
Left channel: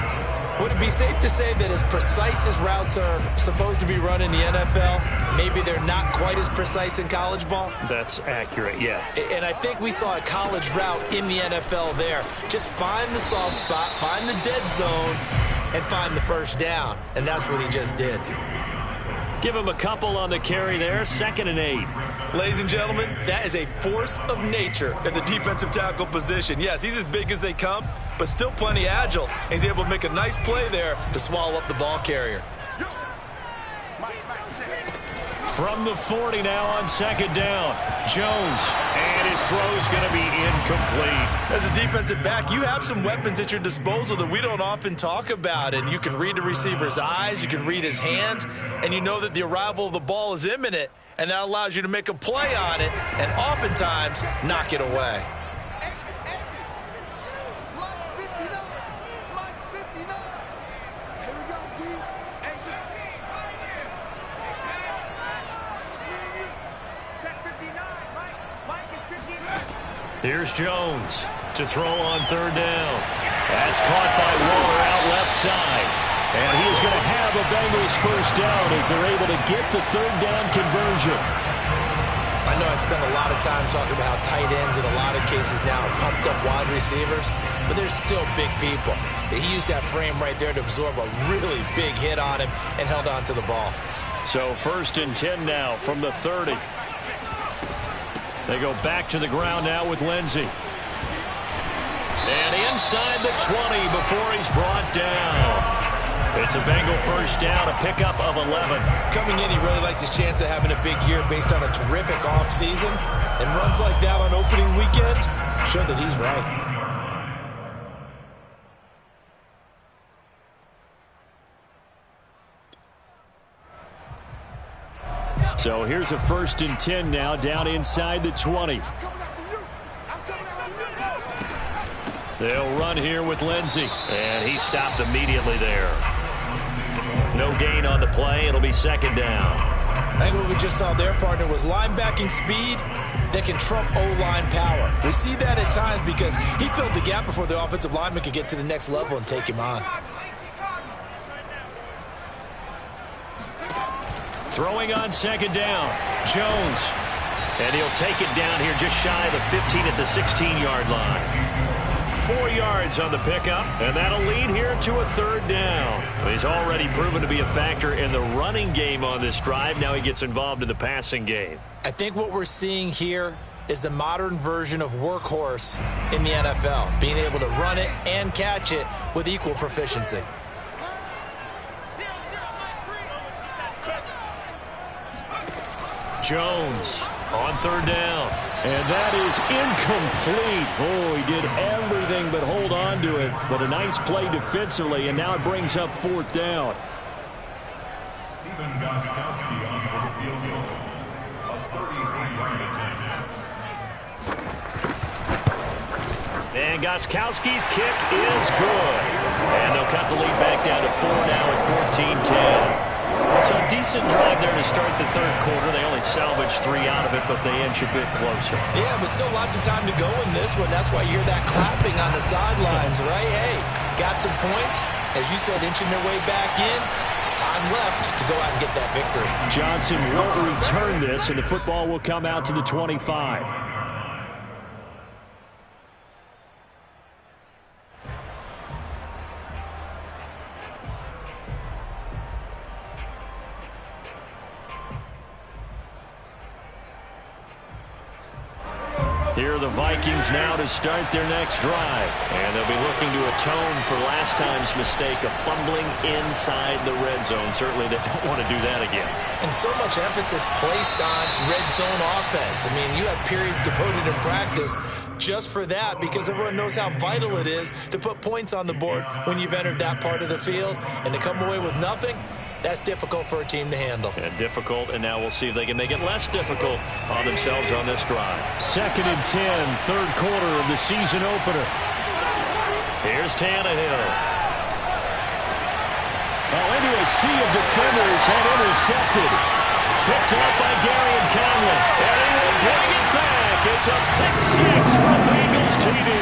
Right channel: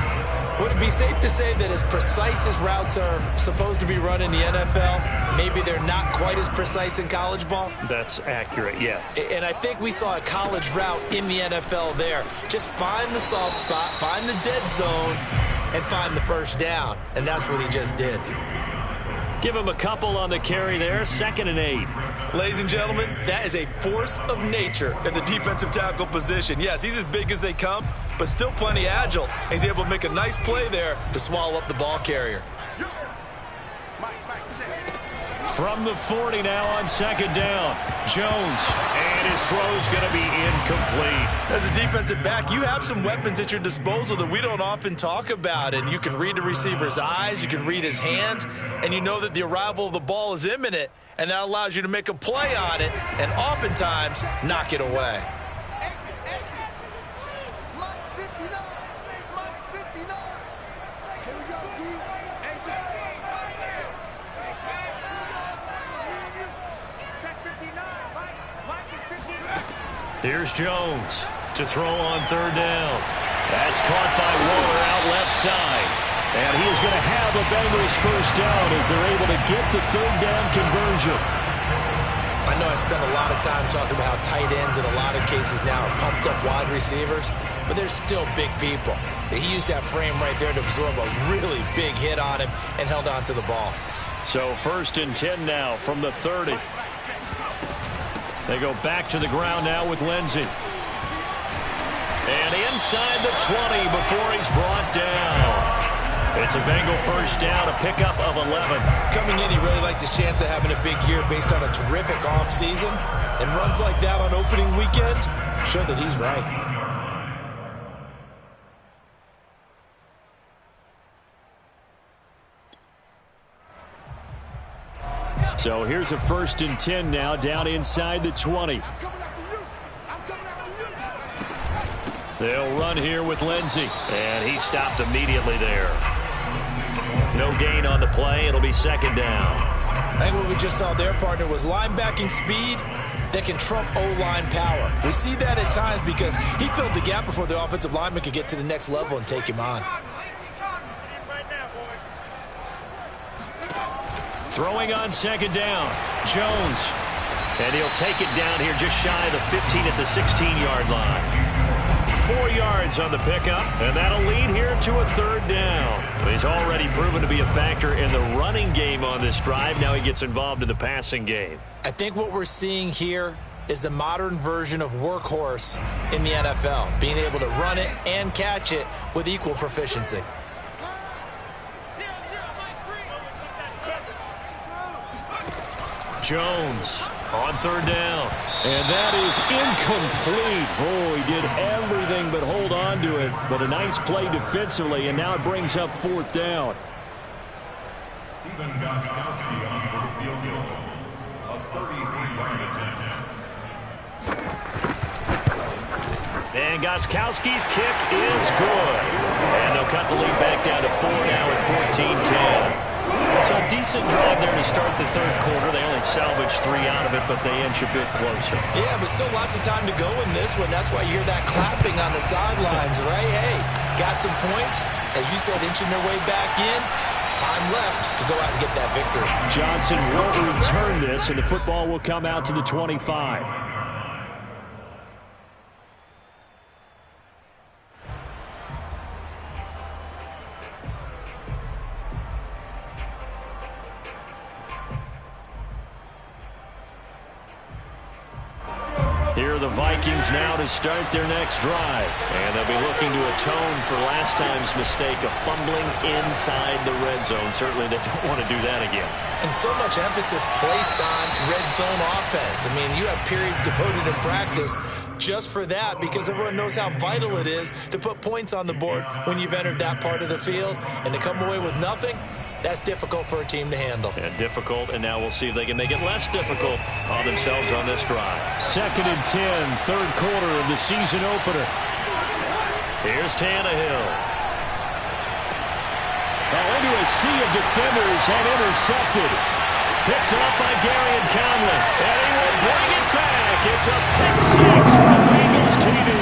Would it be safe to say that as precise as routes are supposed to be run in the NFL, maybe they're not quite as precise in college ball? That's accurate, yeah. And I think we saw a college route in the NFL there. Just find the soft spot, find the dead zone, and find the first down. And that's what he just did. Give him a couple on the carry there, 2nd and 8. Ladies and gentlemen, that is a force of nature at the defensive tackle position. Yes, he's as big as they come, but still plenty agile. He's able to make a nice play there to swallow up the ball carrier. From the 40 now on 2nd down. Jones, and his throw's going to be incomplete. As a defensive back, you have some weapons at your disposal that we don't often talk about, and you can read the receiver's eyes, you can read his hands, and you know that the arrival of the ball is imminent, and that allows you to make a play on it and oftentimes knock it away. Here's Jones to throw on 3rd down. That's caught by Waller out left side. And he is going to have a Bengals first down as they're able to get the 3rd down conversion. I know I spent a lot of time talking about how tight ends in a lot of cases now are pumped up wide receivers, but they're still big people. He used that frame right there to absorb a really big hit on him and held on to the ball. So 1st and 10 now from the 30. They go back to the ground now with Lindsey. And inside the 20 before he's brought down. It's a Bengal first down, a pickup of 11. Coming in, he really liked his chance of having a big year based on a terrific offseason. And runs like that on opening weekend show that he's right. So here's a 1st and 10 now down inside the 20. They'll run here with Lindsey. And he stopped immediately there. No gain on the play. It'll be 2nd down. I think what we just saw there, partner, was linebacking speed that can trump O-line power. We see that at times because he filled the gap before the offensive lineman could get to the next level and take him on. Throwing on 2nd down, Jones. And he'll take it down here just shy of the 15 at the 16-yard line. 4 yards on the pickup, and that'll lead here to a 3rd down. He's already proven to be a factor in the running game on this drive. Now he gets involved in the passing game. I think what we're seeing here is the modern version of workhorse in the NFL, being able to run it and catch it with equal proficiency. Jones on third down. And that is incomplete. Oh, he did everything but hold on to it. But a nice play defensively, and now it brings up fourth down. Stephen Gostkowski on for the field goal. A 33-yard attempt. And Gostkowski's kick is good. And they'll cut the lead back down to 4 now at 14-10. So a decent drive there to start the third quarter. They only salvaged 3 out of it, but they inch a bit closer. Yeah, but still lots of time to go in this one. That's why you hear that clapping on the sidelines, right? Hey, got some points. As you said, inching their way back in. Time left to go out and get that victory. Johnson won't return this, and the football will come out to the 25. Here are the Vikings now to start their next drive. And they'll be looking to atone for last time's mistake of fumbling inside the red zone. Certainly they don't want to do that again. And so much emphasis placed on red zone offense. I mean, you have periods devoted in practice just for that because everyone knows how vital it is to put points on the board when you've entered that part of the field. And to come away with nothing, that's difficult for a team to handle. And difficult, and now we'll see if they can make it less difficult on themselves on this drive. 2nd and 10, third quarter of the season opener. Here's Tannehill. Well, into a sea of defenders and intercepted. Picked up by Gary and Conley. And he will bring it back. It's a pick six for the Bengals TD.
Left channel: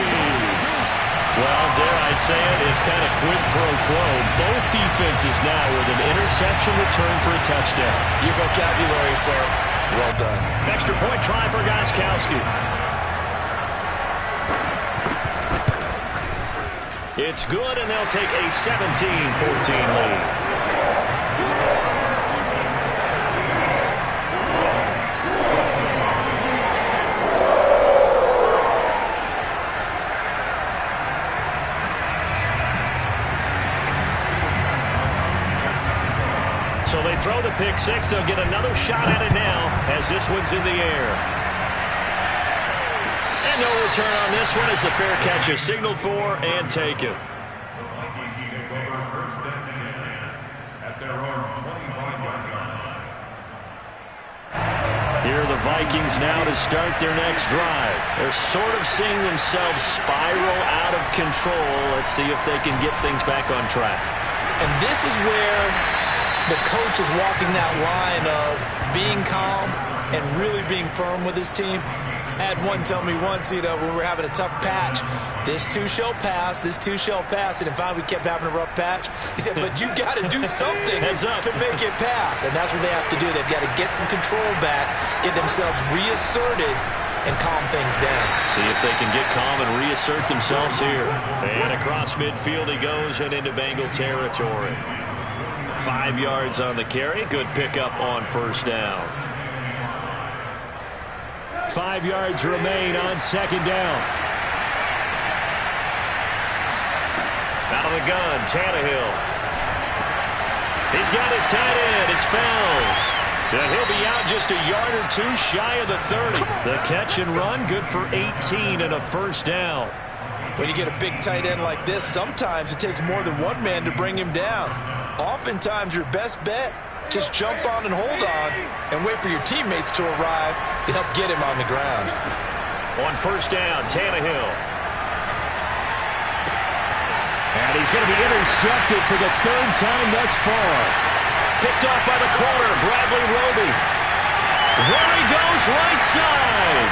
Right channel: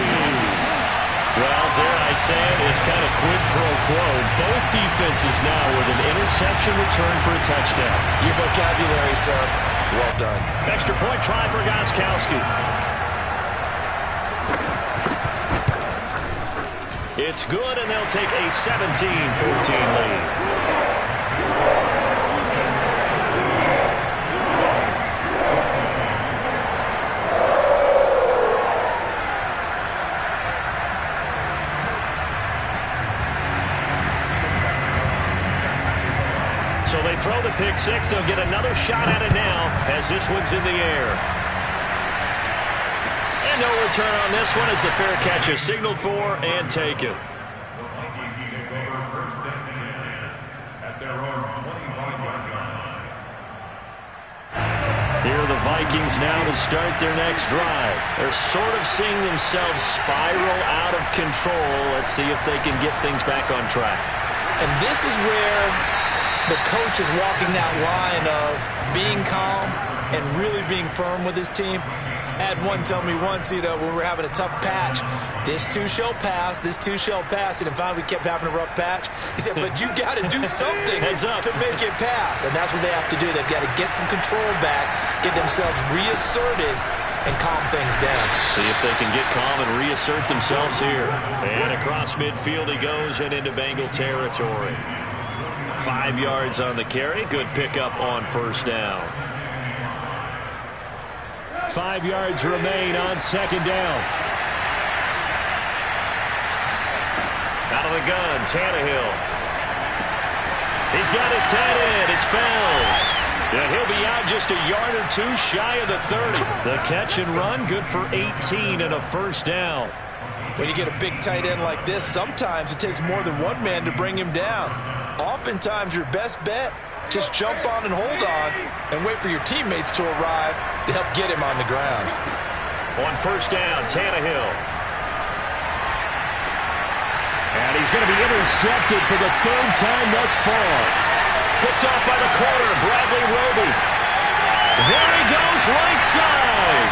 Well, dare I say it, it's kind of quid pro quo. Both defenses now with an interception return for a touchdown. Your vocabulary, sir. Well done. Extra point try for Gostkowski. It's good, and they'll take a 17-14 lead. So they throw the pick six. They'll get another shot at it now as this one's in the air. And no return on this one as the fair catch is signaled for and taken. The Vikings take over first and 10 at their own 25-yard line. Here are the Vikings now to start their next drive. They're sort of seeing themselves spiral out of control. Let's see if they can get things back on track. And this is where the coach is walking that line of being calm and really being firm with his team. I had one tell me once, when we were having a tough patch, this too shall pass, this too shall pass. And finally we kept having a rough patch. He said, but you got to do something to make it pass. And that's what they have to do. They've got to get some control back, get themselves reasserted, and calm things down. See if they can get calm and reassert themselves here. And across midfield he goes and into Bengal territory. 5 yards on the carry. Good pickup on first down. 5 yards remain on second down. Out of the gun, Tannehill. He's got his tight end. It's Fells. And he'll be out just a yard or two shy of the 30. The catch and run, good for 18 and a first down. When you get a big tight end like this, sometimes it takes more than one man to bring him down. Oftentimes, your best bet, just jump on and hold on and wait for your teammates to arrive to help get him on the ground. On first down, Tannehill. And he's going to be intercepted for the third time thus far. Picked off by the corner, Bradley Roby. There he goes, right side.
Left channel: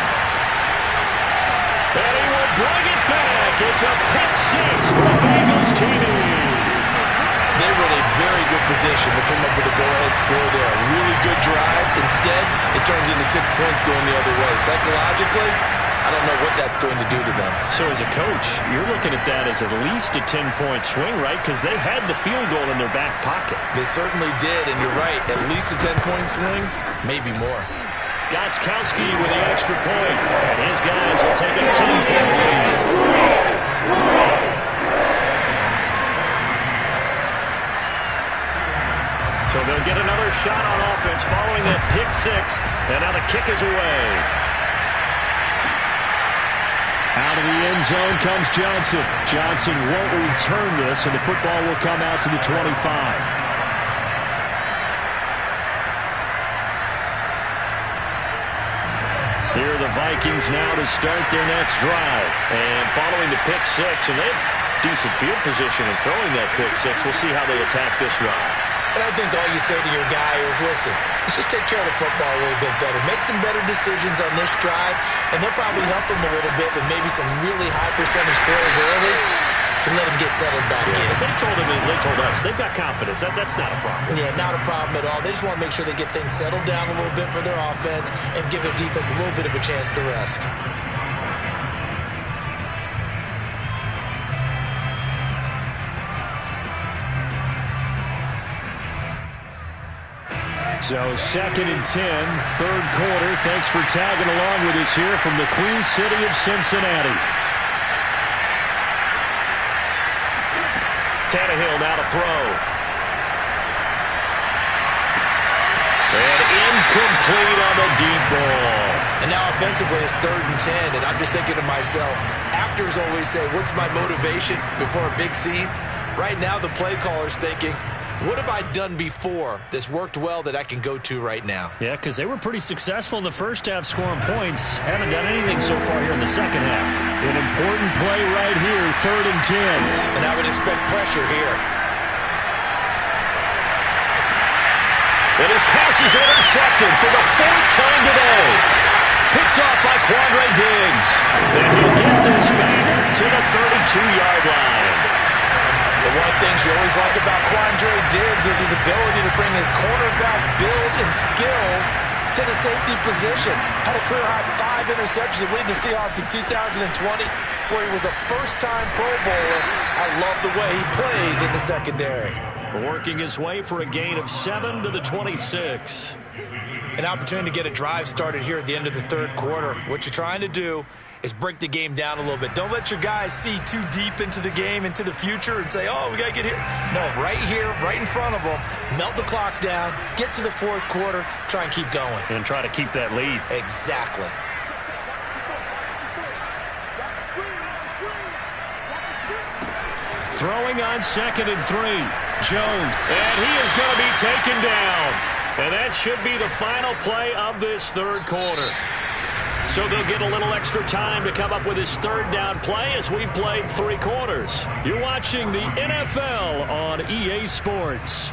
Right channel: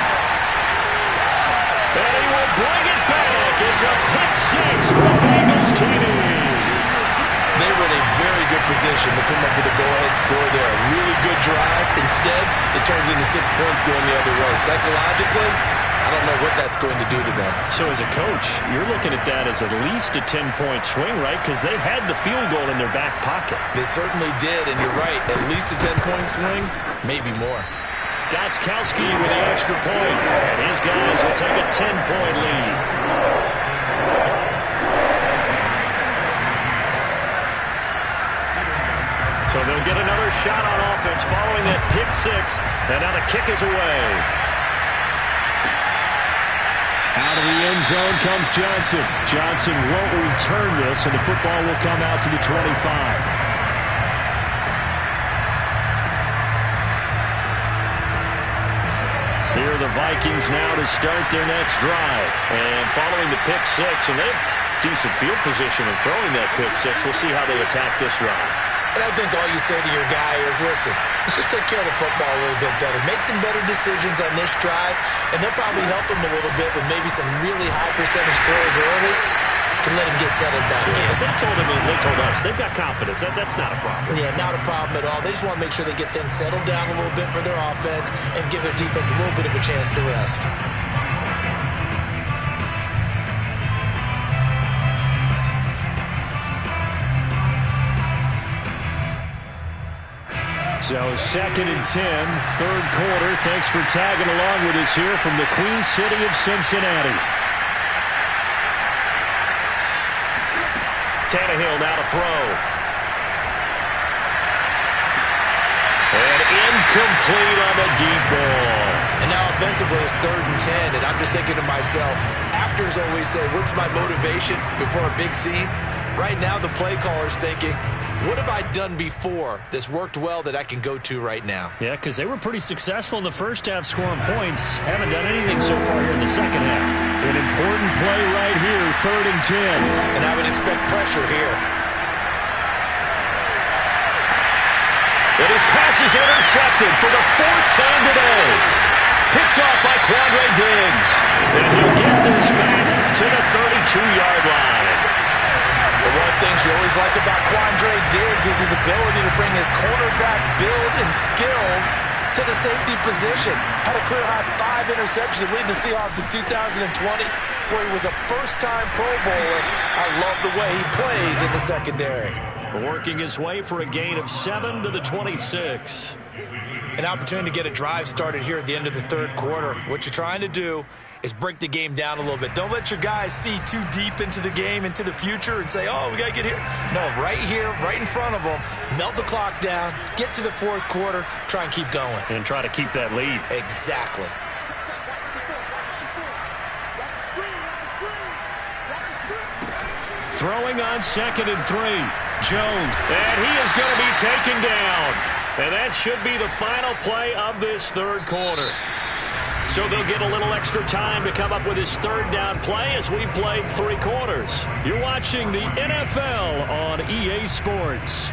And he will bring it back. It's a pick six for the Bengals TD. They were in a very good position to come up with a go-ahead score there. A really good drive. Instead, it turns into 6 points going the other way. Psychologically, I don't know what that's going to do to them. So as a coach, you're looking at that as at least a 10-point swing, right? Because they had the field goal in their back pocket. They certainly did, and you're right. At least a 10-point swing, maybe more. Gostkowski with the extra point, and his guys will take a 10-point lead. So So they'll get another shot on offense following that pick six. And now the kick is away. Out of the end zone comes Johnson. Johnson won't return this, and the football will come out to the 25. Here are the Vikings now to start their next drive. And following the pick six, and they have decent field position in throwing that pick six. We'll see how they attack this drive. And I think all you say to your guy is, listen, let's just take care of the football a little bit better. Make some better decisions on this drive, and they'll probably help him a little bit with maybe some really high percentage throws early to let him get settled back in. They told us they've got confidence. That's not a problem. Yeah, not a problem at all. They just want to make sure they get things settled down a little bit for their offense and give their defense a little bit of a chance to rest. So 2nd and 10, third quarter. Thanks for tagging along with us here from the Queen City of Cincinnati. Tannehill now to throw. And incomplete on the deep ball. And now offensively it's 3rd and 10, and I'm just thinking to myself, actors always say, what's my motivation before a big scene? Right now the play caller's thinking, what have I done before that's worked well that I can go to right now? Yeah, because they were pretty successful in the first half scoring points. Haven't done anything so far here in the second half. An important play right here, 3rd and 10. And I would expect pressure here. And his pass is intercepted for the 4th time today. Picked off by Quandre Diggs. And he'll get this back to the 32-yard line. The one thing you always like about Quandre Diggs is his ability to bring his cornerback build and skills to the safety position. Had a career-high 5 interceptions leading the Seahawks in 2020, where he was a first-time Pro Bowler. I love the way he plays in the secondary. Working his way for a gain of 7 to the 26. An opportunity to get a drive started here at the end of the 3rd quarter. What you're trying to do is break the game down a little bit. Don't let your guys see too deep into the game, into the future, and say, oh, we got to get here. No, right here, right in front of them, melt the clock down, get to the 4th quarter, try and keep going. And try to keep that lead. Exactly. Throwing on 2nd and 3. Jones. And he is going to be taken down. And that should be the final play of this 3rd quarter. So they'll get a little extra time to come up with his 3rd down play as we've played 3 quarters. You're watching the NFL on EA Sports.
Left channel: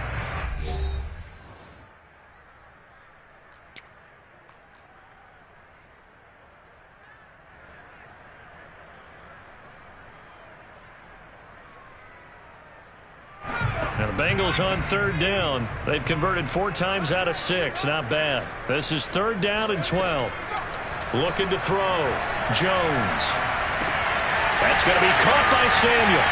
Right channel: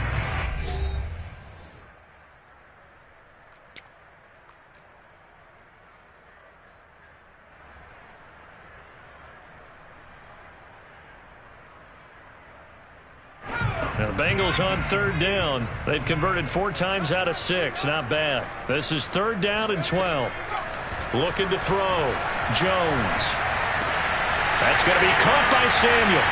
Now the Bengals on 3rd down. They've converted 4 times out of 6. Not bad. This is 3rd down and 12. Looking to throw. Jones. That's going to be caught by Samuel.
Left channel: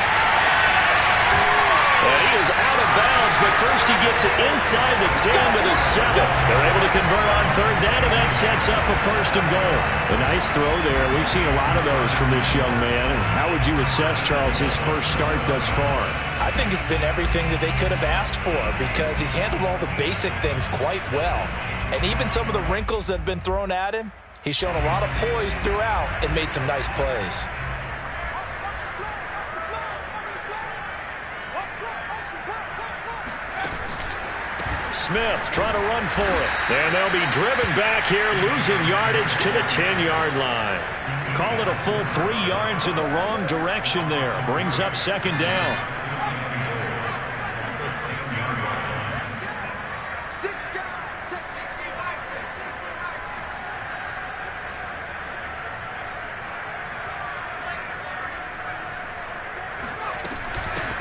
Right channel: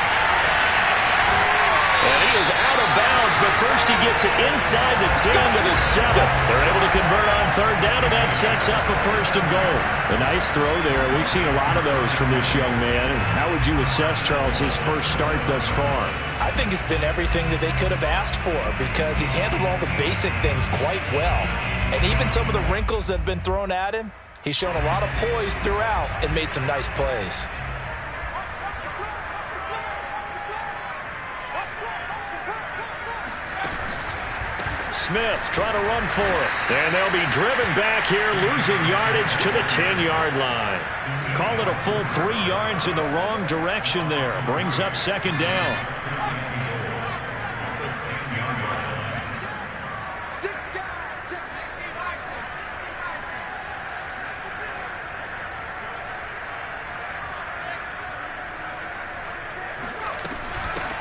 And he is out of bounds, but first he gets it inside the 10 to the 7. They're able to convert on 3rd down, and that sets up a 1st and goal. A nice throw there. We've seen a lot of those from this young man. And how would you assess, Charles, his first start thus far? I think it's been everything that they could have asked for because he's handled all the basic things quite well. And even some of the wrinkles that have been thrown at him, he's shown a lot of poise throughout and made some nice plays. Smith trying to run for it. And they'll be driven back here, losing yardage to the 10-yard line. Call it a full 3 yards in the wrong direction there. Brings up 2nd down.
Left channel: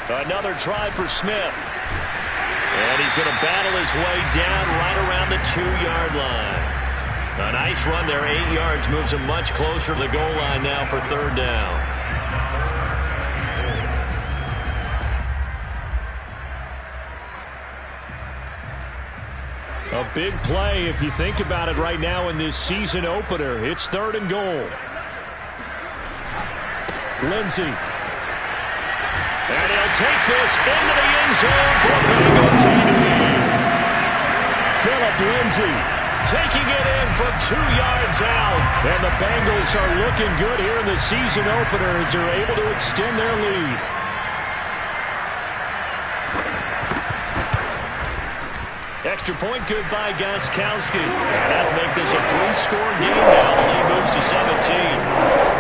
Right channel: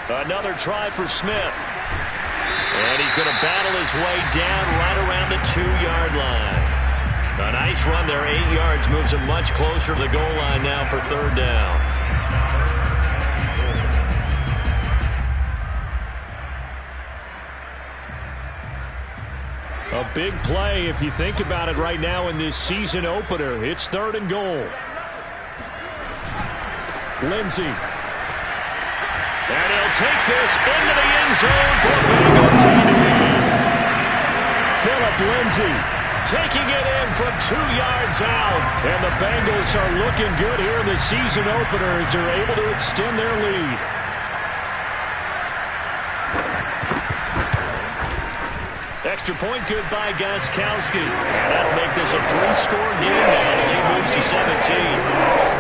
Another try for Smith. And he's going to battle his way down right around the 2-yard line. A nice run there, 8 yards, moves him much closer to the goal line now for 3rd down. A big play if you think about it right now in this season opener. It's 3rd and goal. Lindsey. And he'll take this into the end zone for a Bengal TD. Phillip Lindsay taking it in from 2 yards out. And the Bengals are looking good here in the season opener as they're able to extend their lead. Extra point good by Gostkowski. And that'll make this a 3-score game now. The lead moves to 17.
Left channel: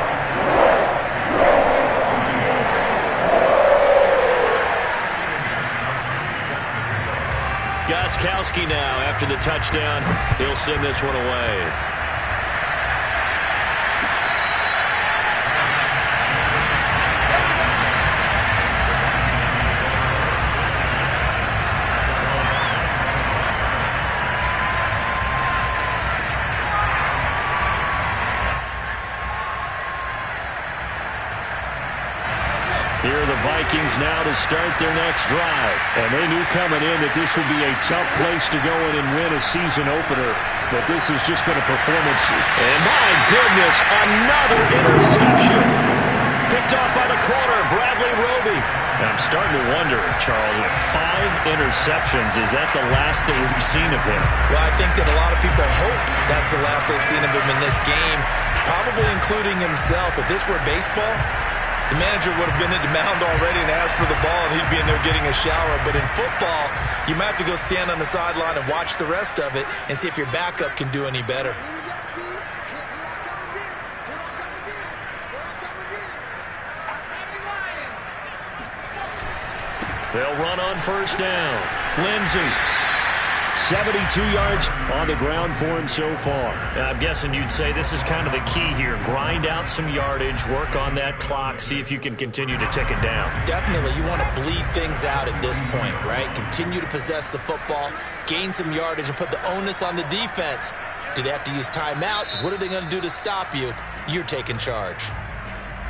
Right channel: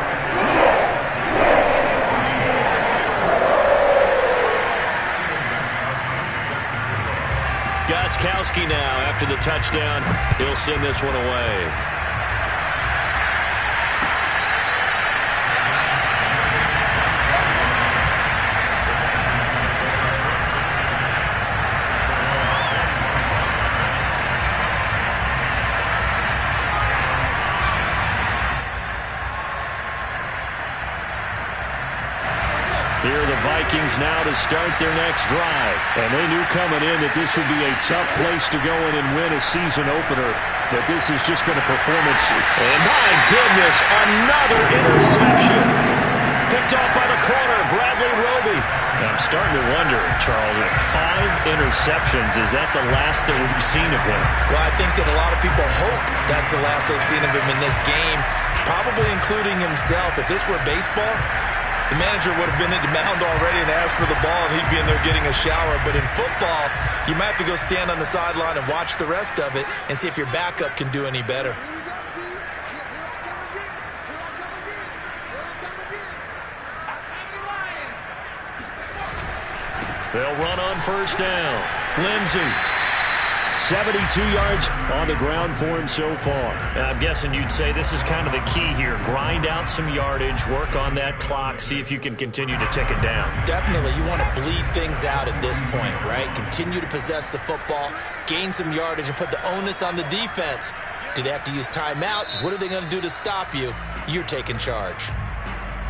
Gostkowski now after the touchdown. He'll send this one away. Here are the Vikings now to start their next drive. And they knew coming in that this would be a tough place to go in and win a season opener. But this has just been a performance. And my goodness, another interception. Picked off by the corner, Bradley Roby. I'm starting to wonder, Charles, with 5 interceptions, is that the last that we've seen of him? Well, I think that a lot of people hope that's the last they've seen of him in this game, probably including himself. If this were baseball, the manager would have been at the mound already and asked for the ball, and he'd be in there getting a shower. But in football, you might have to go stand on the sideline and watch the rest of it and see if your backup can do any better. Here we go, D. Here I come again. Here I come again. Here I come again. Outside of the line. They'll run on first down. Lindsay. 72 yards on the ground for him so far. I'm guessing you'd say this is kind of the key here. Grind out some yardage, work on that clock, see if you can continue to tick it down. Definitely, you want to bleed things out at this point, right? Continue to possess the football, gain some yardage, and put the onus on the defense. Do they have to use timeouts? What are they going to do to stop you? You're taking charge.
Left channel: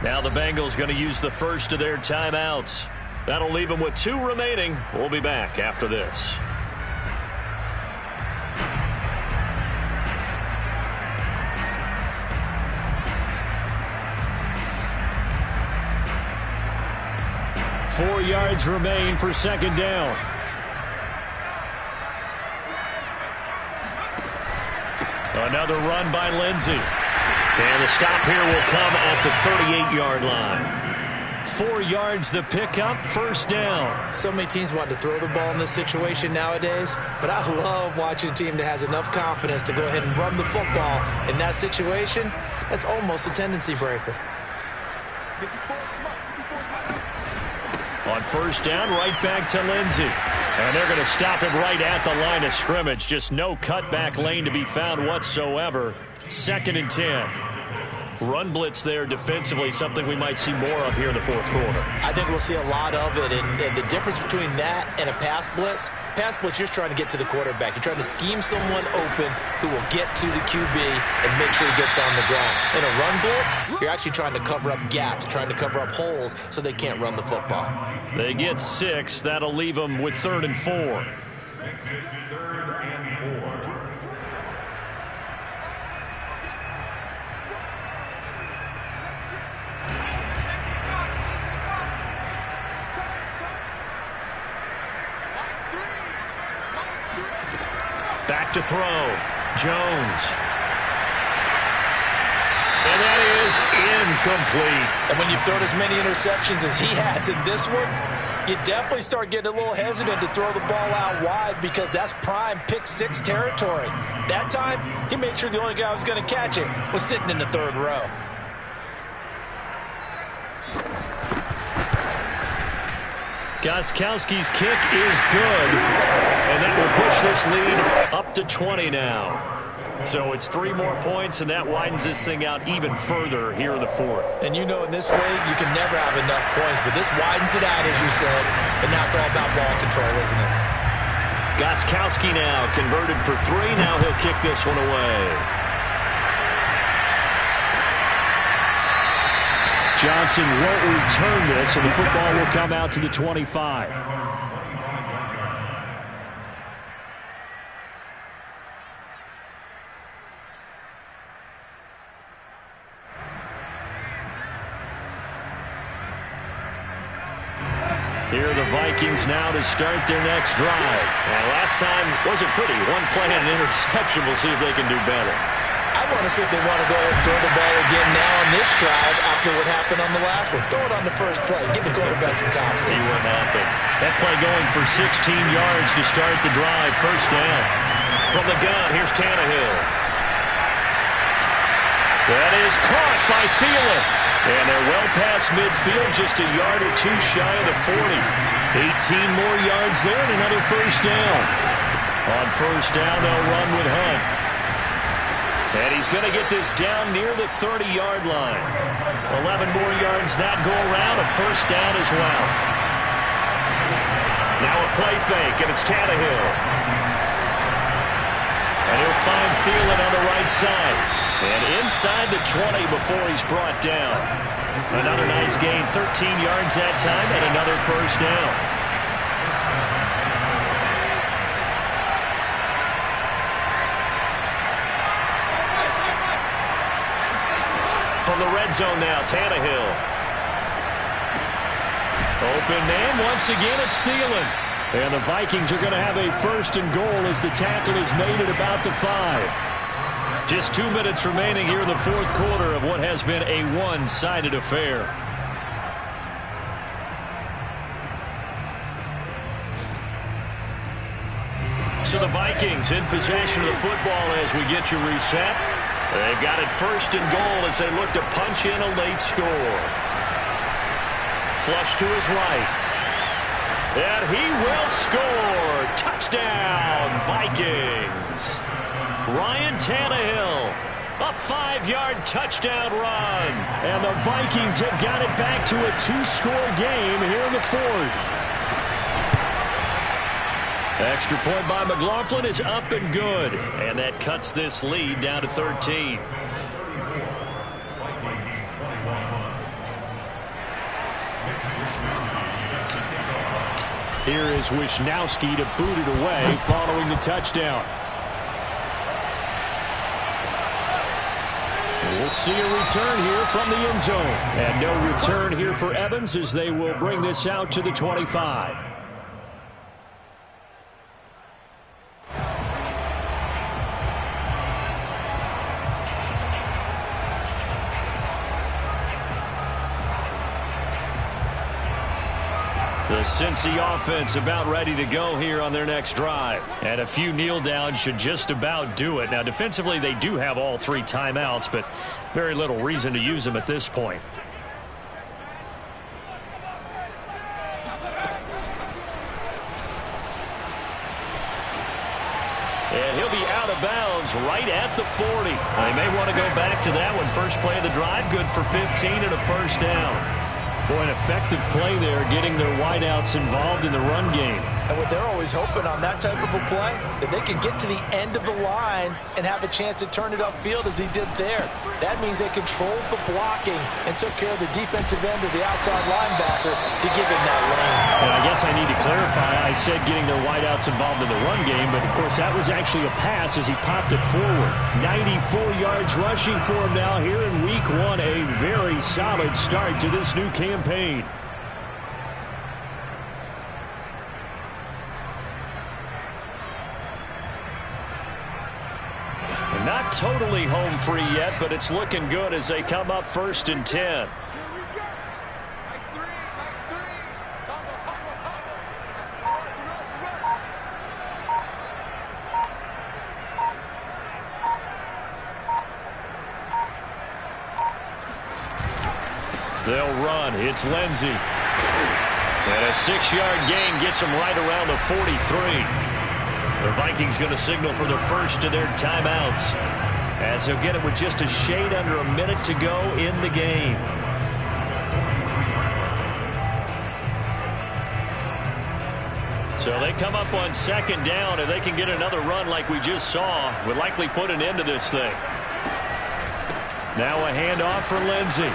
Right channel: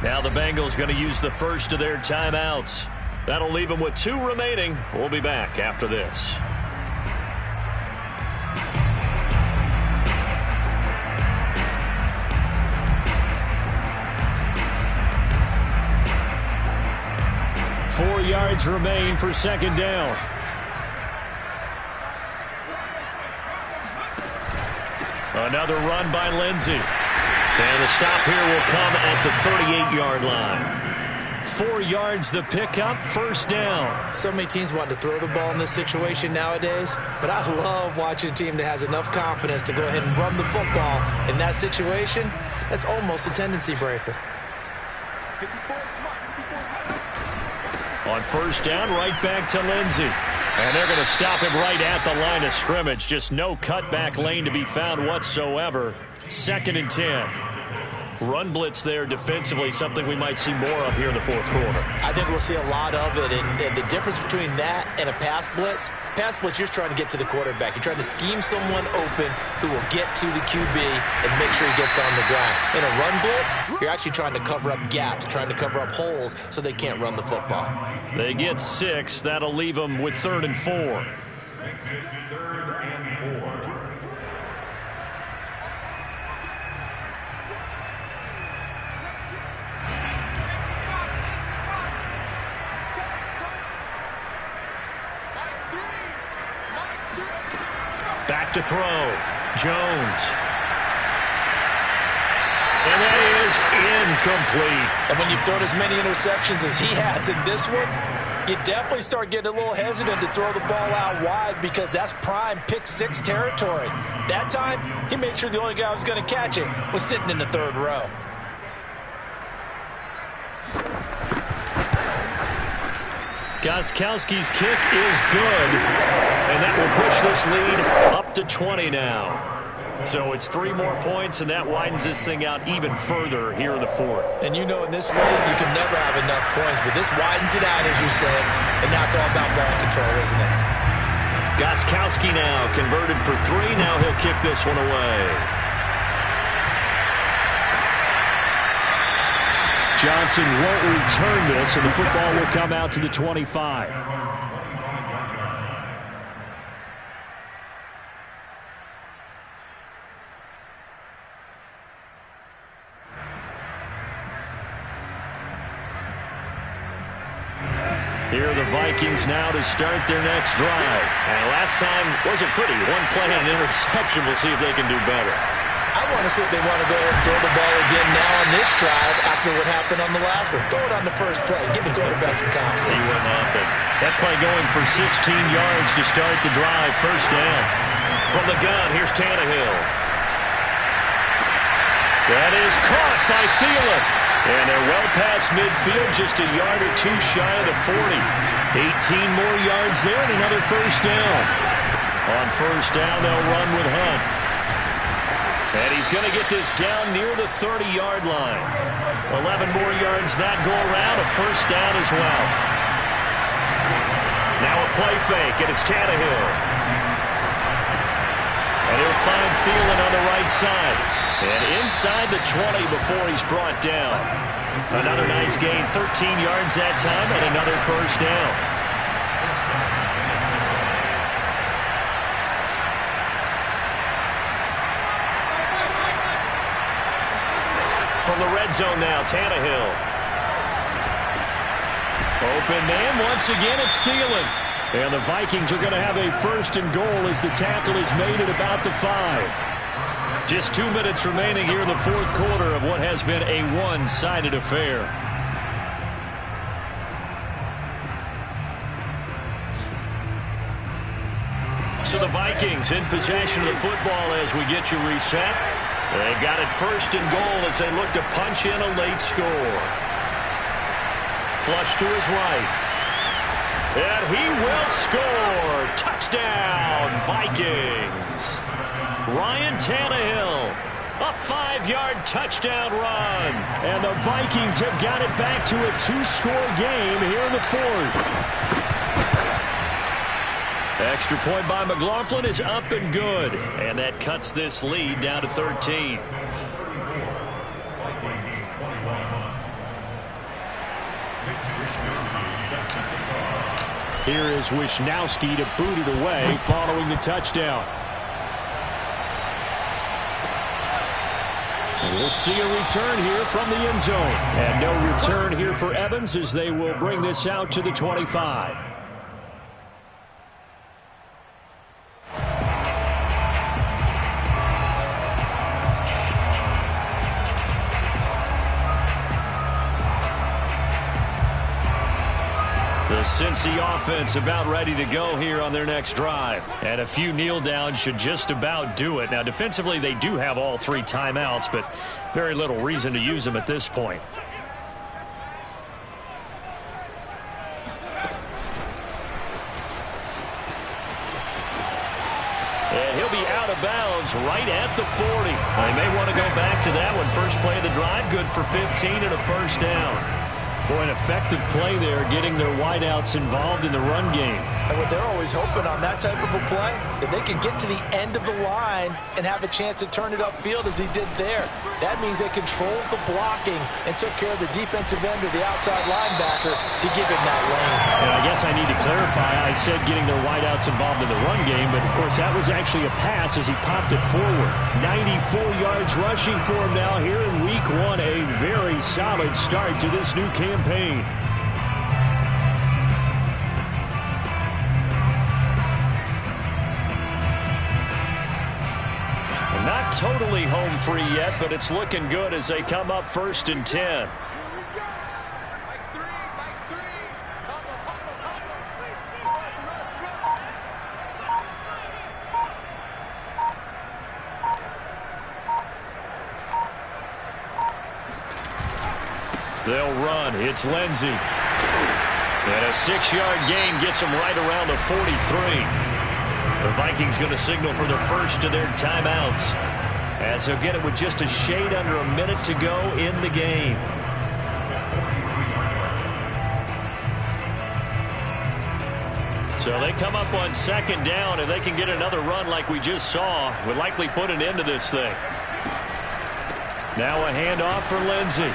Now the Bengals going to use the first of their timeouts. That'll leave them with 2 remaining. We'll be back after this. Four yards remain for second down. Another run by Lindsay. And the stop here will come at the 38-yard line. 4 yards the pickup, first down. So many teams want to throw the ball in this situation nowadays, but I love watching a team that has enough confidence to go ahead and run the football. In that situation, that's almost a tendency breaker. 54 Mike. 54 Mike. On first down, right back to Lindsay. And they're going to stop him right at the line of scrimmage. Just no cutback lane to be found whatsoever. 2nd and 10. Run blitz there defensively, something we might see more of here in the fourth quarter. I think we'll see a lot of it, and the difference between that and a pass blitz, you're just trying to get to the quarterback. You're trying to scheme someone open who will get to the QB and make sure he gets on the ground. In a run blitz, you're actually trying to cover up gaps, trying to cover up holes so they can't run the football. They get 6. That'll leave them with 3rd and 4. 3rd and 4. Back to throw. Jones. And that is incomplete. And when you've thrown as many interceptions as he has in this one, you definitely start getting a little hesitant to throw the ball out wide because that's prime pick 6 territory. That time, he made sure the only guy who was going to catch it was sitting in the 3rd row. Gostkowski's kick is good, and that will push this lead up to 20 now. So it's 3 more points, and that widens this thing out even further here in the 4th. And you know in this league, you can never have enough points, but this widens it out, as you said, and now it's all about ball control, isn't it? Gostkowski now converted for 3. Now he'll kick this one away. Johnson won't return this, and the football will come out to the 25. Here are the Vikings now to start their next drive. And last time wasn't pretty. One play and an interception. We'll see if they can do better. I want to see if they want to go ahead and throw the ball again now on this drive after what happened on the last one. Throw it on the first play. Give the quarterback some confidence. See what happens. That play going for 16 yards to start the drive. First down. From the gun, here's Tannehill. That is caught by Thielen. And they're well past midfield, just a yard or two shy of the 40. 18 more yards there and another first down. On first down, they'll run with Hunt. And he's going to get this down near the 30-yard line. 11 more yards that go around, a first down as well. Now a play fake, and it's Tannehill. And he'll find Thielen on the right side. And inside the 20 before he's brought down. Another nice gain, 13 yards that time, and another first down. From the red zone now, Tannehill. Open man, once again, it's Thielen. And the Vikings are going to have a first and goal as the tackle is made at about the 5. Just 2 minutes remaining here in the fourth quarter of what has been a one-sided affair. So the Vikings in possession of the football as we get you reset. They've got it first and goal as they look to punch in a late score. Flush to his right. And he will score. Touchdown, Vikings. Ryan Tannehill, a 5-yard touchdown run. And the Vikings have got it back to a 2-score game here in the fourth. Extra point by McLaughlin is up and good. And that cuts this lead down to 13. Here is Wishnowski to boot it away following the touchdown. And we'll see a return here from the end zone. And no return here for Evans as they will bring this out to the 25. The Cincy offense about ready to go here on their next drive. And a few kneel downs should just about do it. Now, defensively, they do have all 3 timeouts, but very little reason to use them at this point. And he'll be out of bounds right at the 40. They may want to go back to that one. First play of the drive, good for 15 and a first down. Boy, an effective play there, getting their wideouts involved in the run game. And what they're always hoping on that type of a play, that they can get to the end of the line and have a chance to turn it upfield as he did there. That means they controlled the blocking and took care of the defensive end or the outside linebacker to give him that lane. And I guess I need to clarify, I said getting their wideouts involved in the run game, but of course that was actually a pass as he popped it forward. 94 yards rushing for him now here in week 1. A very solid start to this new campaign. Not totally home free yet, but it's looking good as they come up first and 10. Here we go. Mike 3, Mike 3. Combo, combo, combo. Run. They'll run. It's Lindsey. And a 6-yard gain gets them right around the 43. The Vikings going to signal for the first of their timeouts as they'll get it with just a shade under a minute to go in the game. So they come up on second down, and they can get another run like we just saw. Would likely put an end to this thing. Now a handoff for Lindsey.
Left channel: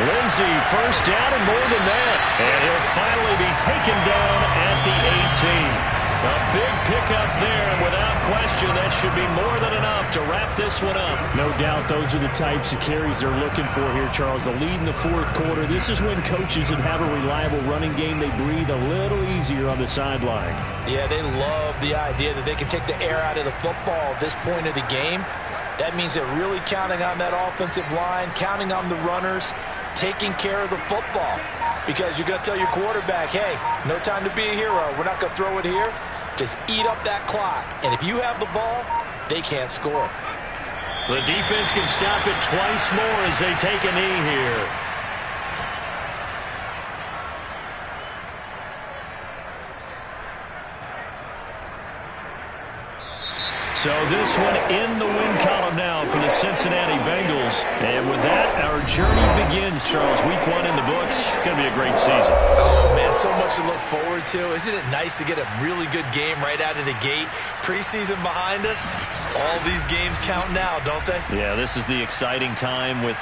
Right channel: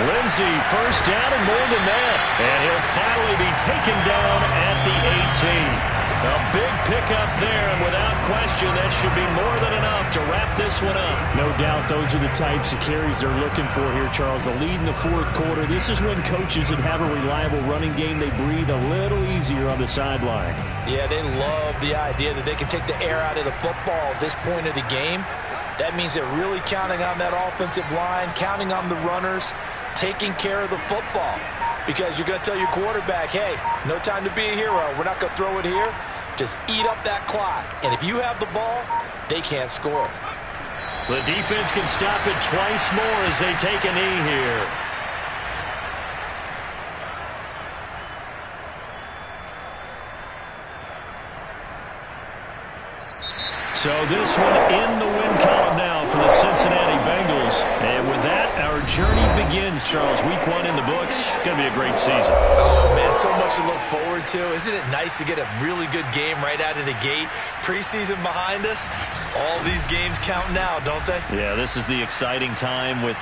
Lindsey, first down and more than that. And he'll finally be taken down at the 18. A big pickup there, and without question, that should be more than enough to wrap this one up. No doubt those are the types of carries they're looking for here, Charles. The lead in the fourth quarter. This is when coaches that have a reliable running game, they breathe a little easier on the sideline. Yeah, they love the idea that they can take the air out of the football at this point of the game. That means they're really counting on that offensive line, counting on the runners, taking care of the football. Because you're going to tell your quarterback, hey, no time to be a hero. We're not going to throw it here. Just eat up that clock. And if you have the ball, they can't score. The defense can stop it twice more as they take a knee here. So this one in the win column now for the Cincinnati Bengals. And with that, our journey begins, Charles. Week 1 in the books. Going to be a great season. Oh, man, so much to look forward to. Isn't it nice to get a really good game right out of the gate? Preseason behind us. All these games count now, don't they? Yeah, this is the exciting time with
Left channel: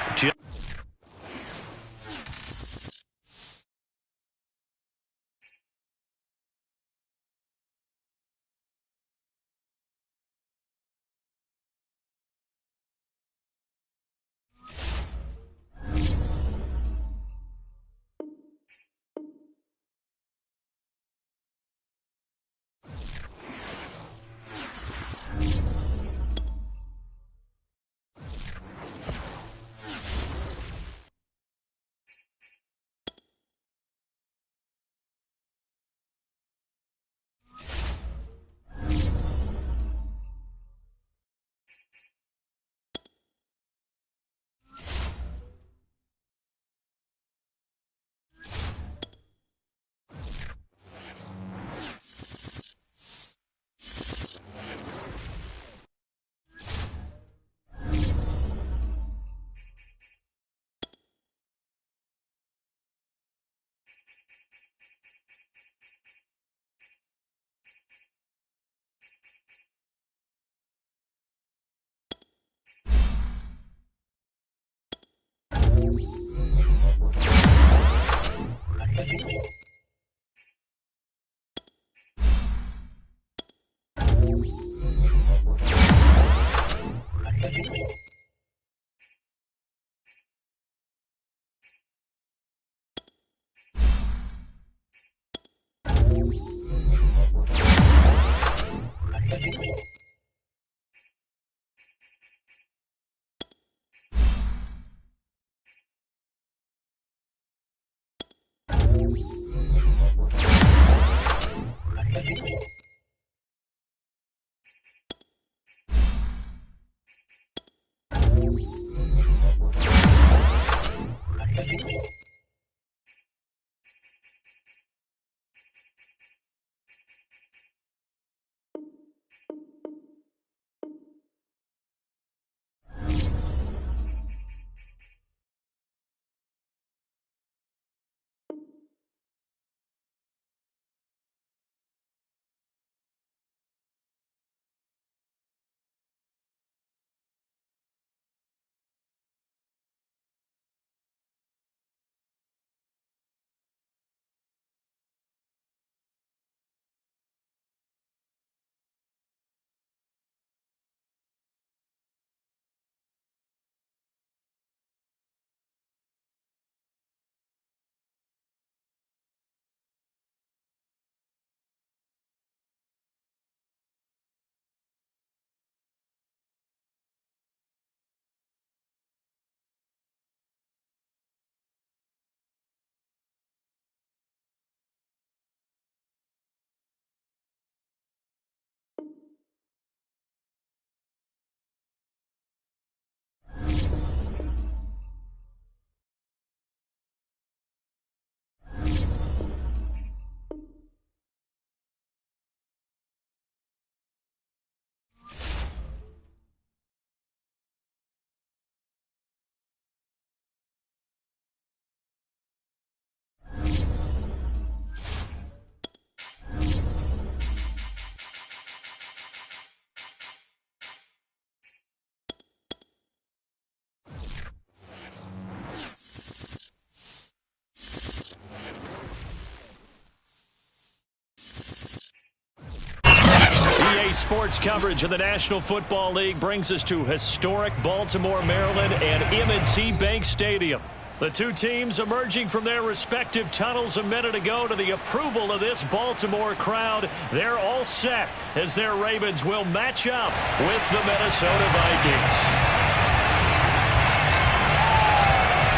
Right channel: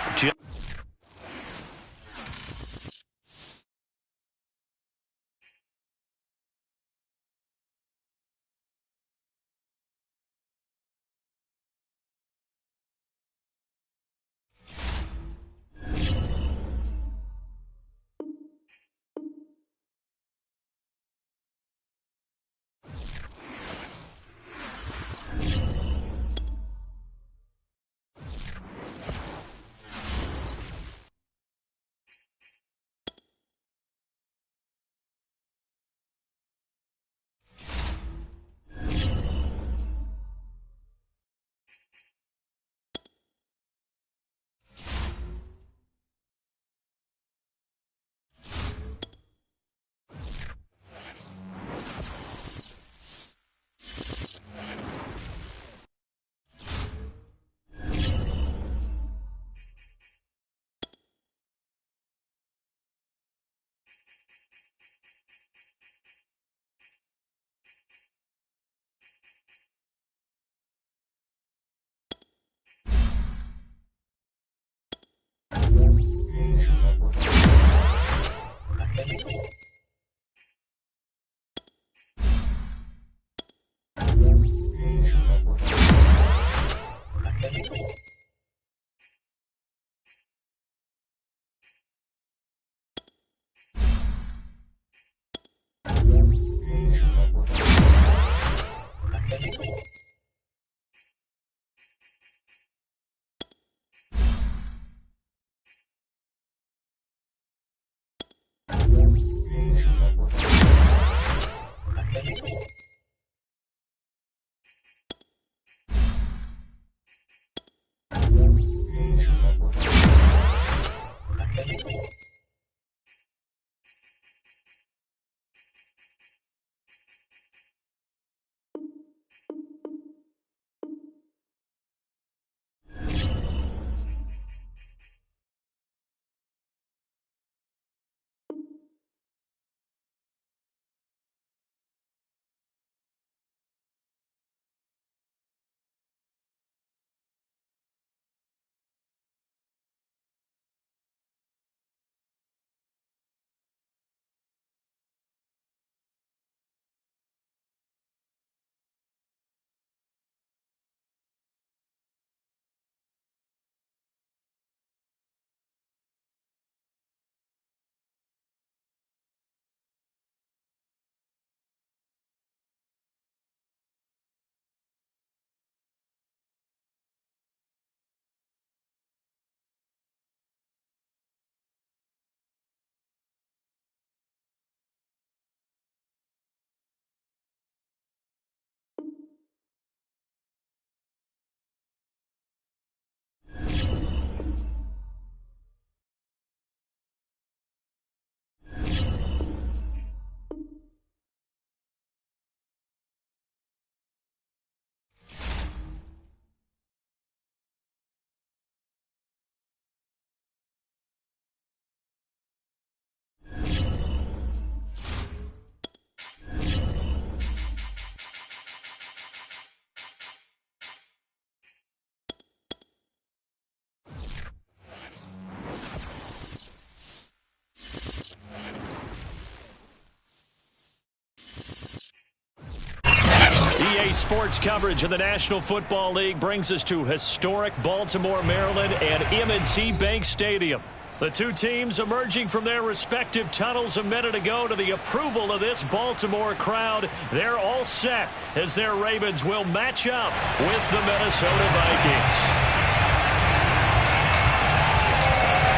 sports coverage of the National Football League brings us to historic Baltimore, Maryland and M&T Bank Stadium. The two teams emerging from their respective tunnels a minute ago to the approval of this Baltimore crowd. They're all set as their Ravens will match up with the Minnesota Vikings.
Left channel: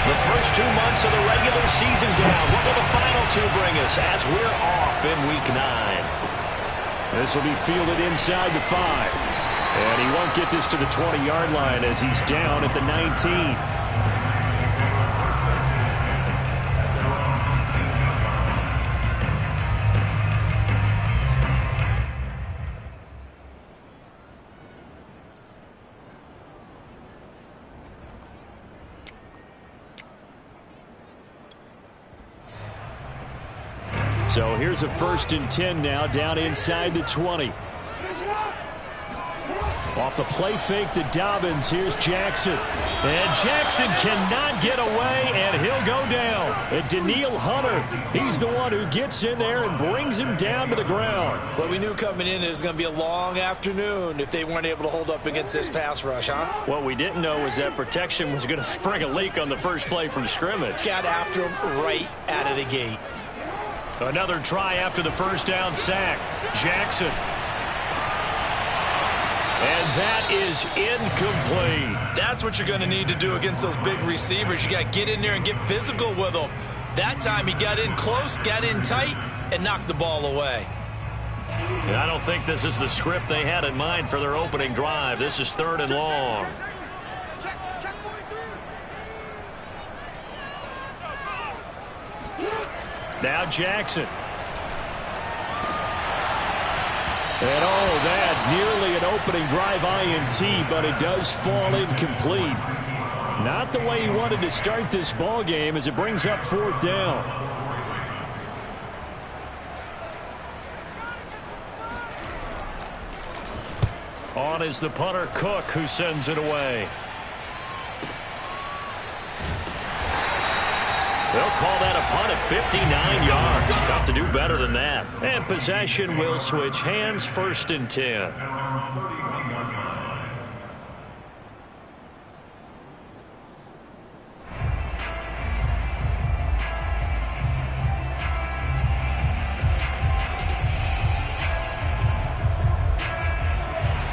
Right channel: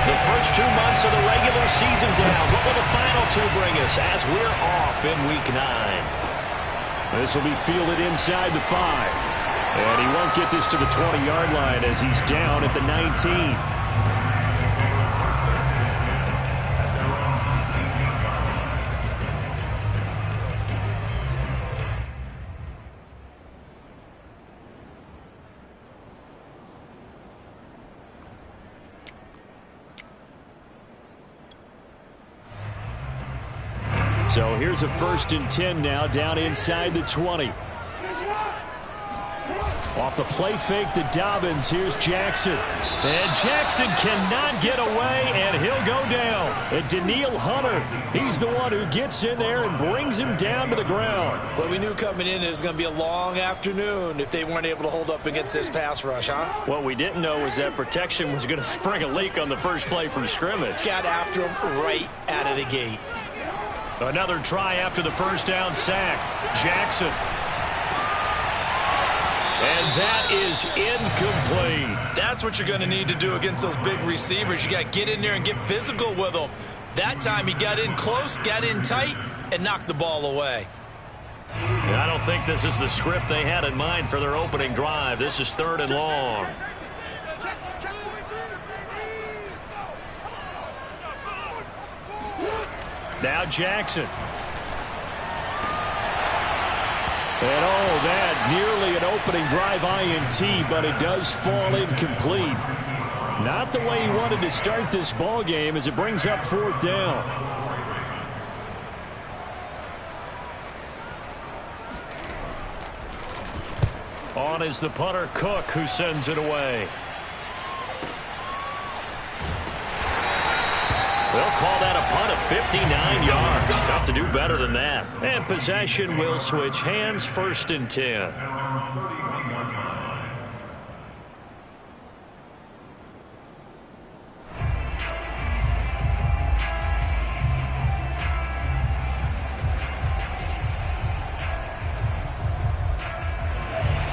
The first 2 months of the regular season down. What will the final two bring us as we're off in Week 9? This will be fielded inside the 5. And he won't get this to the 20-yard line as he's down at the 19. So here's a 1st and 10 now, down inside the 20. Off the play fake to Dobbins. Here's Jackson. And Jackson cannot get away, and he'll go down. And Daniil Hunter, he's the one who gets in there and brings him down to the ground. Well, we knew coming in it was going to be a long afternoon if they weren't able to hold up against this pass rush, huh? What we didn't know was that protection was going to spring a leak on the first play from scrimmage. Got after him right out of the gate. Another try after the first down sack. Jackson. And that is incomplete. That's what you're going to need to do against those big receivers. You got to get in there and get physical with them. That time he got in close, got in tight, and knocked the ball away. And I don't think this is the script they had in mind for their opening drive. This is 3rd and long. Now Jackson. And that nearly an opening drive INT, but it does fall incomplete. Not the way he wanted to start this ball game as it brings up 4th down. On is the punter Cook, who sends it away. They'll call that a punt of 59 yards. Tough to do better than that. And possession will switch hands, 1st and 10.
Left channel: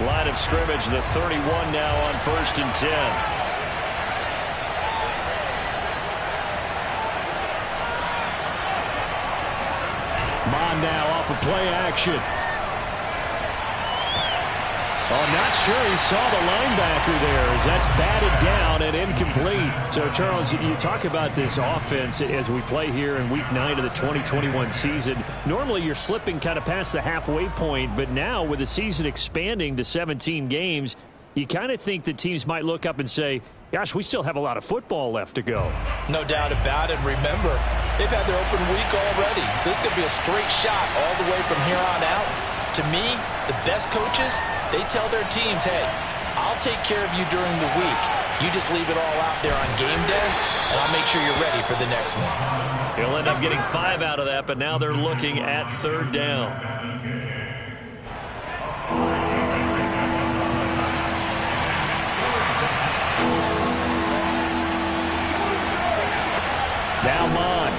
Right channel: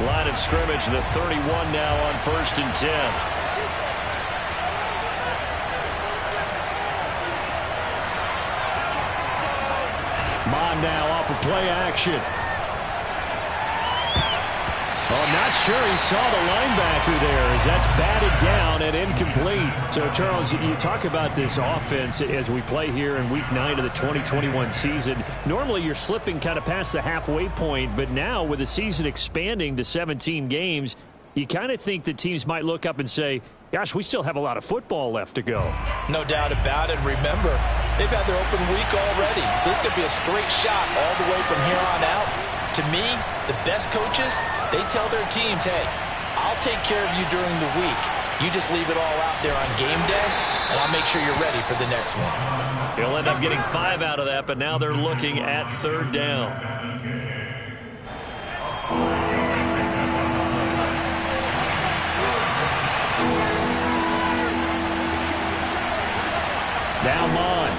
Line of scrimmage, the 31 now on 1st and 10. Bond now off of play action. Oh, not sure he saw the linebacker there as that's batted down and incomplete. So, Charles, you talk about this offense as we play here in Week 9 of the 2021 season. Normally, you're slipping kind of past the halfway point, but now with the season expanding to 17 games, you kind of think that teams might look up and say, gosh, we still have a lot of football left to go. No doubt about it. Remember, they've had their open week already, so this is going to be a straight shot all the way from here on out. To me, the best coaches, they tell their teams, hey, I'll take care of you during the week. You just leave it all out there on game day, and I'll make sure you're ready for the next one. He'll end up getting 5 out of that, but now they're looking at 3rd down. Now Mon.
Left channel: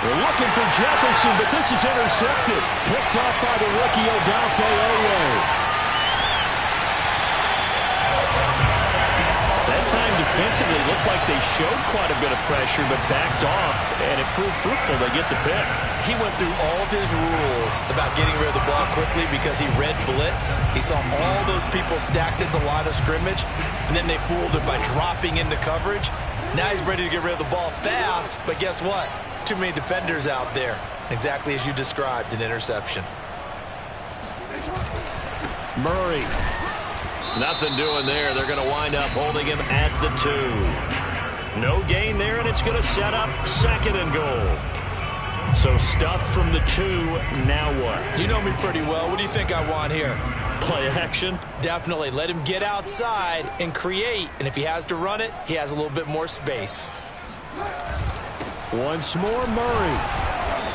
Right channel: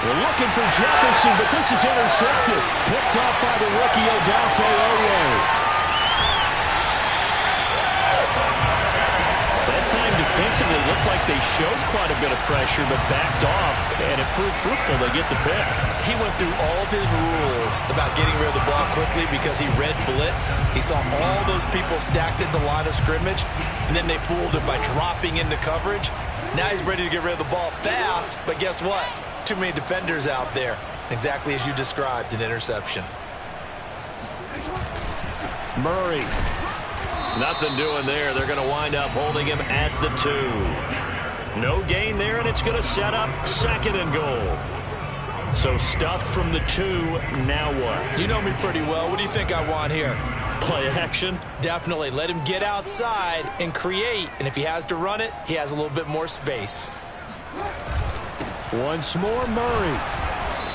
They're looking for Jefferson, but this is intercepted. Picked off by the rookie Odafe Oweh. That time defensively looked like they showed quite a bit of pressure, but backed off, and it proved fruitful to get the pick. He went through all of his rules about getting rid of the ball quickly because he read blitz. He saw all those people stacked at the line of scrimmage, and then they fooled him by dropping into coverage. Now he's ready to get rid of the ball fast, but guess what? Too many defenders out there. Exactly as you described, an interception. Murray. Nothing doing there. They're going to wind up holding him at the 2. No gain there, and it's going to set up 2nd and goal. So stuffed from the 2, now what? You know me pretty well. What do you think I want here? Play action? Definitely. Let him get outside and create. And if he has to run it, he has a little bit more space. Once more, Murray.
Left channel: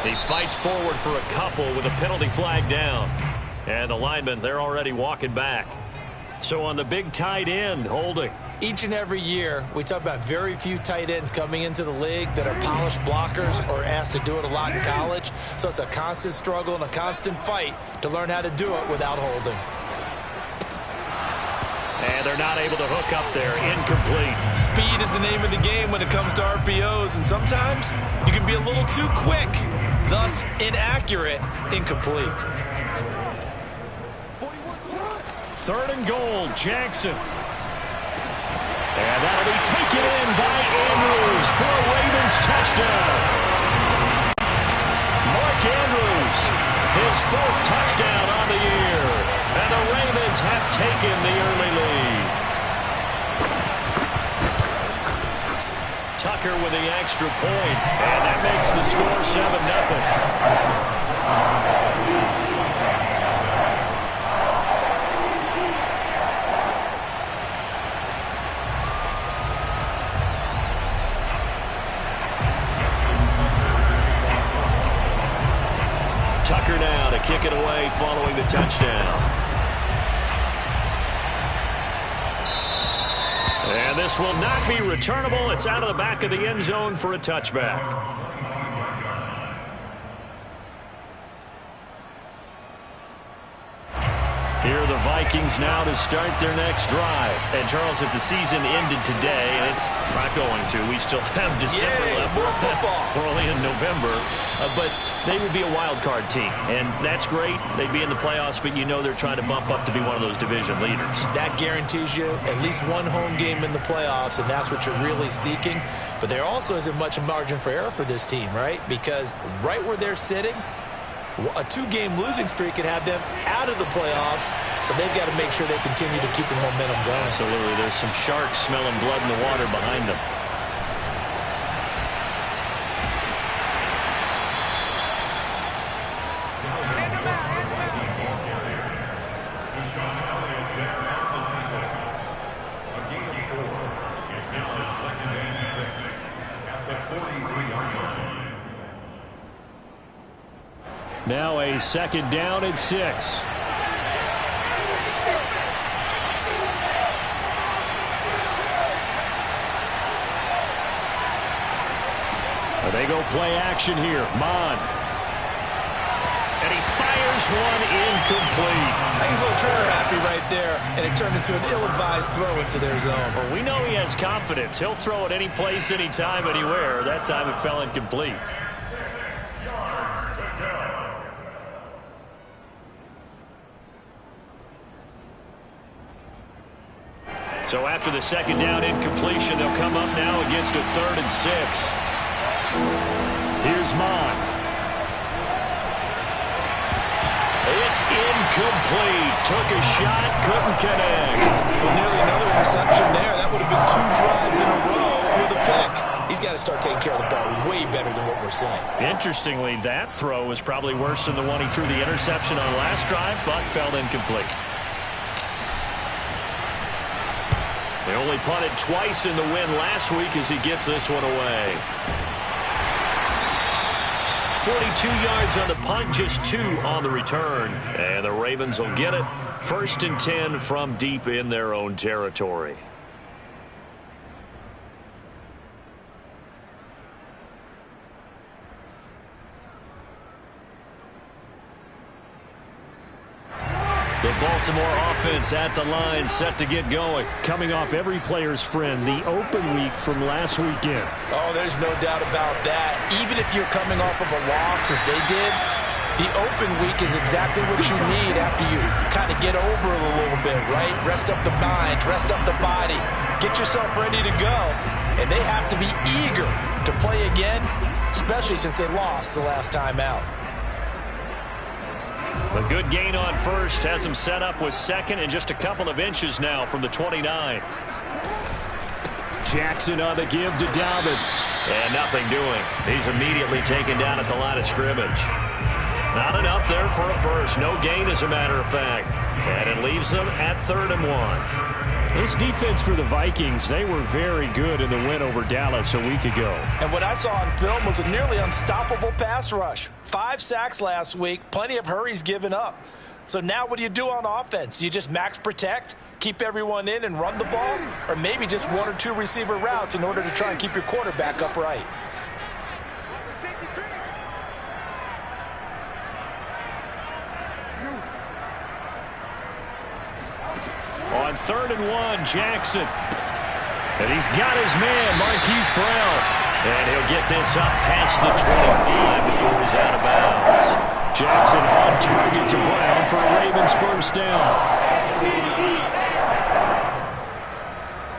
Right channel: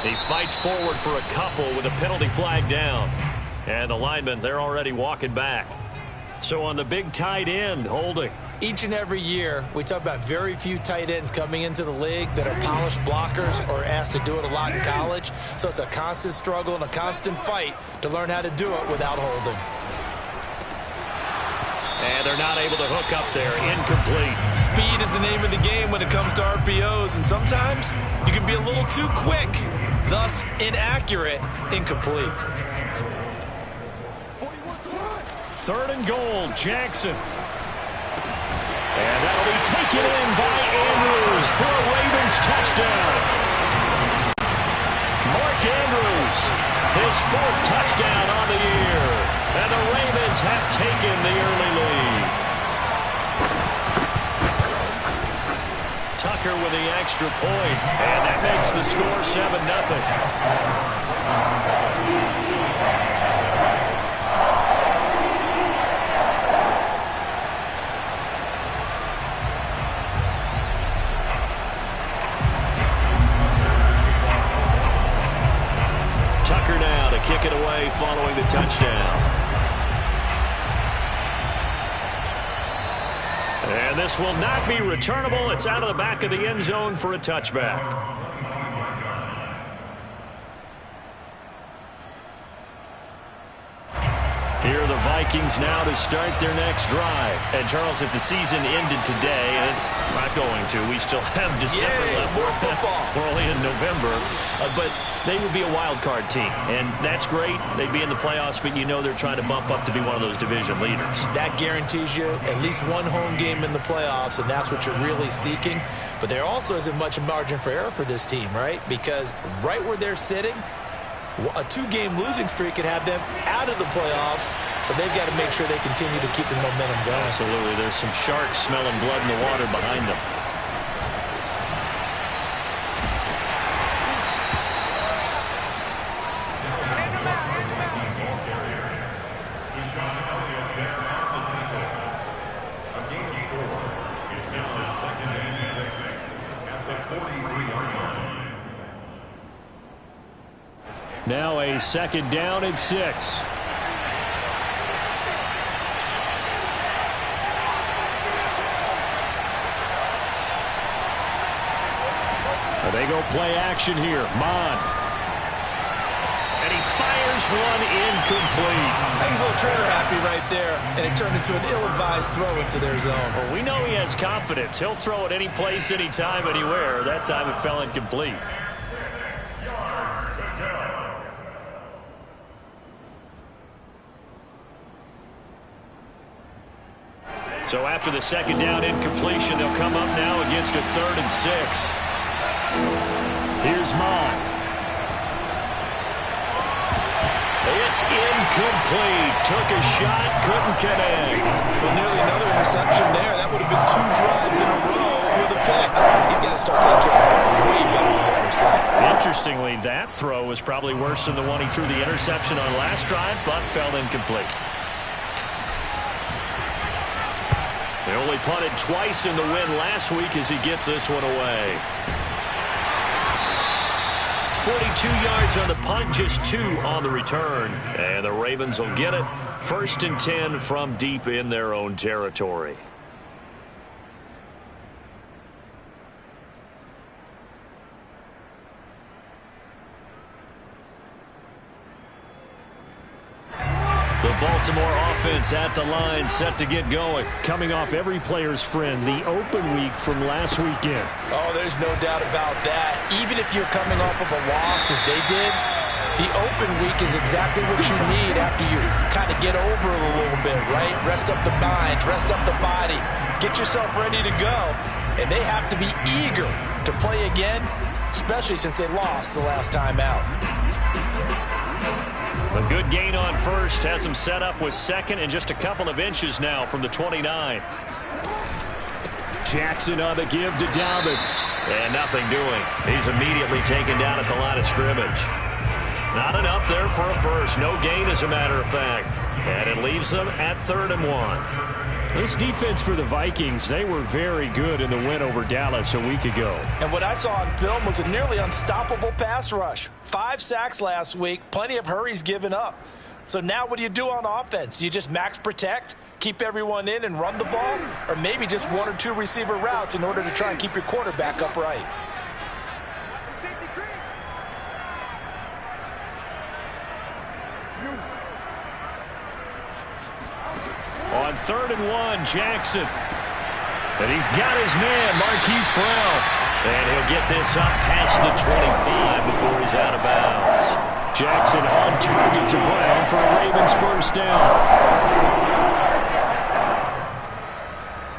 He fights forward for a couple with a penalty flag down. And the linemen, they're already walking back. So on the big tight end, holding. Each and every year, we talk about very few tight ends coming into the league that are polished blockers or asked to do it a lot in college. So it's a constant struggle and a constant fight to learn how to do it without holding. And they're not able to hook up there. Incomplete. Speed is the name of the game when it comes to RPOs, and sometimes you can be a little too quick, thus inaccurate, incomplete. 3rd and goal, Jackson. And that'll be taken in by Andrews for a Ravens touchdown. Mark Andrews, his 4th touchdown on the year. And the Ravens have taken the early lead. Tucker with the extra point, and that makes the score 7-0. Tucker now to kick it away following the touchdown. And this will not be returnable. It's out of the back of the end zone for a touchback. Here are the Vikings now to start their next drive. And, Charles, if the season ended today, and it's not going to, we still have December left. More football. We're only in November. But they would be a wild card team. And that's great. They'd be in the playoffs, but you know they're trying to bump up to be one of those division leaders. That guarantees you at least one home game in the playoffs, and that's what you're really seeking. But there also isn't much margin for error for this team, right? Because right where they're sitting, a 2-game losing streak could have them out of the playoffs, so they've got to make sure they continue to keep the momentum going. Absolutely. There's some sharks smelling blood in the water behind them. A gain of 4. It's now 2nd and 6 at the 43-yard line. Now a 2nd down and 6. They go play action here. Mon. And he fires one incomplete. I think he's a little trigger happy right there, and it turned into an ill-advised throw into their zone. Well, we know he has confidence. He'll throw it any place, anytime, anywhere. That time it fell incomplete. 6 yards to go. So after the 2nd down incompletion, they'll come up now against a 3rd and 6. Here's Mon. It's incomplete. Took a shot, couldn't connect. Well, nearly another interception there. That would have been 2 drives in a row with a pick. He's got to start taking care of the ball way better than what we're saying. Interestingly, that throw was probably worse than the one he threw the interception on last drive, but fell incomplete. They only punted twice in the win last week as he gets this one away. 42 yards on the punt, just 2 on the return. And the Ravens will get it. 1st and 10 from deep in their own territory. The Baltimore offense at the line, set to get going. Coming off every player's friend, the open week from last weekend. Oh, there's no doubt about that. Even if you're coming off of a loss as they did, the open week is exactly what you need after you kind of get over it a little bit, right? Rest up the mind, rest up the body, get yourself ready to go. And they have to be eager to play again, especially since they lost the last time out. A good gain on 1st has him set up with 2nd and just a couple of inches now from the 29. Jackson on the give to Dobbins. And nothing doing. He's immediately taken down at the line of scrimmage. Not enough there for a 1st. No gain, as a matter of fact. And it leaves them at 3rd and 1. This defense for the Vikings, they were very good in the win over Dallas a week ago. And what I saw on film was a nearly unstoppable pass rush. 5 sacks last week, plenty of hurries given up. So now what do you do on offense? You just max protect, keep everyone in and run the ball, or maybe just 1 or 2 receiver routes in order to try and keep your quarterback upright. On 3rd and 1, Jackson. And he's got his man, Marquise Brown. And he'll get this up past the 25 before he's out of bounds. Jackson on target to Brown for a Ravens first down.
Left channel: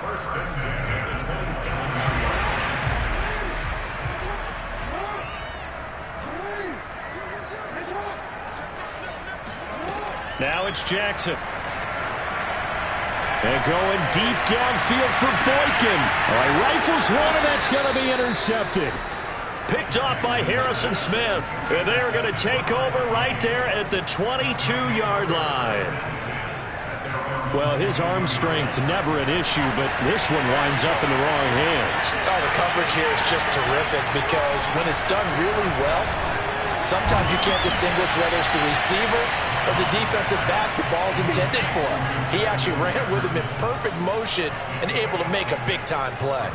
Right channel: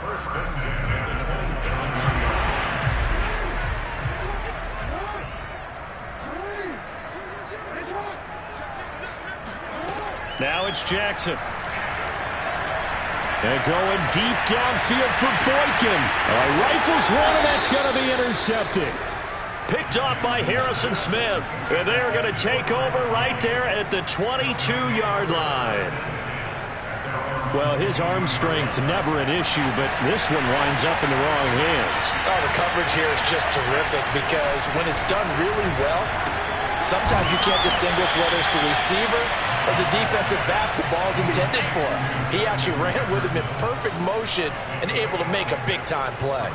First and 10 at the 27. Now it's Jackson. And going deep downfield for Boykin. Oh, he rifles one, and that's going to be intercepted. Picked off by Harrison Smith. And they're going to take over right there at the 22-yard line. Well, his arm strength never an issue, but this one winds up in the wrong hands. Oh, the coverage here is just terrific because when it's done really well, sometimes you can't distinguish whether it's the receiver or the defensive back the ball's intended for. He actually ran with him in perfect motion and able to make a big-time play.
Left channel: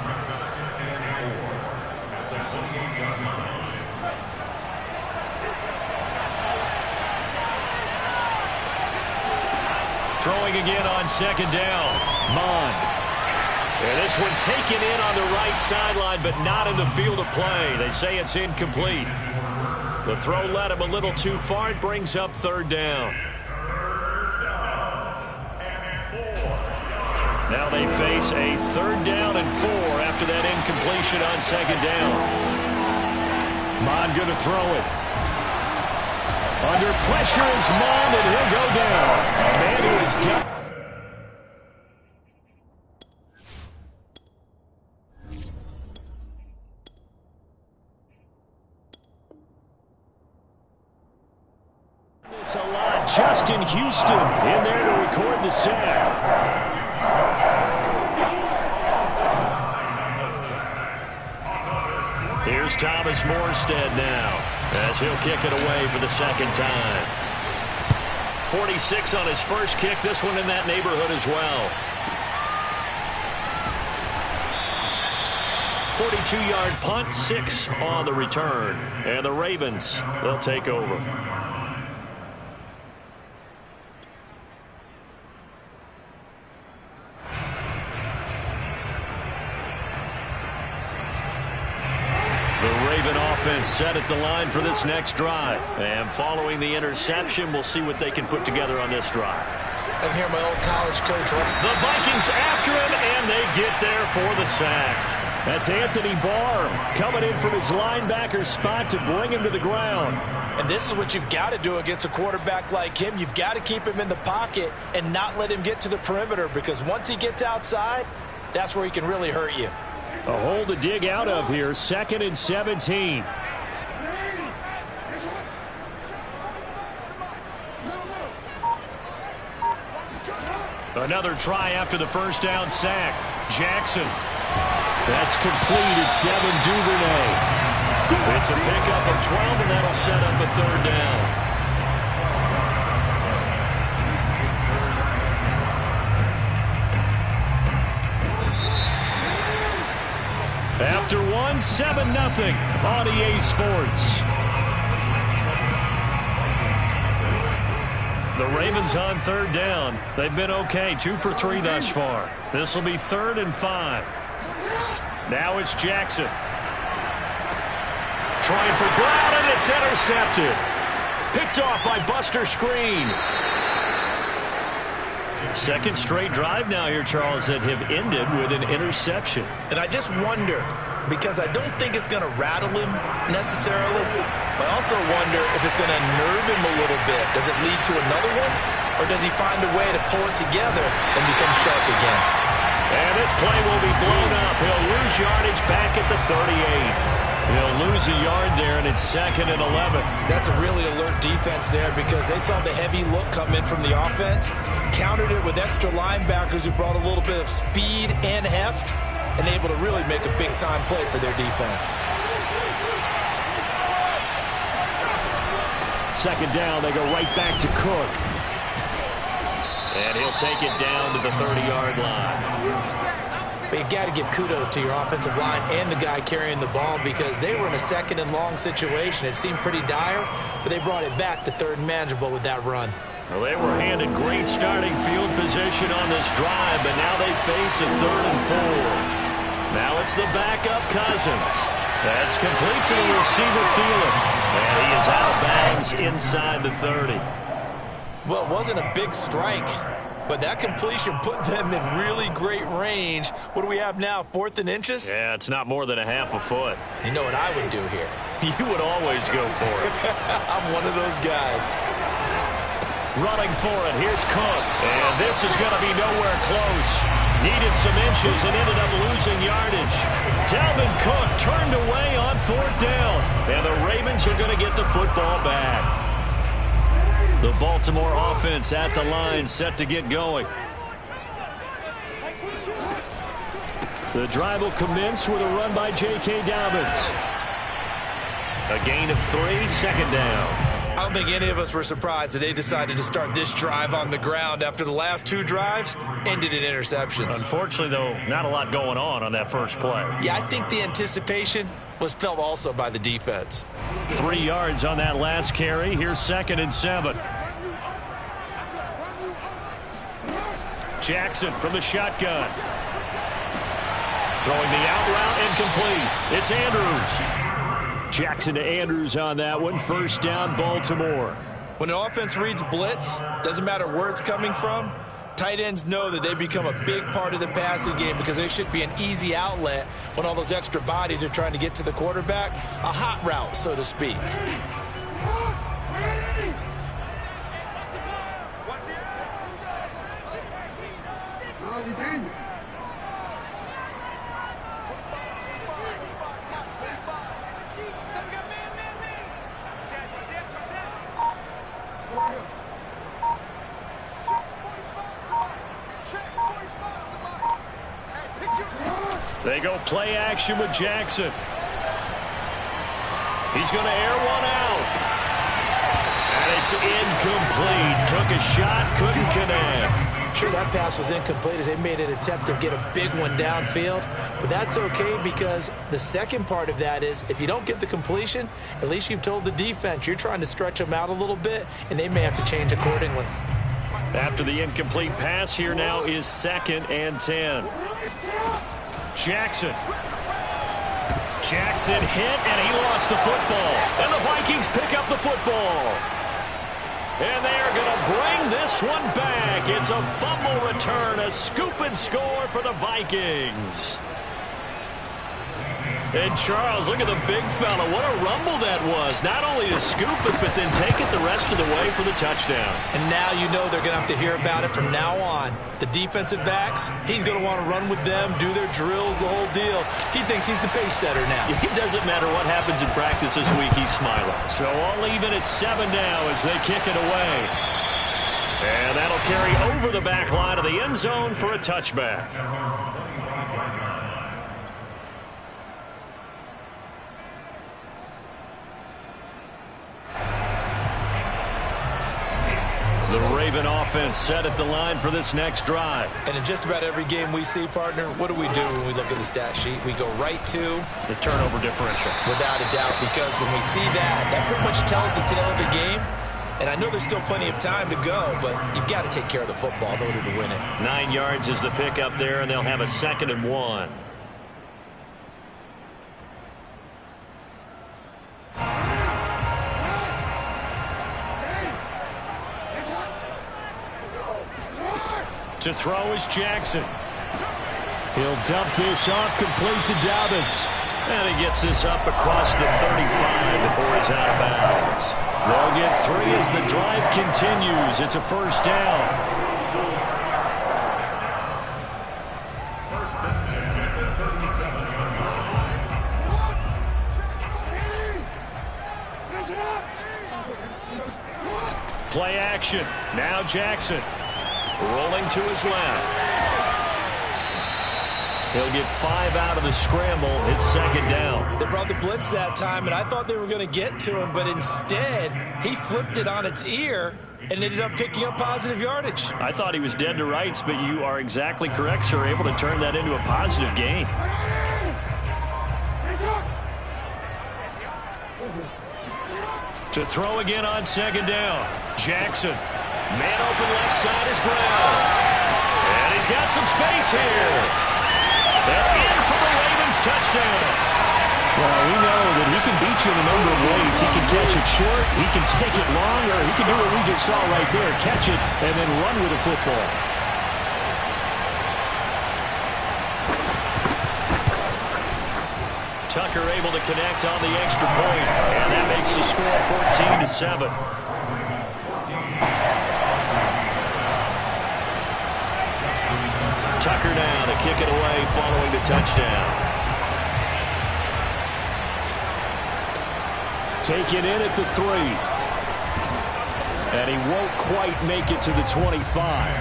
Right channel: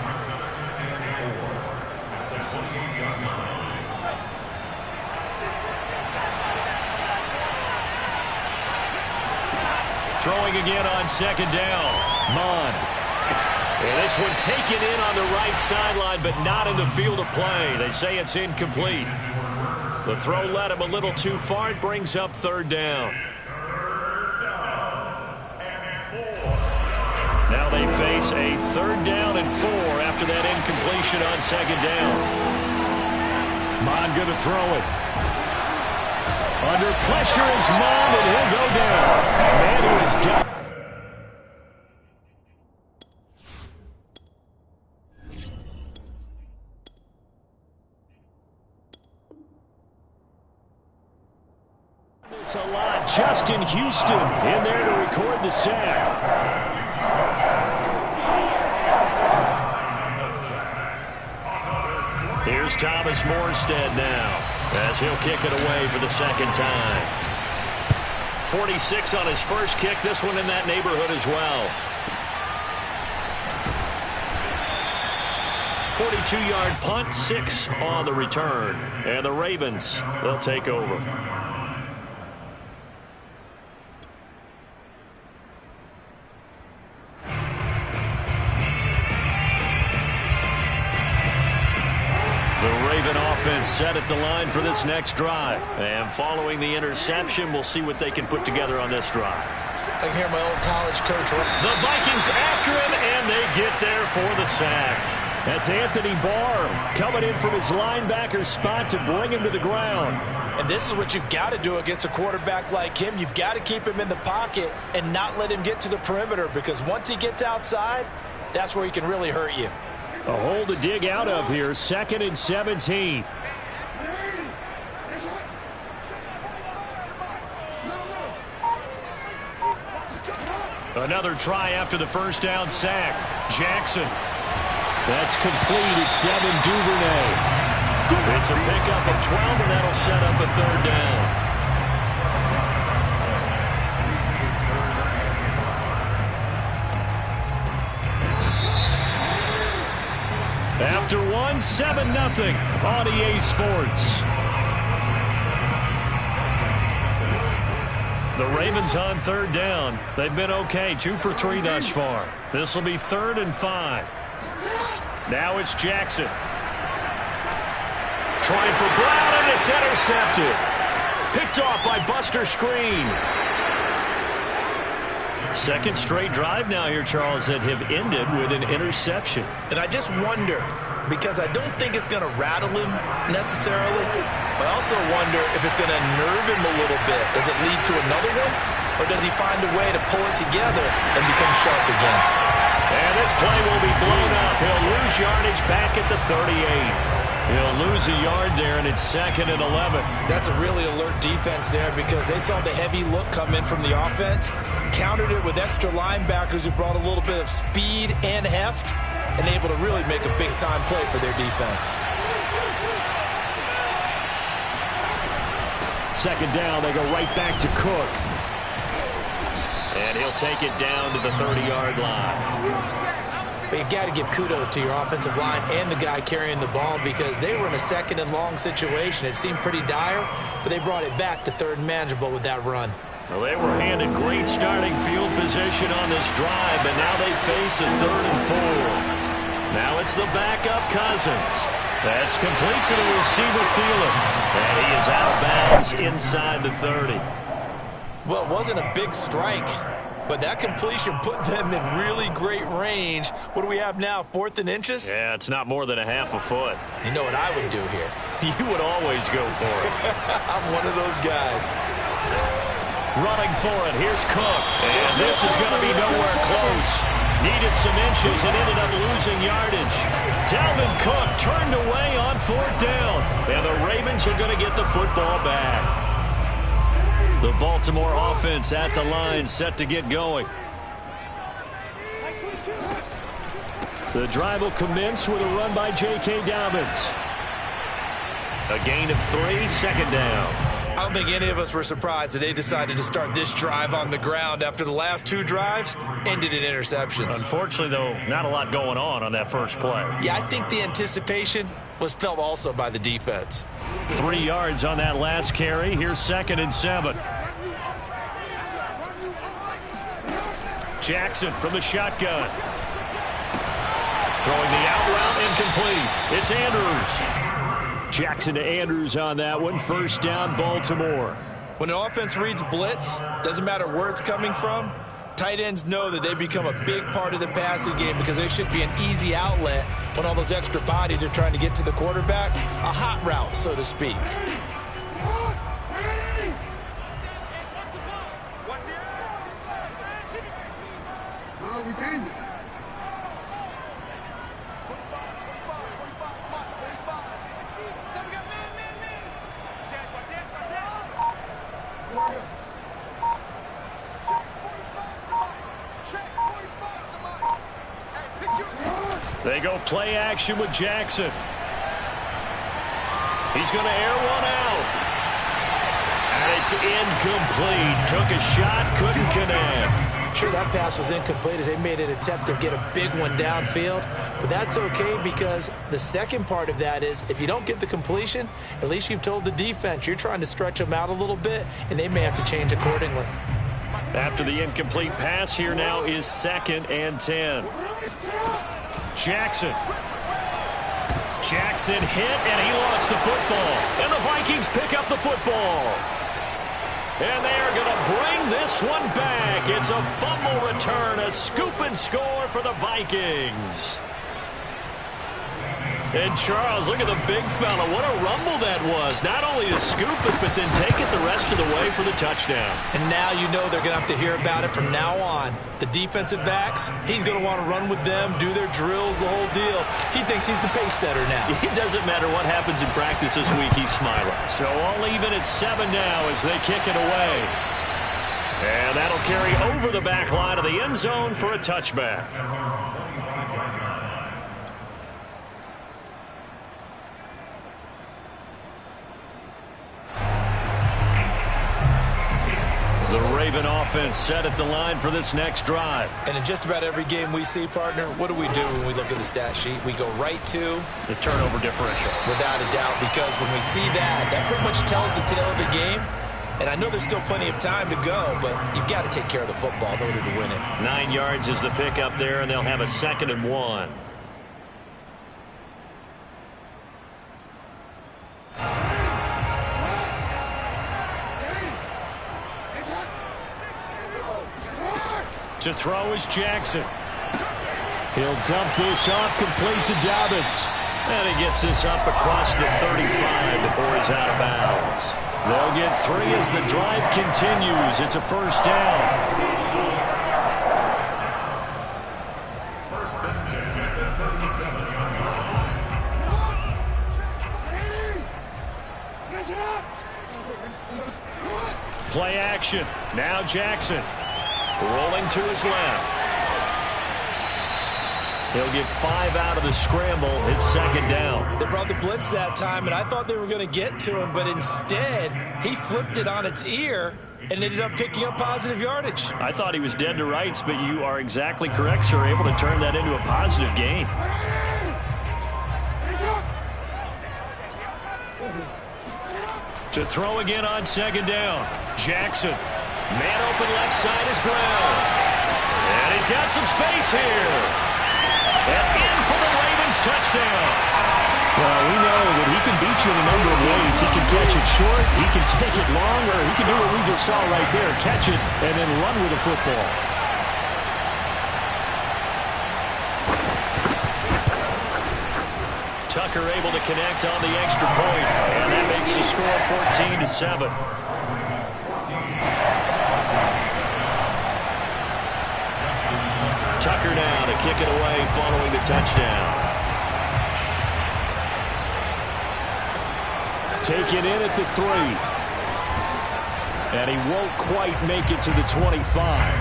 Throwing again on 2nd down. Mond. And this one taken in on the right sideline, but not in the field of play. They say it's incomplete. The throw led him a little too far. It brings up 3rd down. Now they face a 3rd down and 4 after that incompletion on 2nd down. Mond going to throw it. Under pressure is Mond, and he'll go down. Man who is done. This a lot. Justin Houston in there to record the sack. Here's Thomas Morstead now as he'll kick it away for the 2nd time. 46 on his first kick. This one in that neighborhood as well. 42-yard punt, 6 on the return. And the Ravens, they'll take over. The Raven offense set at the line for this next drive. And following the interception, we'll see what they can put together on this drive. I can hear my old college coach. The Vikings after him, and they get there for the sack. That's Anthony Barr coming in from his linebacker spot to bring him to the ground. And this is what you've got to do against a quarterback like him. You've got to keep him in the pocket and not let him get to the perimeter, because once he gets outside, that's where he can really hurt you. A hole to dig out of here. 2nd and 17. Another try after the first down sack. Jackson. That's complete. It's Devin Duvernay. It's a pickup of 12, and that'll set up a 3rd down. After one, 7-0 on EA Sports. The Ravens on 3rd down. They've been okay, 2 for 3 thus far. This will be 3rd and 5. Now it's Jackson. Trying for Brown, and it's intercepted. Picked off by Buster Screen. Second straight drive now here, Charles, that have ended with an interception. And I just wonder, because I don't think it's going to rattle him necessarily, but I also wonder if it's going to nerve him a little bit. Does it lead to another one? Or does he find a way to pull it together and become sharp again? And this play will be blown up. He'll lose yardage back at the 38. He'll lose a yard there, and it's 2nd and 11. That's a really alert defense there because they saw the heavy look come in from the offense, countered it with extra linebackers who brought a little bit of speed and heft, and able to really make a big-time play for their defense. 2nd down, they go right back to Cook. And he'll take it down to the 30-yard line. But you got to give kudos to your offensive line and the guy carrying the ball because they were in a 2nd and long situation. It seemed pretty dire, but they brought it back to 3rd and manageable with that run. Well, they were handed great starting field position on this drive, but now they face a 3rd and 4. Now it's the backup Cousins. That's complete to the receiver Thielen. And he is out of bounds inside the 30. Well, it wasn't a big strike, but that completion put them in really great range. What do we have now, 4th and inches? Yeah, it's not more than a half a foot. You know what I would do here? You would always go for it. I'm one of those guys. Running for it, here's Cook. And this is going to be nowhere close. Needed some inches and ended up losing yardage. Dalvin Cook turned away on 4th down. And the Ravens are going to get the football back. The Baltimore offense at the line, set to get going. The drive will commence with a run by J.K. Dobbins. A gain of 3, 2nd down. I don't think any of us were surprised that they decided to start this drive on the ground after the last 2 drives ended in interceptions. Unfortunately, though, not a lot going on that first play. Yeah, I think the anticipation was felt also by the defense. 3 yards on that last carry. Here's 2nd and 7. Jackson from the shotgun. Throwing the out route incomplete. It's Andrews. Jackson to Andrews on that one. 1st down, Baltimore. When an offense reads blitz, doesn't matter where it's coming from, tight ends know that they become a big part of the passing game because they should be an easy outlet when all those extra bodies are trying to get to the quarterback. A hot route, so to speak. They go play action with Jackson. He's going to air one out. And it's incomplete. Took a shot, couldn't connect. Sure, that pass was incomplete as they made an attempt to get a big one downfield. But that's okay because the second part of that is if you don't get the completion, at least you've told the defense you're trying to stretch them out a little bit, and they may have to change accordingly. After the incomplete pass, here now is 2nd and 10. Jackson hit, and he lost the football. And the Vikings pick up the football. And they are going to bring this one back. It's a fumble return, a scoop and score for the Vikings. And Charles, look at the big fella. What a rumble that was. Not only to scoop it, but then take it the rest of the way for the touchdown. And now you know they're going to have to hear about it from now on. The defensive backs, he's going to want to run with them, do their drills, the whole deal. He thinks he's the pace setter now. It doesn't matter what happens in practice this week, he's smiling. So all even at 7 now as they kick it away. And that'll carry over the back line of the end zone for a touchback. The Raven offense set at the line for this next drive. And in just about every game we see, partner, what do we do when we look at the stat sheet? We go right to the turnover differential. Without a doubt, because when we see that, that pretty much tells the tale of the game. And I know there's still plenty of time to go, but you've got to take care of the football in order to win it. 9 yards is the pickup there, and they'll have a 2nd and 1. To throw is Jackson. He'll dump this off, complete to Dobbins. And he gets this up across the 35 before he's out of bounds. They'll get 3 as the drive continues. It's a 1st down. 1st and 10 at the 37-yard line. Play action. Now Jackson. Rolling to his left. He'll get 5 out of the scramble. It's second down. They brought the blitz that time, and I thought they were going to get to him, but instead, he flipped it on its ear and ended up picking up positive yardage. I thought he was dead to rights, but you are exactly correct, sir. Able to turn that into a positive gain. To throw again on second down. Jackson. Man open left side is Brown. And he's got some space here. And in for the Ravens touchdown. Well, we know that he can beat you in a number of ways. He can catch it short, he can take it long, or he can do what we just saw right there, catch it and then run with the football. Tucker able to connect on the extra point, and that makes the score 14-7. Tucker now to kick it away following the touchdown. Taken in at the 3. And he won't quite make it to the 25.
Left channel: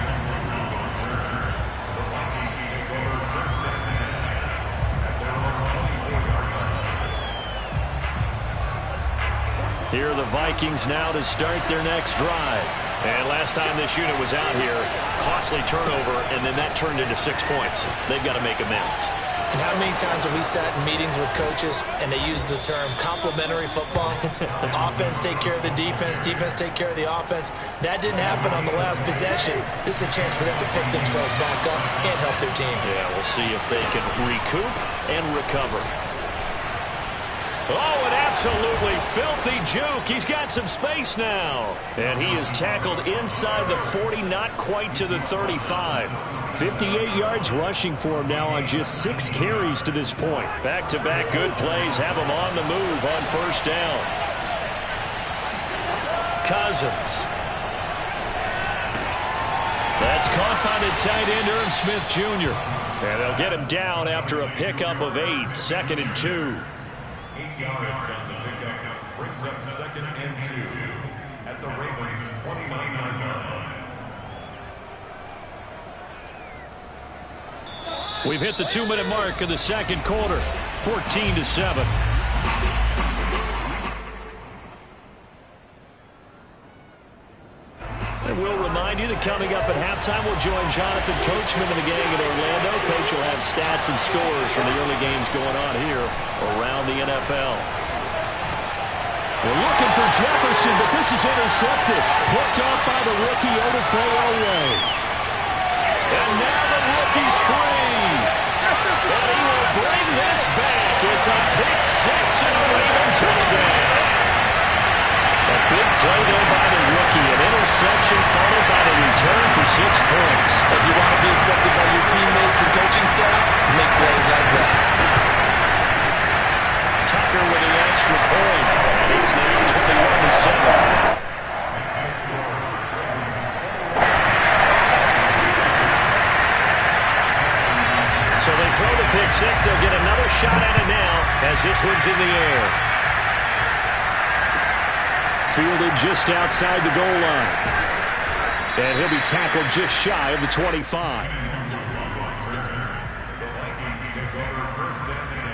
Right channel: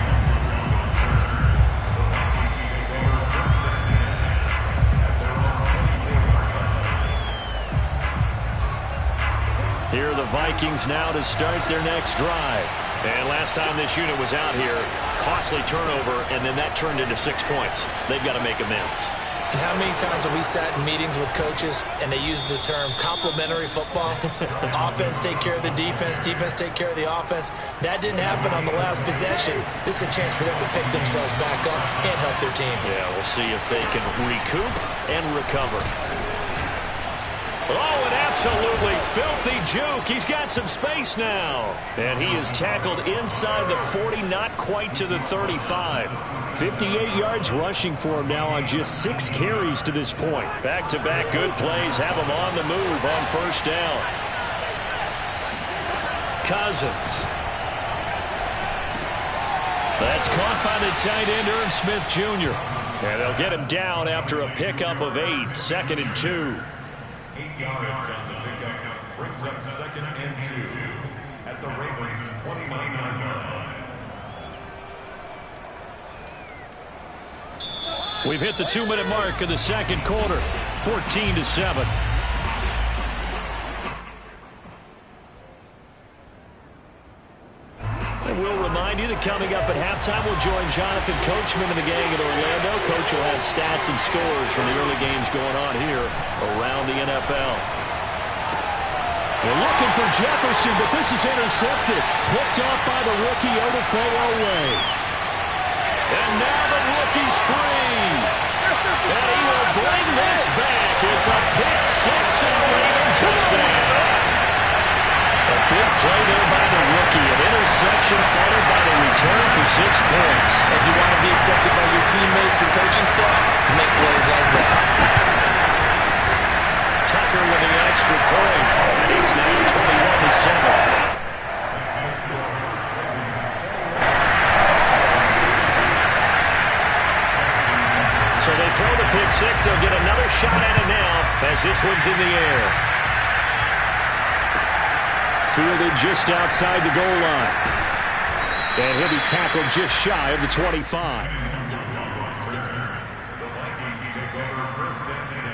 Here are the Vikings now to start their next drive. And last time this unit was out here, costly turnover, and then that turned into 6 points. They've got to make amends. And how many times have we sat in meetings with coaches and they use the term complementary football? Offense take care of the defense, defense take care of the offense. That didn't happen on the last possession. This is a chance for them to pick themselves back up and help their team. Yeah, we'll see if they can recoup and recover. Oh, an absolutely filthy juke. He's got some space now. And he is tackled inside the 40, not quite to the 35. 58 yards rushing for him now on just 6 carries to this point. Back-to-back good plays have him on the move on first down. Cousins. That's caught by the tight end, Irv Smith Jr. And they'll get him down after a pickup of 8, 2nd and 2. 8 yards on the pickup brings up 2nd and 2 at the Ravens' 29-yard line. We've hit the 2-minute mark of the second quarter, 14-7. And we'll remind you that coming up at halftime, we'll join Jonathan Coachman and the gang in Orlando. Coach will have stats and scores from the early games going on here around the NFL. We're looking for Jefferson, but this is intercepted. Picked off by the rookie Odafe Oweh. And now the rookie's free. And he will bring this back. It's a pick 6 and a Raven touchdown. A big play there by the rookie. An interception followed by the return for 6 points. If you want to be accepted by your teammates and coaching staff, make plays like that. Tucker with the extra point. And it's now 21-7. So they throw the pick 6. They'll get another shot at it now as this one's in the air. Fielded just outside the goal line. And he'll be tackled just shy of the 25. The Vikings take over 1st and 10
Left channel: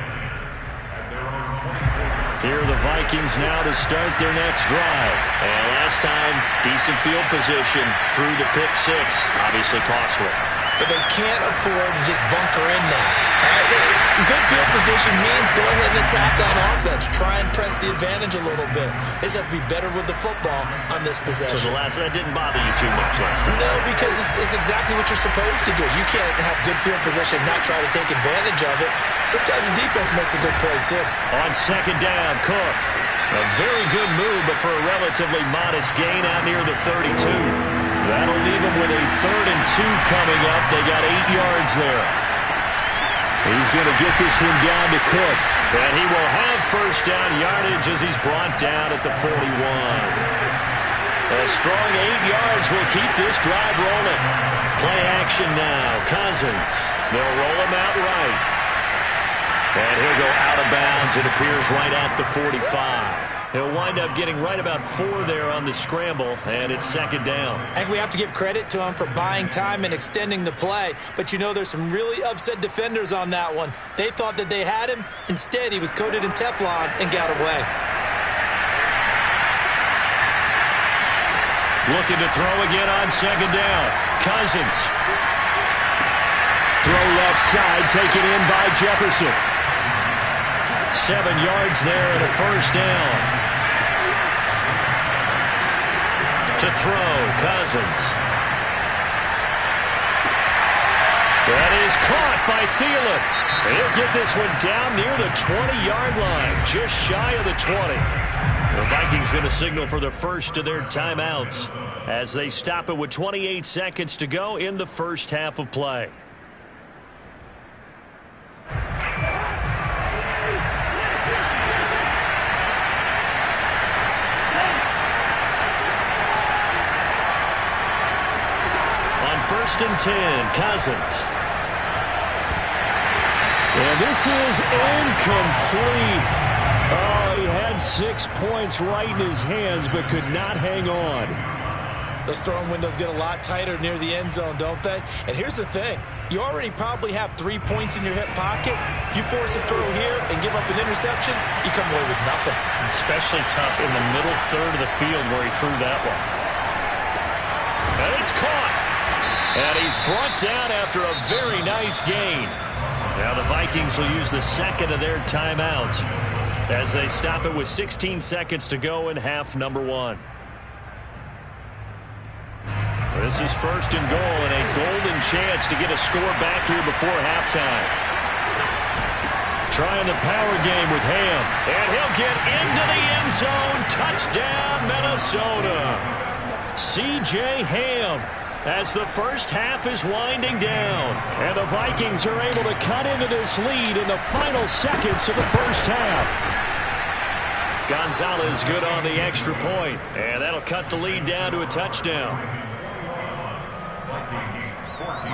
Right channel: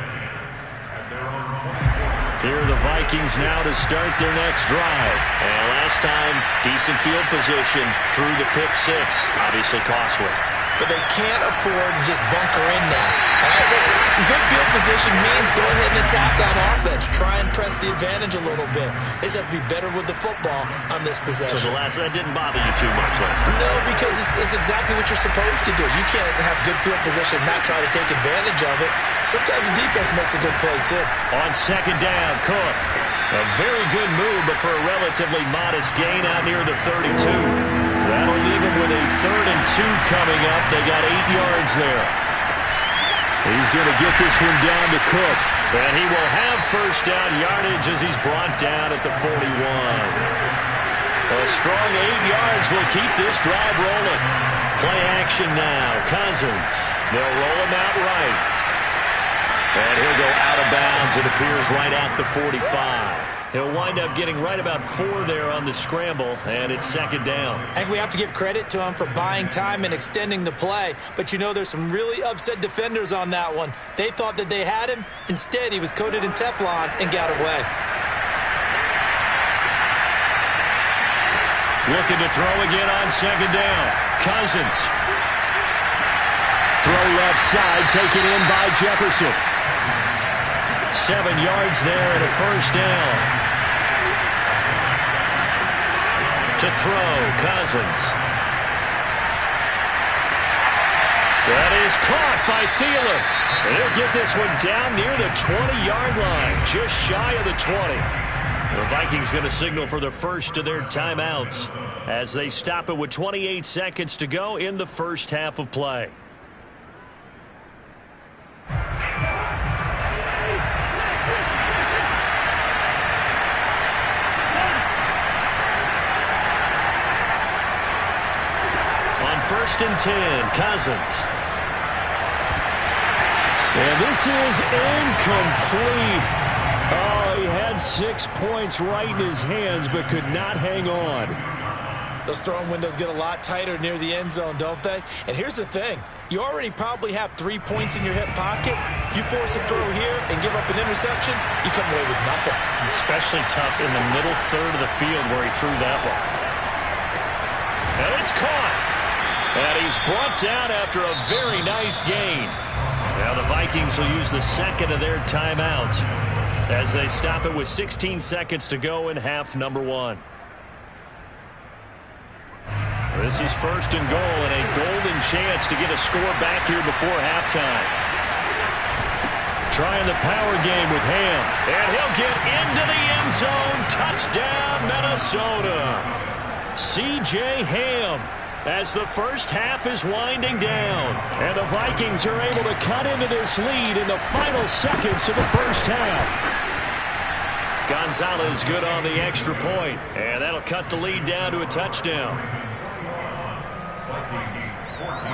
at their own 24. Here are the Vikings now to start their next drive. And last time, decent field position through the pick 6. Obviously costly. But they can't afford to just bunker in now. All right? Good field position means go ahead and attack on offense. Try and press the advantage a little bit. They just have to be better with the football on this possession. So that didn't bother you too much last time? No, because it's exactly what you're supposed to do. You can't have good field position and not try to take advantage of it. Sometimes the defense makes a good play, too. On second down, Cook. A very good move, but for a relatively modest gain out near the 32. That'll leave him with a 3rd and 2 coming up. They got 8 yards there. He's going to get this one down to Cook. And he will have first down yardage as he's brought down at the 41. A strong 8 yards will keep this drive rolling. Play action now. Cousins. They'll roll him out right. And he'll go out of bounds. It appears right at the 45. He'll wind up getting right about 4 there on the scramble, and it's second down. I think we have to give credit to him for buying time and extending the play. But, you know, there's some really upset defenders on that one. They thought that they had him. Instead, he was coated in Teflon and got away. Looking to throw again on second down. Cousins. Throw left side, taken in by Jefferson. 7 yards there and a first down. To throw, Cousins. That is caught by Thielen. He'll get this one down near the 20-yard line, just shy of the 20. The Vikings going to signal for the first of their timeouts as they stop it with 28 seconds to go in the first half of play. On 1st and 10, Cousins. And this is incomplete. Oh, he had 6 points right in his hands, but could not hang on. Those throwing windows get a lot tighter near the end zone, don't they? And here's the thing. You already probably have 3 points in your hip pocket. You force a throw here and give up an interception, you come away with nothing. Especially tough in the middle third of the field where he threw that one. And it's caught. And he's brought down after a very nice gain. Now the Vikings will use the second of their timeouts as they stop it with 16 seconds to go in half number 1. This is 1st and goal and a golden chance to get a score back here before halftime. Trying the power game with Ham. And he'll get into the end zone. Touchdown, Minnesota. C.J. Ham. As the first half is winding down. And the Vikings are able to cut into this lead in the final seconds of the first half. Gonzalez good on the extra point. And that'll cut the lead down to a touchdown. Vikings 14.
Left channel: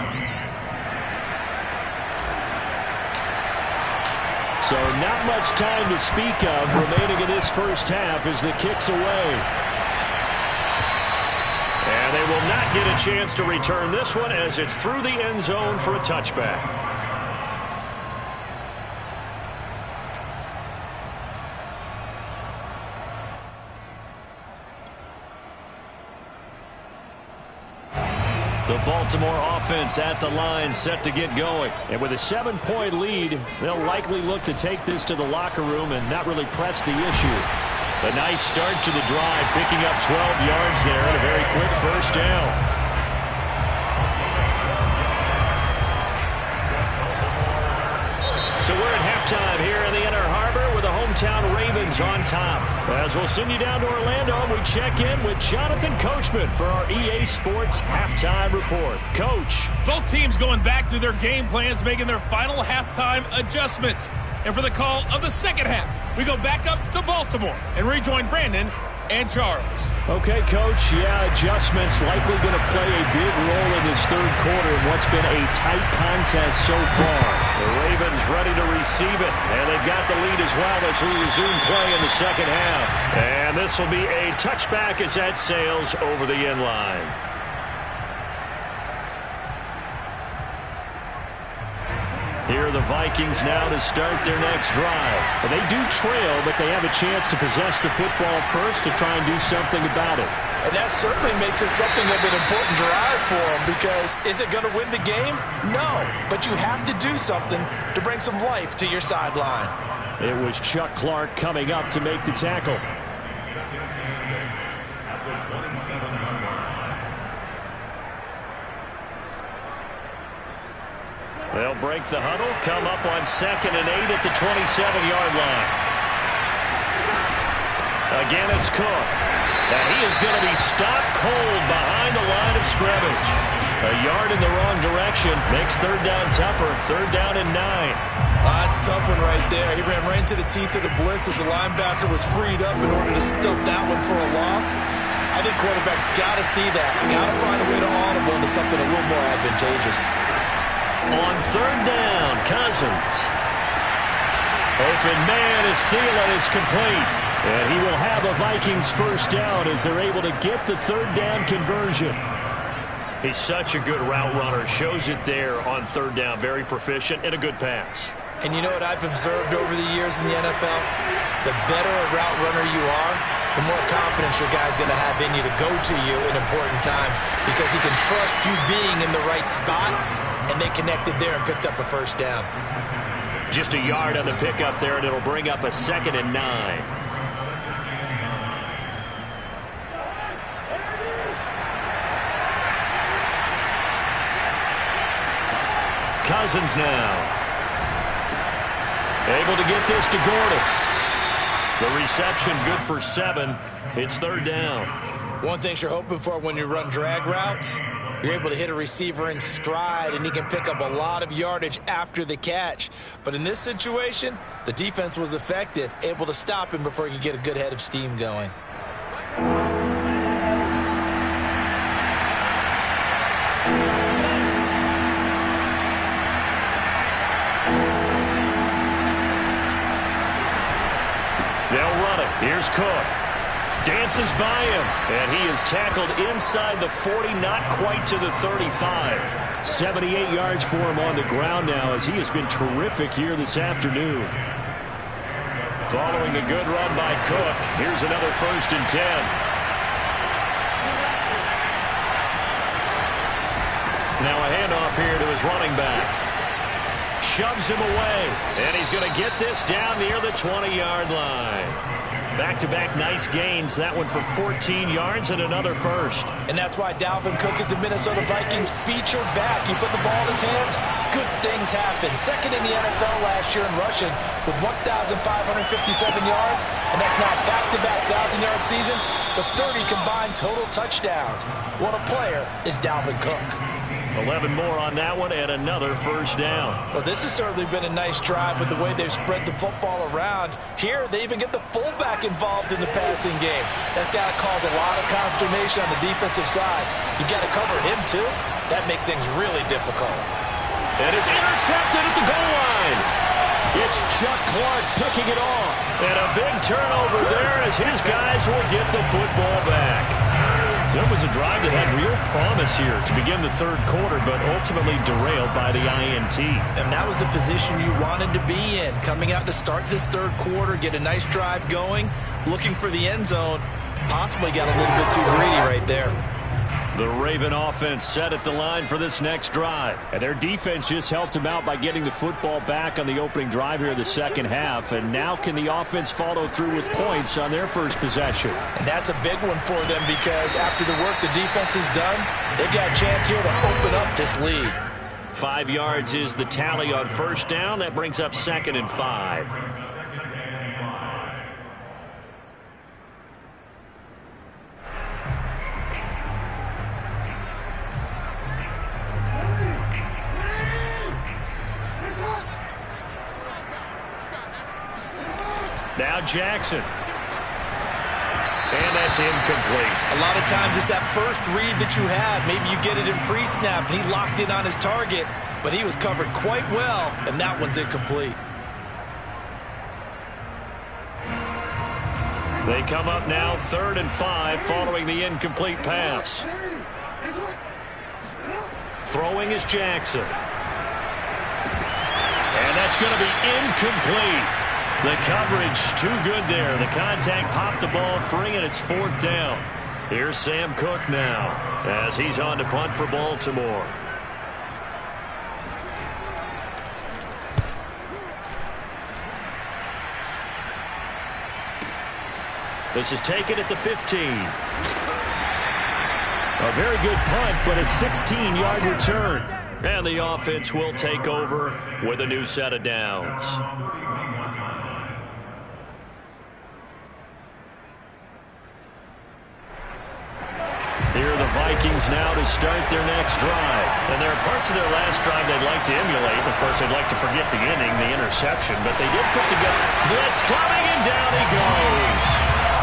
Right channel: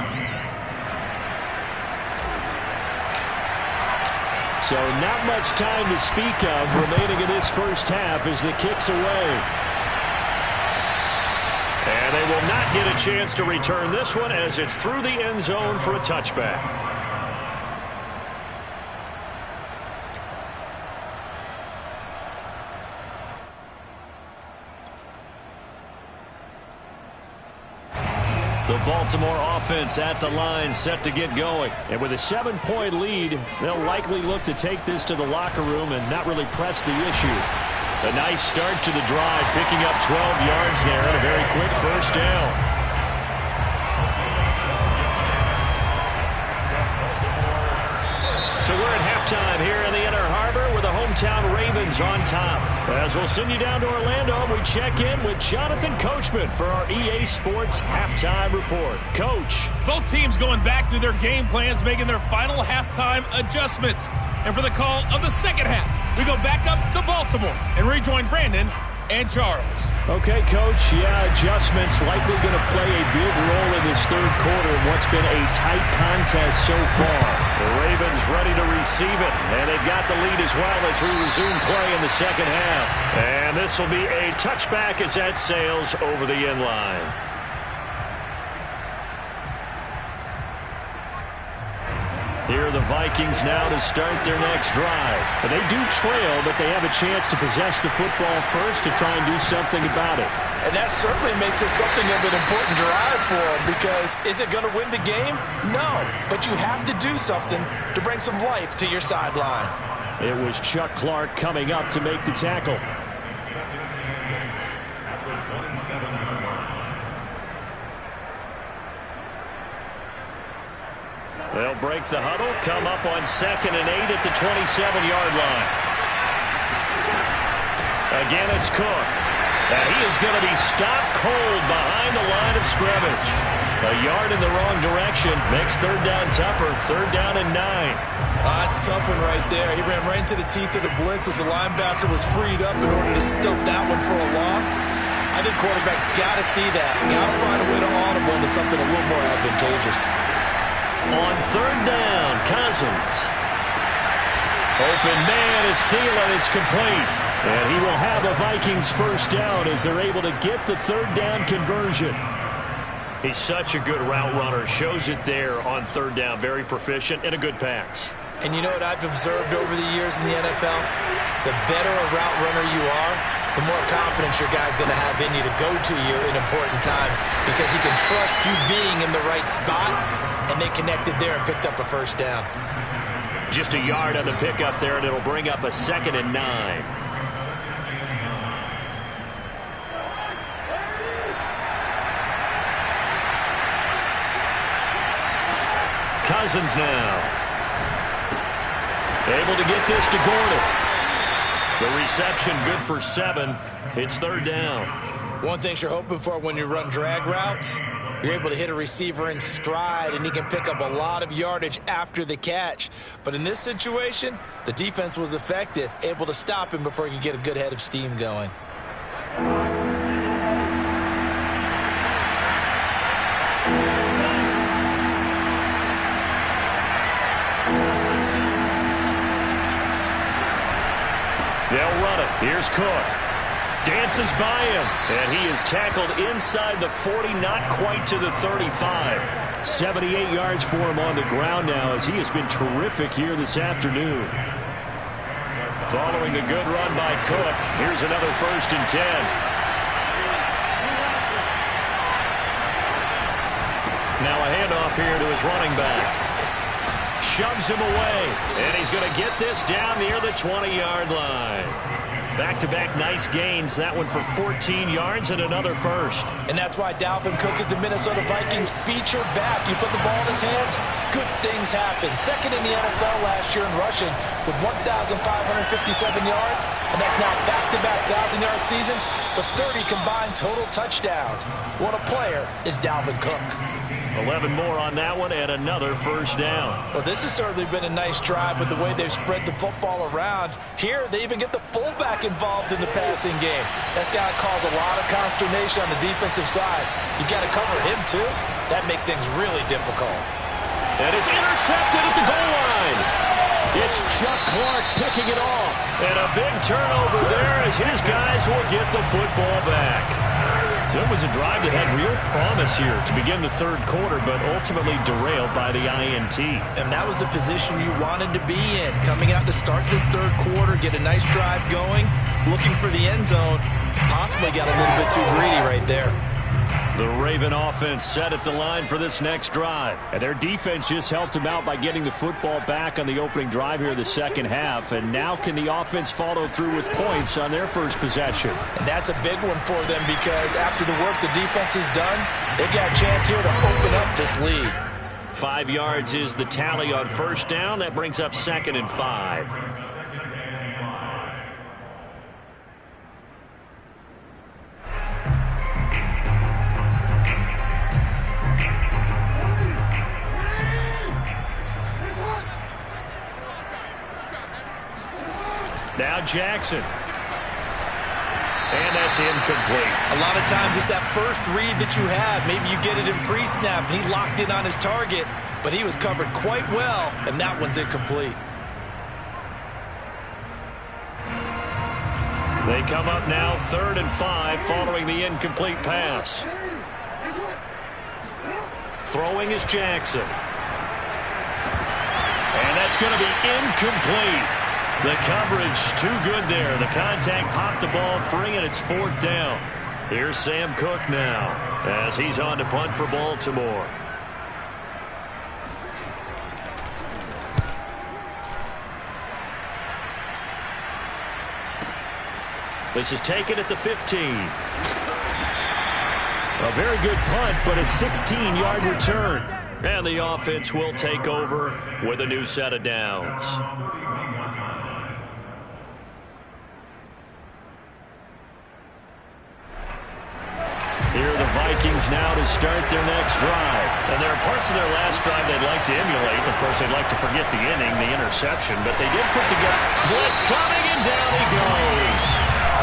So not much time to speak of remaining in this first half as the kick's away. And they will not get a chance to return this one as it's through the end zone for a touchback. The Baltimore offense at the line set to get going. And with a 7-point lead, they'll likely look to take this to the locker room and not really press the issue. A nice start to the drive, picking up 12 yards there and a very quick first down. So we're at halftime here in the Inner Harbor with the hometown Ravens on top. As we'll send you down to Orlando, we check in with Jonathan Coachman for our EA Sports Halftime Report. Coach. Both teams going back through their game plans, making their final halftime adjustments. And for the call of the second half, we go back up to Baltimore and rejoin Brandon and Charles. Okay, Coach. Yeah, adjustments likely going to play a big role in this third quarter in what's been a tight contest so far. The Ravens ready to receive it, and they've got the lead as well as we resume play in the second half. And this will be a touchback as that sails over the end line. Here are the Vikings now to start their next drive. They do trail, but they have a chance to possess the football first to try and do something about it. And that certainly makes it something of an important drive for them because is it going to win the game? No, but you have to do something to bring some life to your sideline. It was Chuck Clark coming up to make the tackle. Second and 8 at the 27-yard line. They'll break the huddle, come up on 2nd and 8 at the 27-yard line. Again, it's Cook. And he is going to be stopped cold behind the line of scrimmage. A yard in the wrong direction makes third down tougher. 3rd down and 9. That's a tough one right there. He ran right into the teeth of the blitz as the linebacker was freed up in order to stump that one for a loss. I think quarterbacks got to see that. Got to find a way to audible into something a little more advantageous. On 3rd down, Cousins. Open man is Thielen. It's complete. And he will have a Vikings first down as they're able to get the third down conversion. He's such a good route runner. Shows it there on third down. Very proficient and a good pass. And you know what I've observed over the years in the NFL? The better a route runner you are, the more confidence your guy's going to have in you to go to you in important times because he can trust you being in the right spot, and they connected there and picked up a first down. Just a yard on the pickup there, and it'll bring up a 2nd and 9. Cousins now. Able to get this to Gordon. The reception good for 7. It's third down. One thing you're hoping for when you run drag routes, you're able to hit a receiver in stride, and he can pick up a lot of yardage after the catch. But in this situation, the defense was effective, able to stop him before he could get a good head of steam going. They'll run it. Here's Cook. Dances by him, and he is tackled inside the 40, not quite to the 35. 78 yards for him on the ground now as he has been terrific here this afternoon. Following the good run by Cook, here's another 1st and 10. Now a handoff here to his running back. Shoves him away, and he's going to get this down near the 20-yard line. Back-to-back nice gains. That one for 14 yards and another first. And that's why Dalvin Cook is the Minnesota Vikings featured back. You put the ball in his hands, good things happen. Second in the NFL last year in rushing with 1,557 yards, and that's now back-to-back 1,000-yard seasons with 30 combined total touchdowns. What a player is Dalvin Cook. 11 more on that one and another first down. Well, this has certainly been a nice drive with the way they've spread the football around. Here, they even get the fullback involved in the passing game. That's got to cause a lot of consternation on the defensive side. You've got to cover him, too. That makes things really difficult. And it's intercepted at the goal line. It's Chuck Clark picking it off. And a big turnover there as his guys will get the football back. So it was a drive that had real promise here to begin the third quarter, but ultimately derailed by the INT. And that was the position you wanted to be in. Coming out to start this third quarter, get a nice drive going, looking for the end zone. Possibly got a little bit too greedy right there. The Raven offense set at the line for this next drive. And their defense just helped them out by getting the football back on the opening drive here in the second half. And now can the offense follow through with points on their first possession? And that's a big one for them because after the work the defense has done, they've got a chance here to open up this lead. 5 yards is the tally on first down. That brings up 2nd and 5. Now Jackson. And that's incomplete. A lot of times it's that first read that you have. Maybe you get it in pre-snap, and he locked in on his target, but he was covered quite well, and that one's incomplete. They come up now 3rd and 5 following the incomplete pass. Throwing is Jackson. And that's going to be incomplete. The coverage too good there. The contact popped the ball free, and it's 4th down. Here's Sam Cook now as he's on to punt for Baltimore. This is taken at the 15. A very good punt, but a 16-yard return. And the offense will take over with a new set of downs. Here are the Vikings now to start their next drive. And there are parts of their last drive they'd like to emulate. Of course, they'd like to forget the inning, the interception, but they did put together. Blitz coming, and down he goes.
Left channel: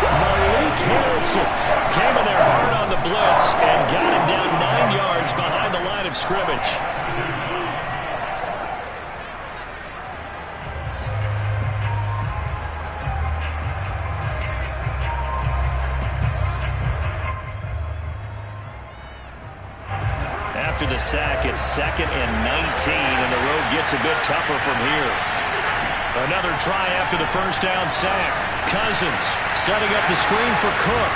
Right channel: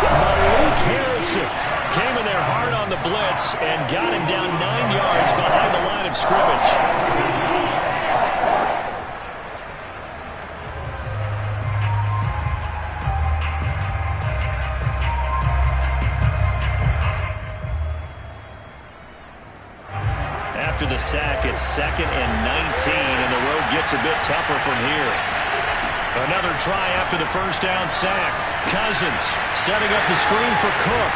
Malik Harrison came in there hard on the blitz and got him down 9 yards behind the line of scrimmage. the sack, it's 2nd and 19, and the road gets a bit tougher from here. Another try after the first down sack. Cousins setting up the screen for Cook.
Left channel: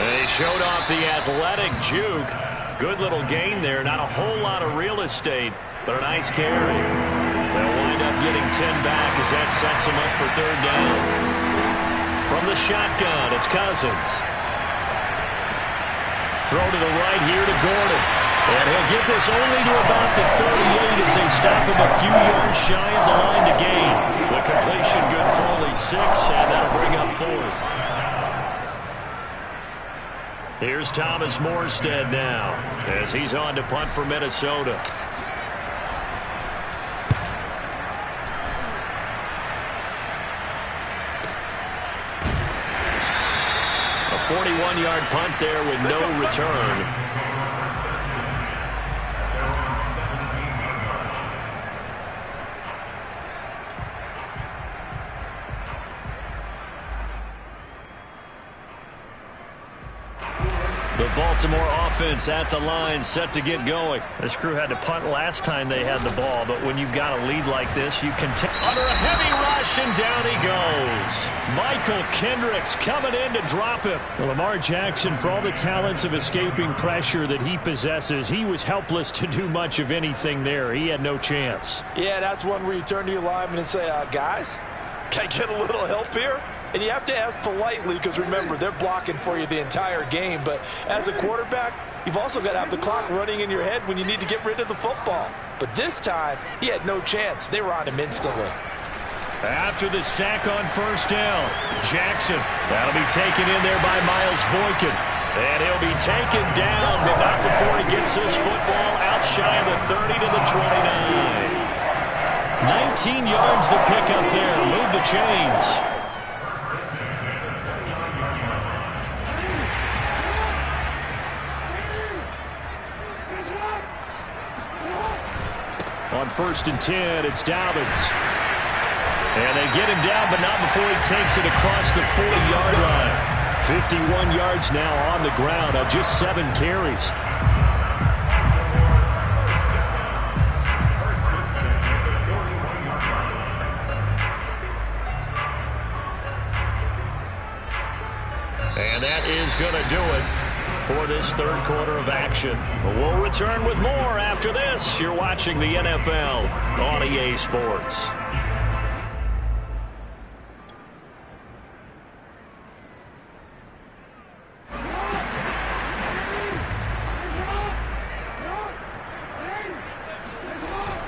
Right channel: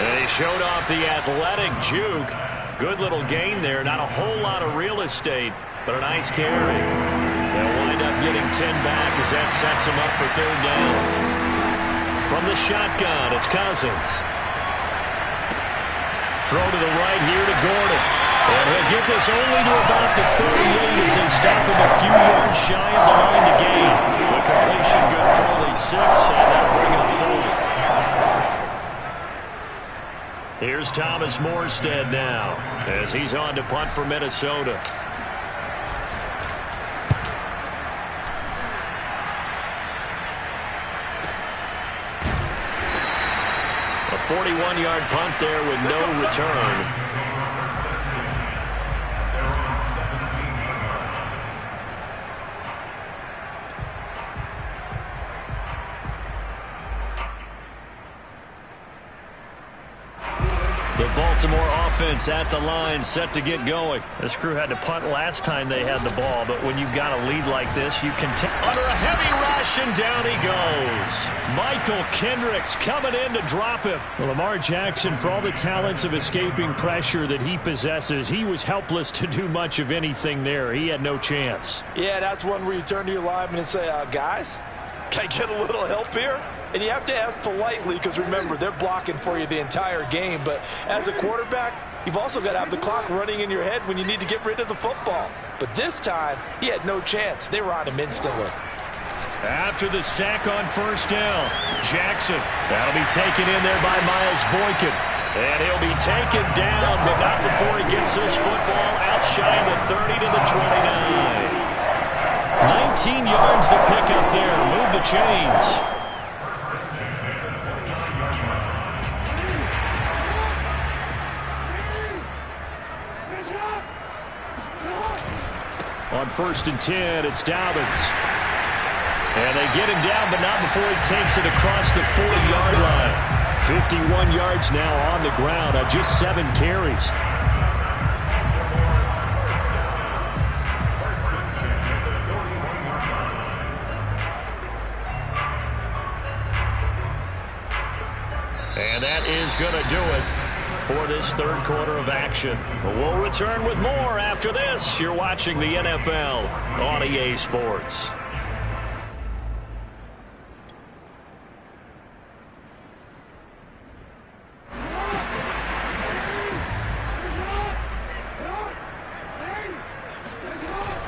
And he showed off the athletic juke. Good little gain there. Not a whole lot of real estate, but a nice carry. They'll wind up getting 10 back as that sets them up for 3rd down. From the shotgun, it's Cousins. Throw to the right here to Gordon. And he'll get this only to about the 38 as they stop him a few yards shy of the line to gain. The completion good for only 6, and that'll bring up 4th. Here's Thomas Morstead now as he's on to punt for Minnesota. A 41-yard punt there with no return. The Baltimore offense at the line, set to get going. This crew had to punt last time they had the ball, but when you've got a lead like this, you can under a heavy rush, and down he goes. Michael Kendricks coming in to drop him. Well, Lamar Jackson, for all the talents of escaping pressure that he possesses, he was helpless to do much of anything there. He had no chance. Yeah, that's one where you turn to your lineman and say, guys, can I get a little help here? And you have to ask politely because, remember, they're blocking for you the entire game. But as a quarterback, you've also got to have the clock running in your head when you need to get rid of the football. But this time, he had no chance. They were on him instantly. After the sack on 1st down, Jackson. That'll be taken in there by Miles Boykin. And he'll be taken down, but not before he gets this football out shy of the 30 to the 29. 19 yards to pick up there. Move the chains. On 1st and 10, it's Dobbins. And they get him down, but not before he takes it across the 40-yard line. 51 yards now on the ground on just 7 carries. And that is going to do it for this 3rd quarter of action. We'll return with more after this. You're watching the NFL on EA Sports.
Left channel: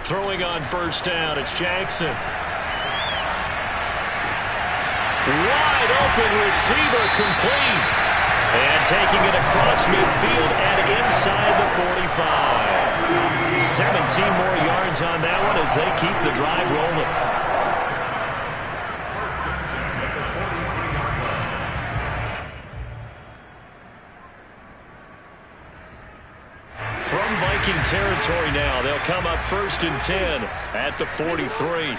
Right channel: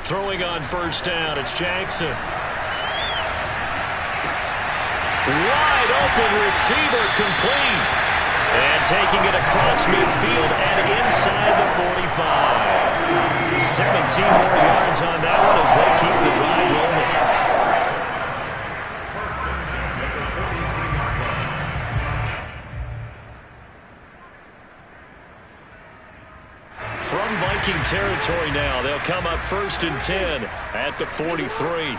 Throwing on 1st down, it's Jackson. Wide open receiver, complete. And taking it across midfield and inside the 45. 17 more yards on that one as they keep the drive rolling. From Viking territory now, they'll come up 1st and 10 at the 43.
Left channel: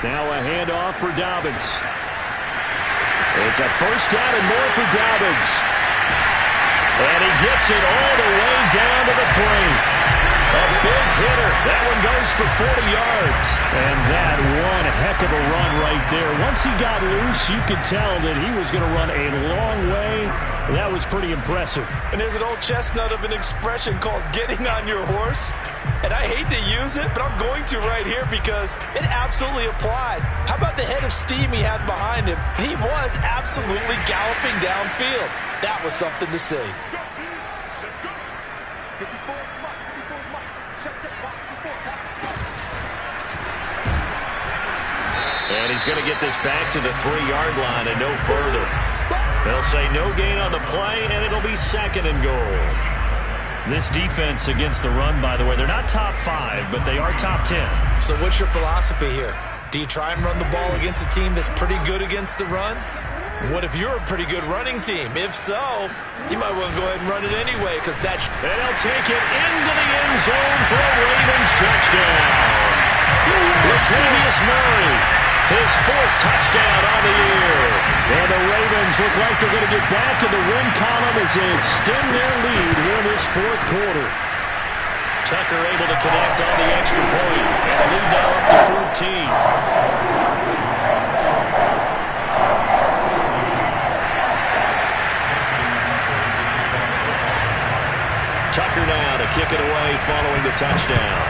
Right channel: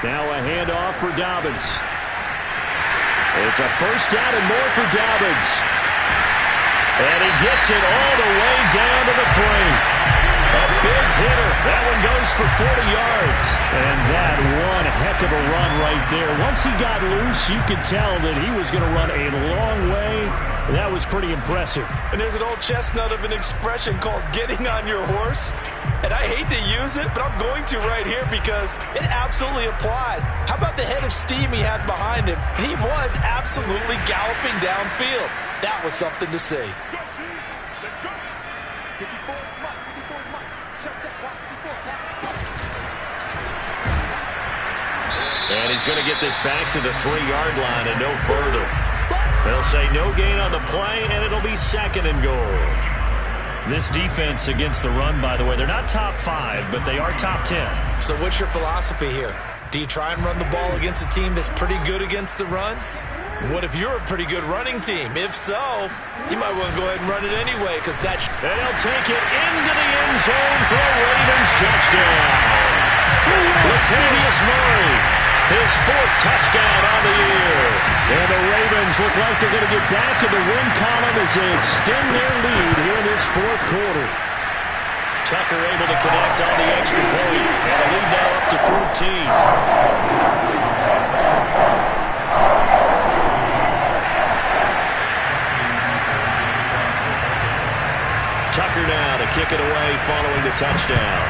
Now a handoff for Dobbins. It's a 1st down and more for Dobbins. And he gets it all the way down to the 3. A big hitter. That one goes for 40 yards. And that one heck of a run right there. Once he got loose, you could tell that he was going to run a long way. That was pretty impressive. And there's an old chestnut of an expression called getting on your horse. And I hate to use it, but I'm going to right here because it absolutely applies. How about the head of steam he had behind him? And he was absolutely galloping downfield. That was something to see. Let's go. 54's Mike. 54's Mike. Check, box 54. And he's going to get this back to the 3-yard line and no further. They'll say no gain on the play, and it'll be 2nd and goal. This defense against the run, by the way, they're not top 5, but they are top 10. So what's your philosophy here? Do you try and run the ball against a team that's pretty good against the run? What if you're a pretty good running team? If so, you might want to go ahead and run it anyway, because that's... And he'll take it into the end zone for a Ravens touchdown. Latavius Murray, his 4th touchdown on the year. And the Ravens look like they're going to get back in the win column as they extend their lead here in this 4th quarter. Tucker able to connect on the extra point, and the lead now up to 14. Tucker now to kick it away following the touchdown.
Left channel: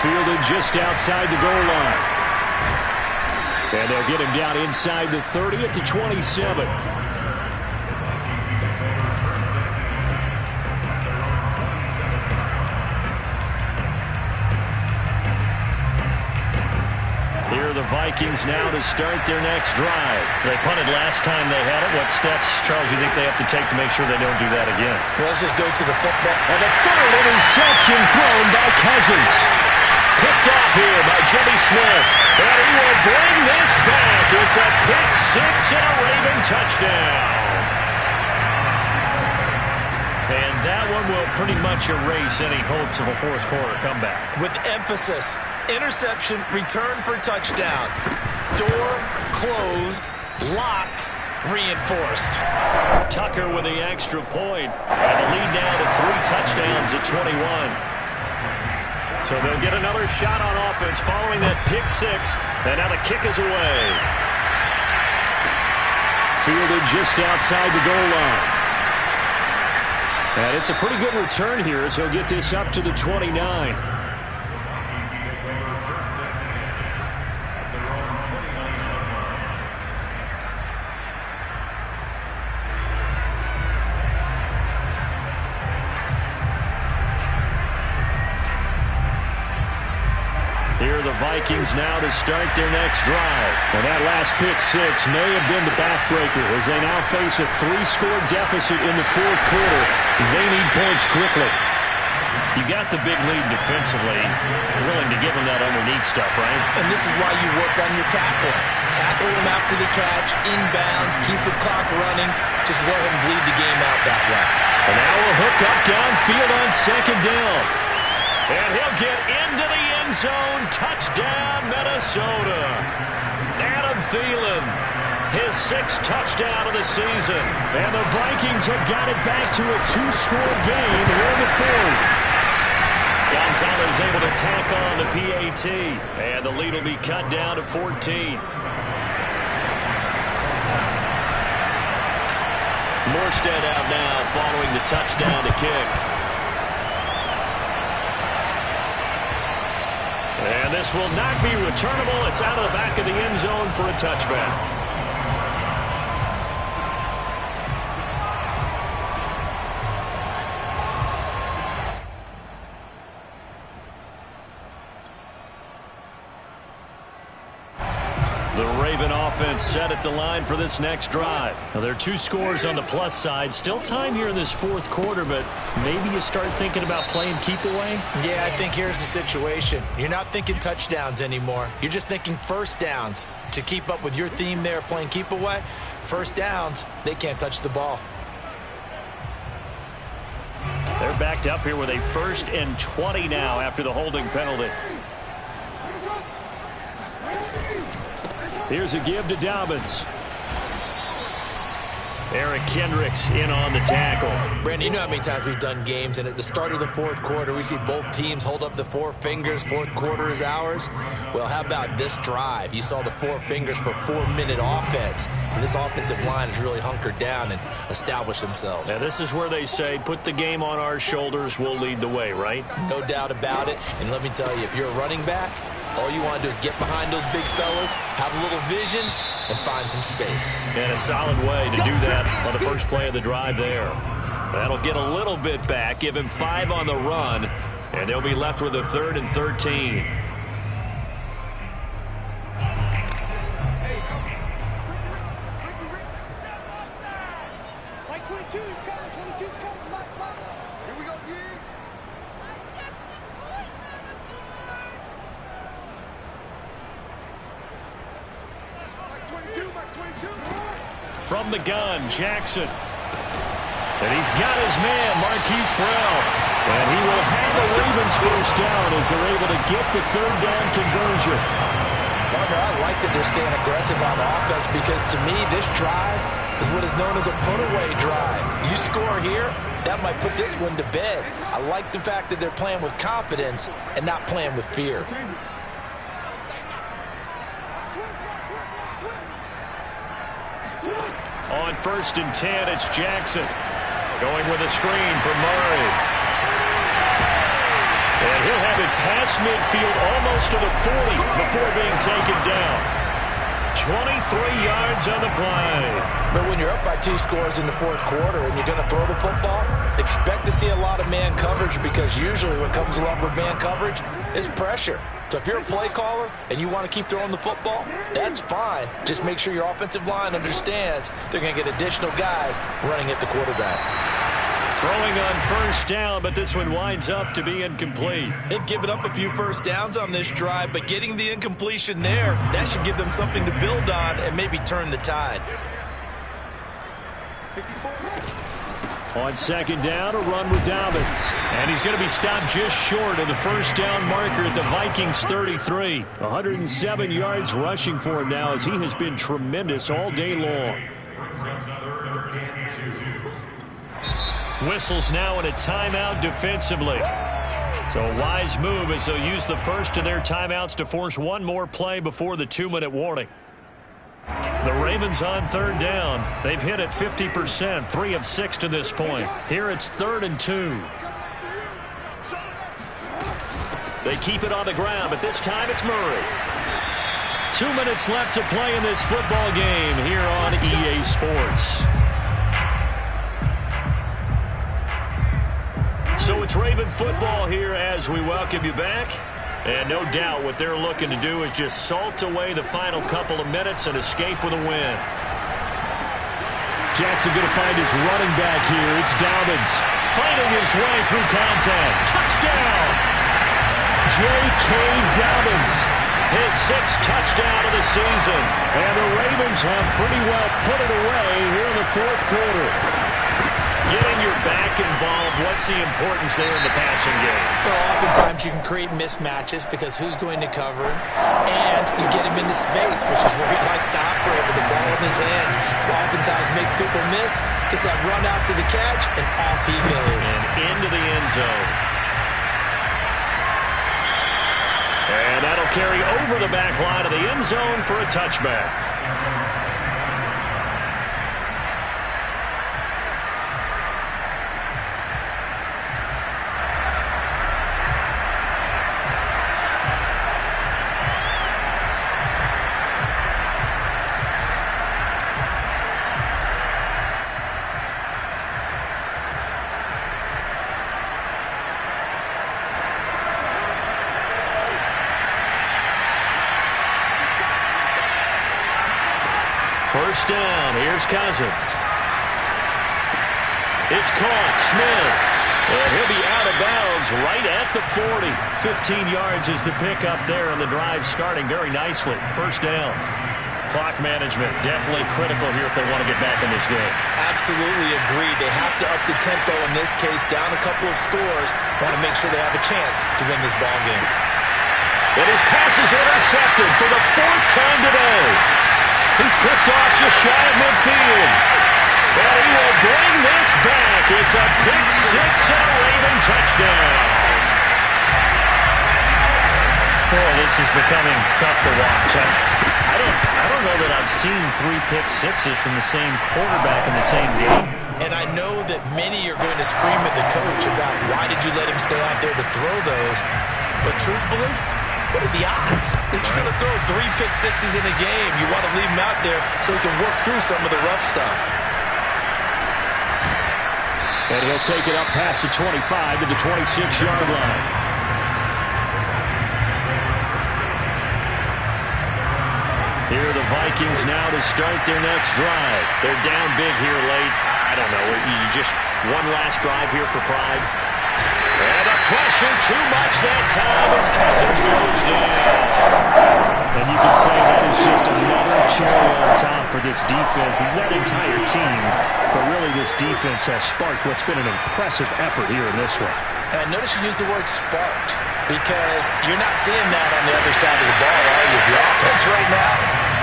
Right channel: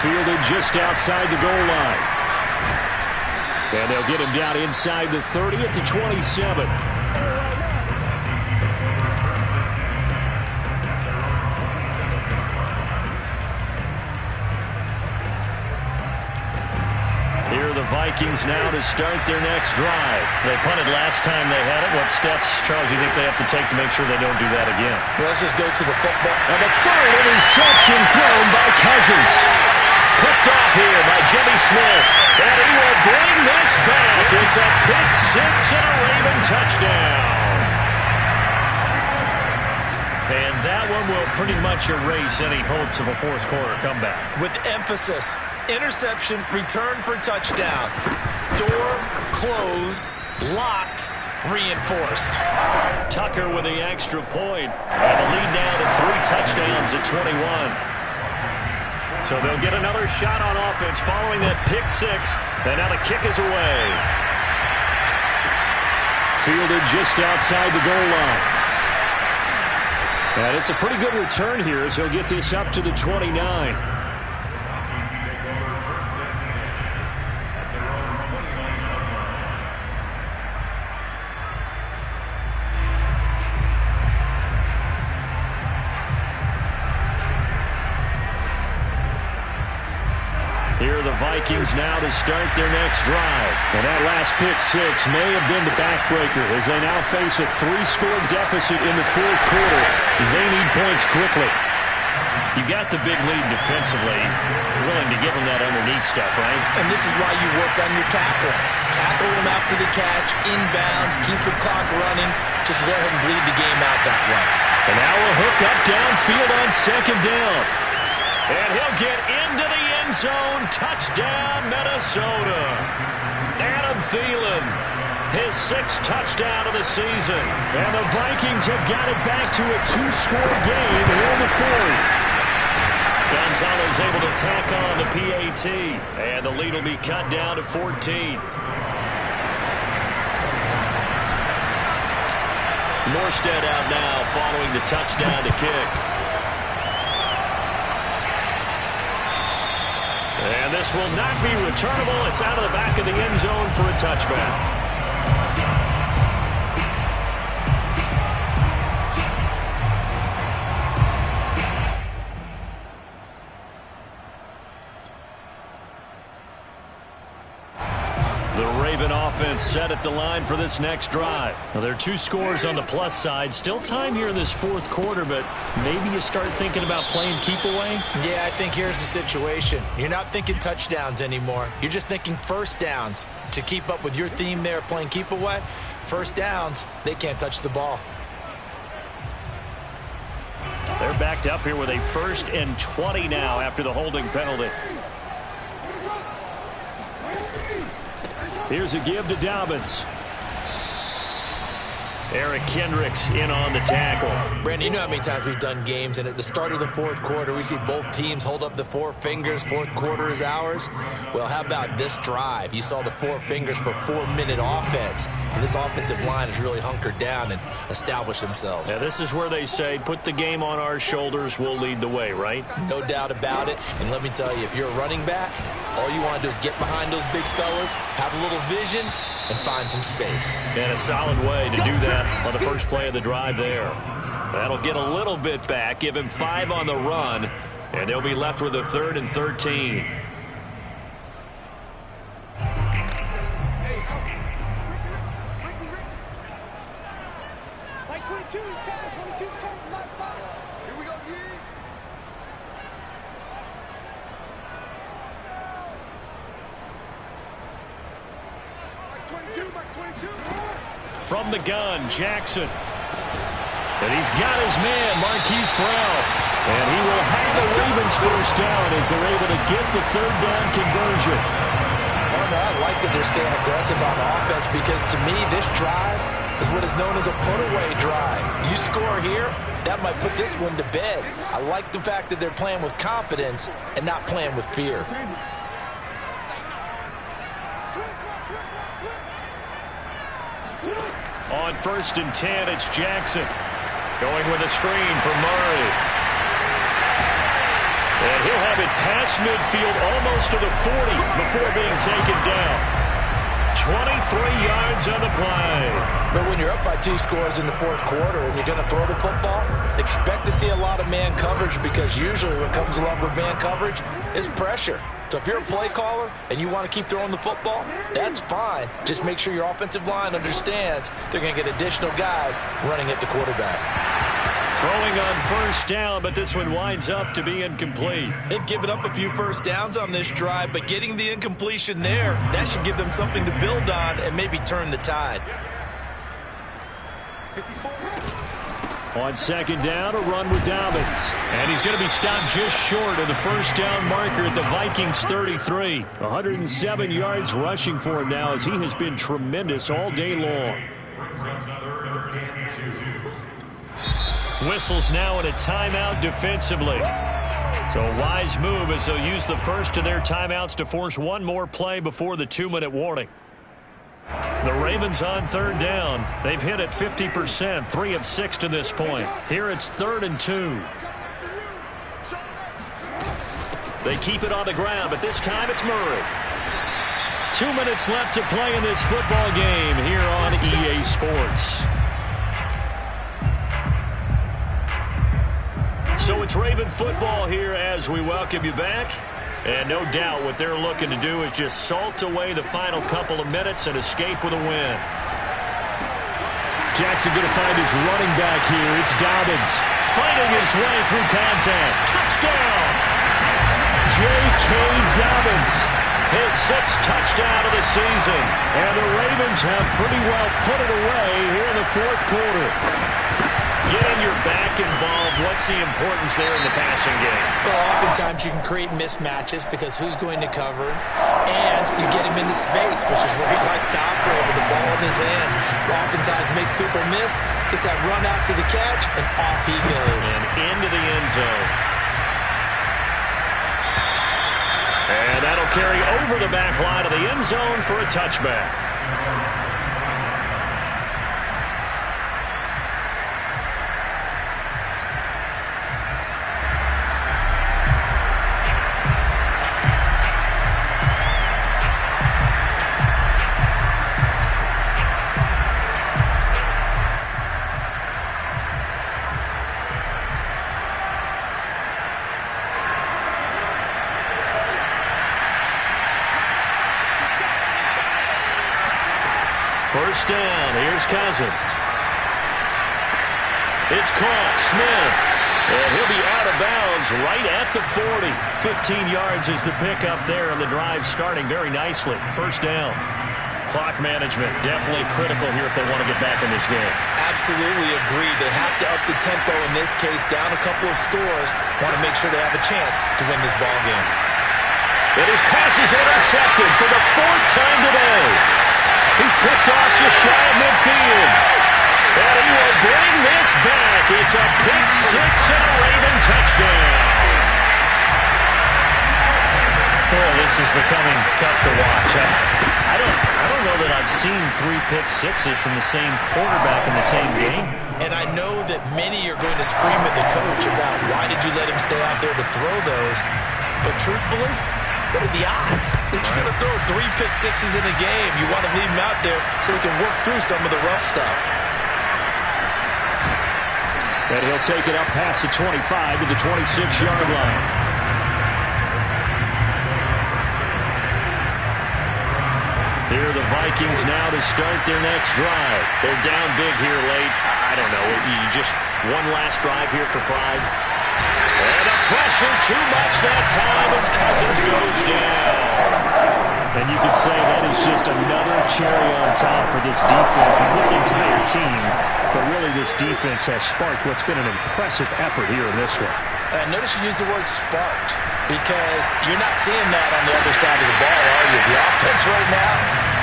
Fielded just outside the goal line. And they'll get him down inside the 30 at the 27. Here are the Vikings now to start their next drive. They punted last time they had it. What steps, Charles, you think they have to take to make sure they don't do that again? Well, let's just go to the football. And the 3rd interception thrown by Cousins. Picked off here by Jimmy Smith. And he will bring this back. It's a pick 6 and a Raven touchdown. And that one will pretty much erase any hopes of a 4th quarter comeback. With emphasis. Interception, return for touchdown. Door closed, locked, reinforced. Tucker with the extra point. And the lead now to 3 touchdowns at 21. So they'll get another shot on offense following that pick 6. And now the kick is away. Fielded just outside the goal line. And it's a pretty good return here as he'll get this up to the 29. Here are the Vikings now to start their next drive. And that last pick 6 may have been the backbreaker as they now face a 3-score deficit in the 4th quarter. They need points quickly. You got the big lead defensively. Willing to give them that underneath stuff, right? And this is why you work on your tackling. Tackle them after the catch, inbounds, keep the clock running. Just go ahead and bleed the game out that way. And now we'll hook up downfield on 2nd down. And he'll get into the end zone. Touchdown, Minnesota. Adam Thielen, his 6th touchdown of the season. And the Vikings have got it back to a 2-score game here in the 4th. Gonzalez able to tack on the PAT. And the lead will be cut down to 14. Morstead out now following the touchdown to kick. And this will not be returnable. It's out of the back of the end zone for a touchback. The Raven offense set at the line for this next drive. Now, there are 2 scores on the plus side. Still time here in this 4th quarter, but maybe you start thinking about playing keep away? Yeah, I think here's the situation. You're not thinking touchdowns anymore. You're just thinking first downs. To keep up with your theme there, playing keep away, first downs, they can't touch the ball. They're backed up here with a 1st and 20 now after the holding penalty. Here's a give to Dobbins. Eric Kendricks in on the tackle. Brandon, you know how many times we've done games, and at the start of the 4th quarter, we see both teams hold up the 4 fingers. 4th quarter is ours. Well, how about this drive? You saw the 4 fingers for 4-minute offense, and this offensive line has really hunkered down and established themselves. Now, this is where they say, put the game on our shoulders, we'll lead the way, right? No doubt about it. And let me tell you, if you're a running back, all you want to do is get behind those big fellas, have a little vision, and find some space. And a solid way to do that on the first play of the drive there. That'll get a little bit back, give him 5 on the run, and they'll be left with a 3rd and 13. Like 22 is coming, 22 is coming. Here we go, G. From the gun, Jackson. And he's got his man, Marquise Brown. And he will have the Ravens first down as they're able to get the third down conversion. Partner, I like that they're staying aggressive on offense because to me, this drive is what is known as a put-away drive. You score here, that might put this one to bed. I like the fact that they're playing with confidence and not playing with fear. On 1st and 10, it's Jackson. Going with a screen for Murray. And he'll have it past midfield almost to the 40 before being taken down. 23 yards on the play. But when you're up by 2 scores in the 4th quarter and you're going to throw the football, expect to see a lot of man coverage because usually what comes along with man coverage is pressure. So if you're a play caller and you want to keep throwing the football, that's fine. Just make sure your offensive line understands they're going to get additional guys running at the quarterback. Throwing on 1st down, but this one winds up to be incomplete. They've given up a few first downs on this drive, but getting the incompletion there, that should give them something to build on and maybe turn the tide. 54. On 2nd down, a run with Dobbins. And he's going to be stopped just short of the first down marker at the Vikings 33. 107 yards rushing for him now as he has been tremendous all day long. Whistles now in a timeout defensively. So a wise move as they'll use the first of their timeouts to force one more play before the 2-minute warning. The Ravens on 3rd down. They've hit it 50%, 3 of 6 to this point. Here it's 3rd and 2. They keep it on the ground, but this time it's Murray. 2 minutes left to play in this football game here on EA Sports. So it's Raven football here as we welcome you back. And no doubt what they're looking to do is just salt away the final couple of minutes and escape with a win. Jackson going to find his running back here. It's Dobbins fighting his way through contact. Touchdown! J.K. Dobbins, his 6th touchdown of the season. And the Ravens have pretty well put it away here in the 4th quarter. Getting your back involved, what's the importance there in the passing game? Well, oftentimes you can create mismatches because who's going to cover him, and you get him into space, which is where he likes to operate with the ball in his hands. Oftentimes makes people miss, gets that run after the catch, and off he goes. And into the end zone. And that'll carry over the back line of the end zone for a touchback. First down, here's Cousins. It's caught, Smith. And he'll be out of bounds right at the 40. 15 yards is the pickup there, and the drive starting very nicely. First down. Clock management definitely critical here if they want to get back in this game. Absolutely agreed. They have to up the tempo in this case, down a couple of scores. Want to make sure they have a chance to win this ball game. And his pass is intercepted for the 4th time today. He's picked off just shy of midfield. And he will bring this back. It's a pick 6 and a Raven touchdown. Oh, this is becoming tough to watch. I don't know that I've seen 3 pick sixes from the same quarterback in the same game. And I know that many are going to scream at the coach about why did you let him stay out there to throw those. But truthfully, what are the odds that you're going to throw 3 pick sixes in a game? You want to leave him out there so he can work through some of the rough stuff. And he'll take it up past the 25 to the 26-yard line. Here are the Vikings now to start their next drive. They're down big here late. I don't know. You just one last drive here for pride. And the pressure too much that time as Cousins goes down. And you could say that is just another cherry on top for this defense, that entire team. But really, this defense has sparked what's been an impressive effort here in this one. And I notice you used the word sparked because you're not seeing that on the other side of the ball, are you? The offense right now,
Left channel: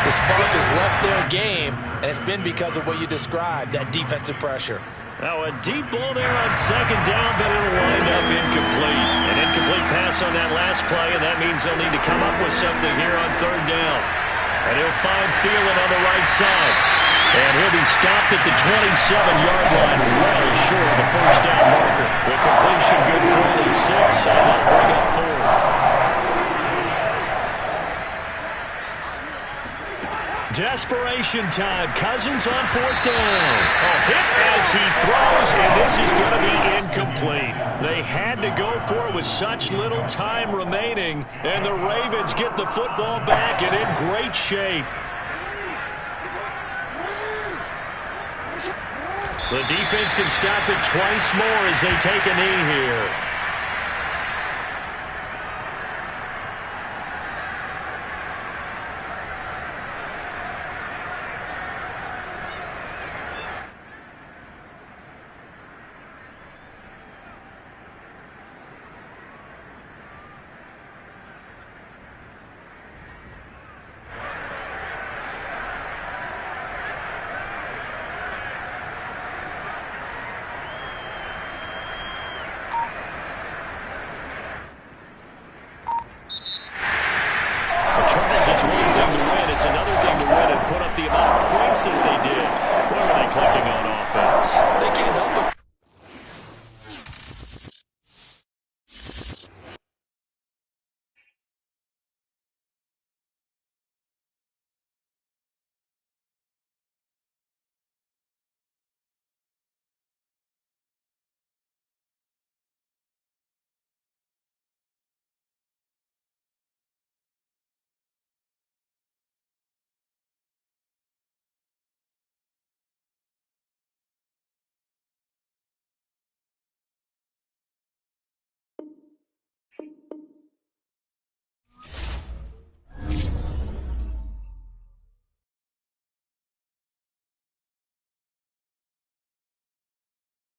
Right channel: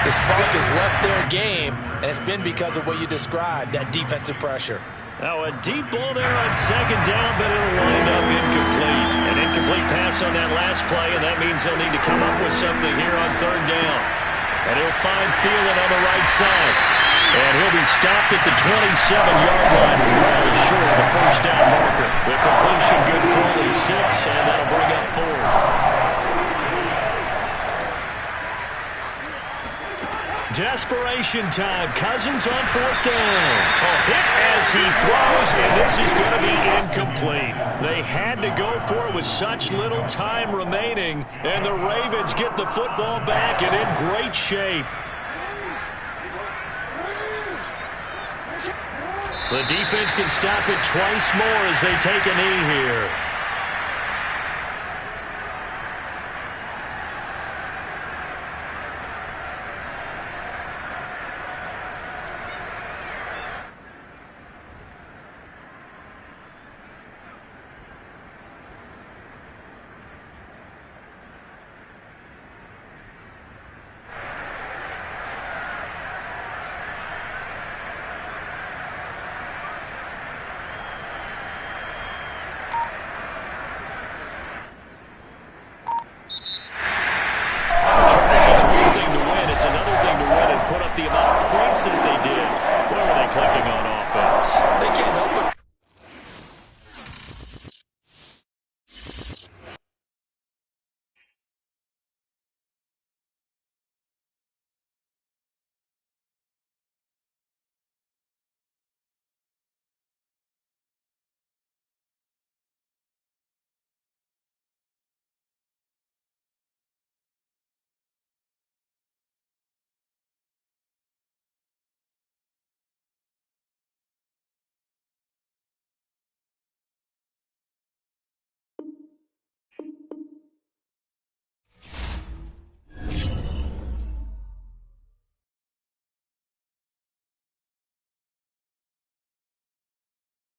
the spark has left their game, and it's been because of what you described, that defensive pressure. Now a deep ball there on second down, but it'll wind up incomplete. An incomplete pass on that last play, and that means they'll need to come up with something here on third down. And he'll find Thielen on the right side. And he'll be stopped at the 27-yard line, well short of the first down marker. The completion good for only 6, and that'll bring up fourth. Desperation time. Cousins on fourth down. Hit as he throws, and this is going to be incomplete. They had to go for it with such little time remaining, and the Ravens get the football back and in great shape. The defense can stop it twice more as they take a knee here. The amount of points that they did. What were they clicking on?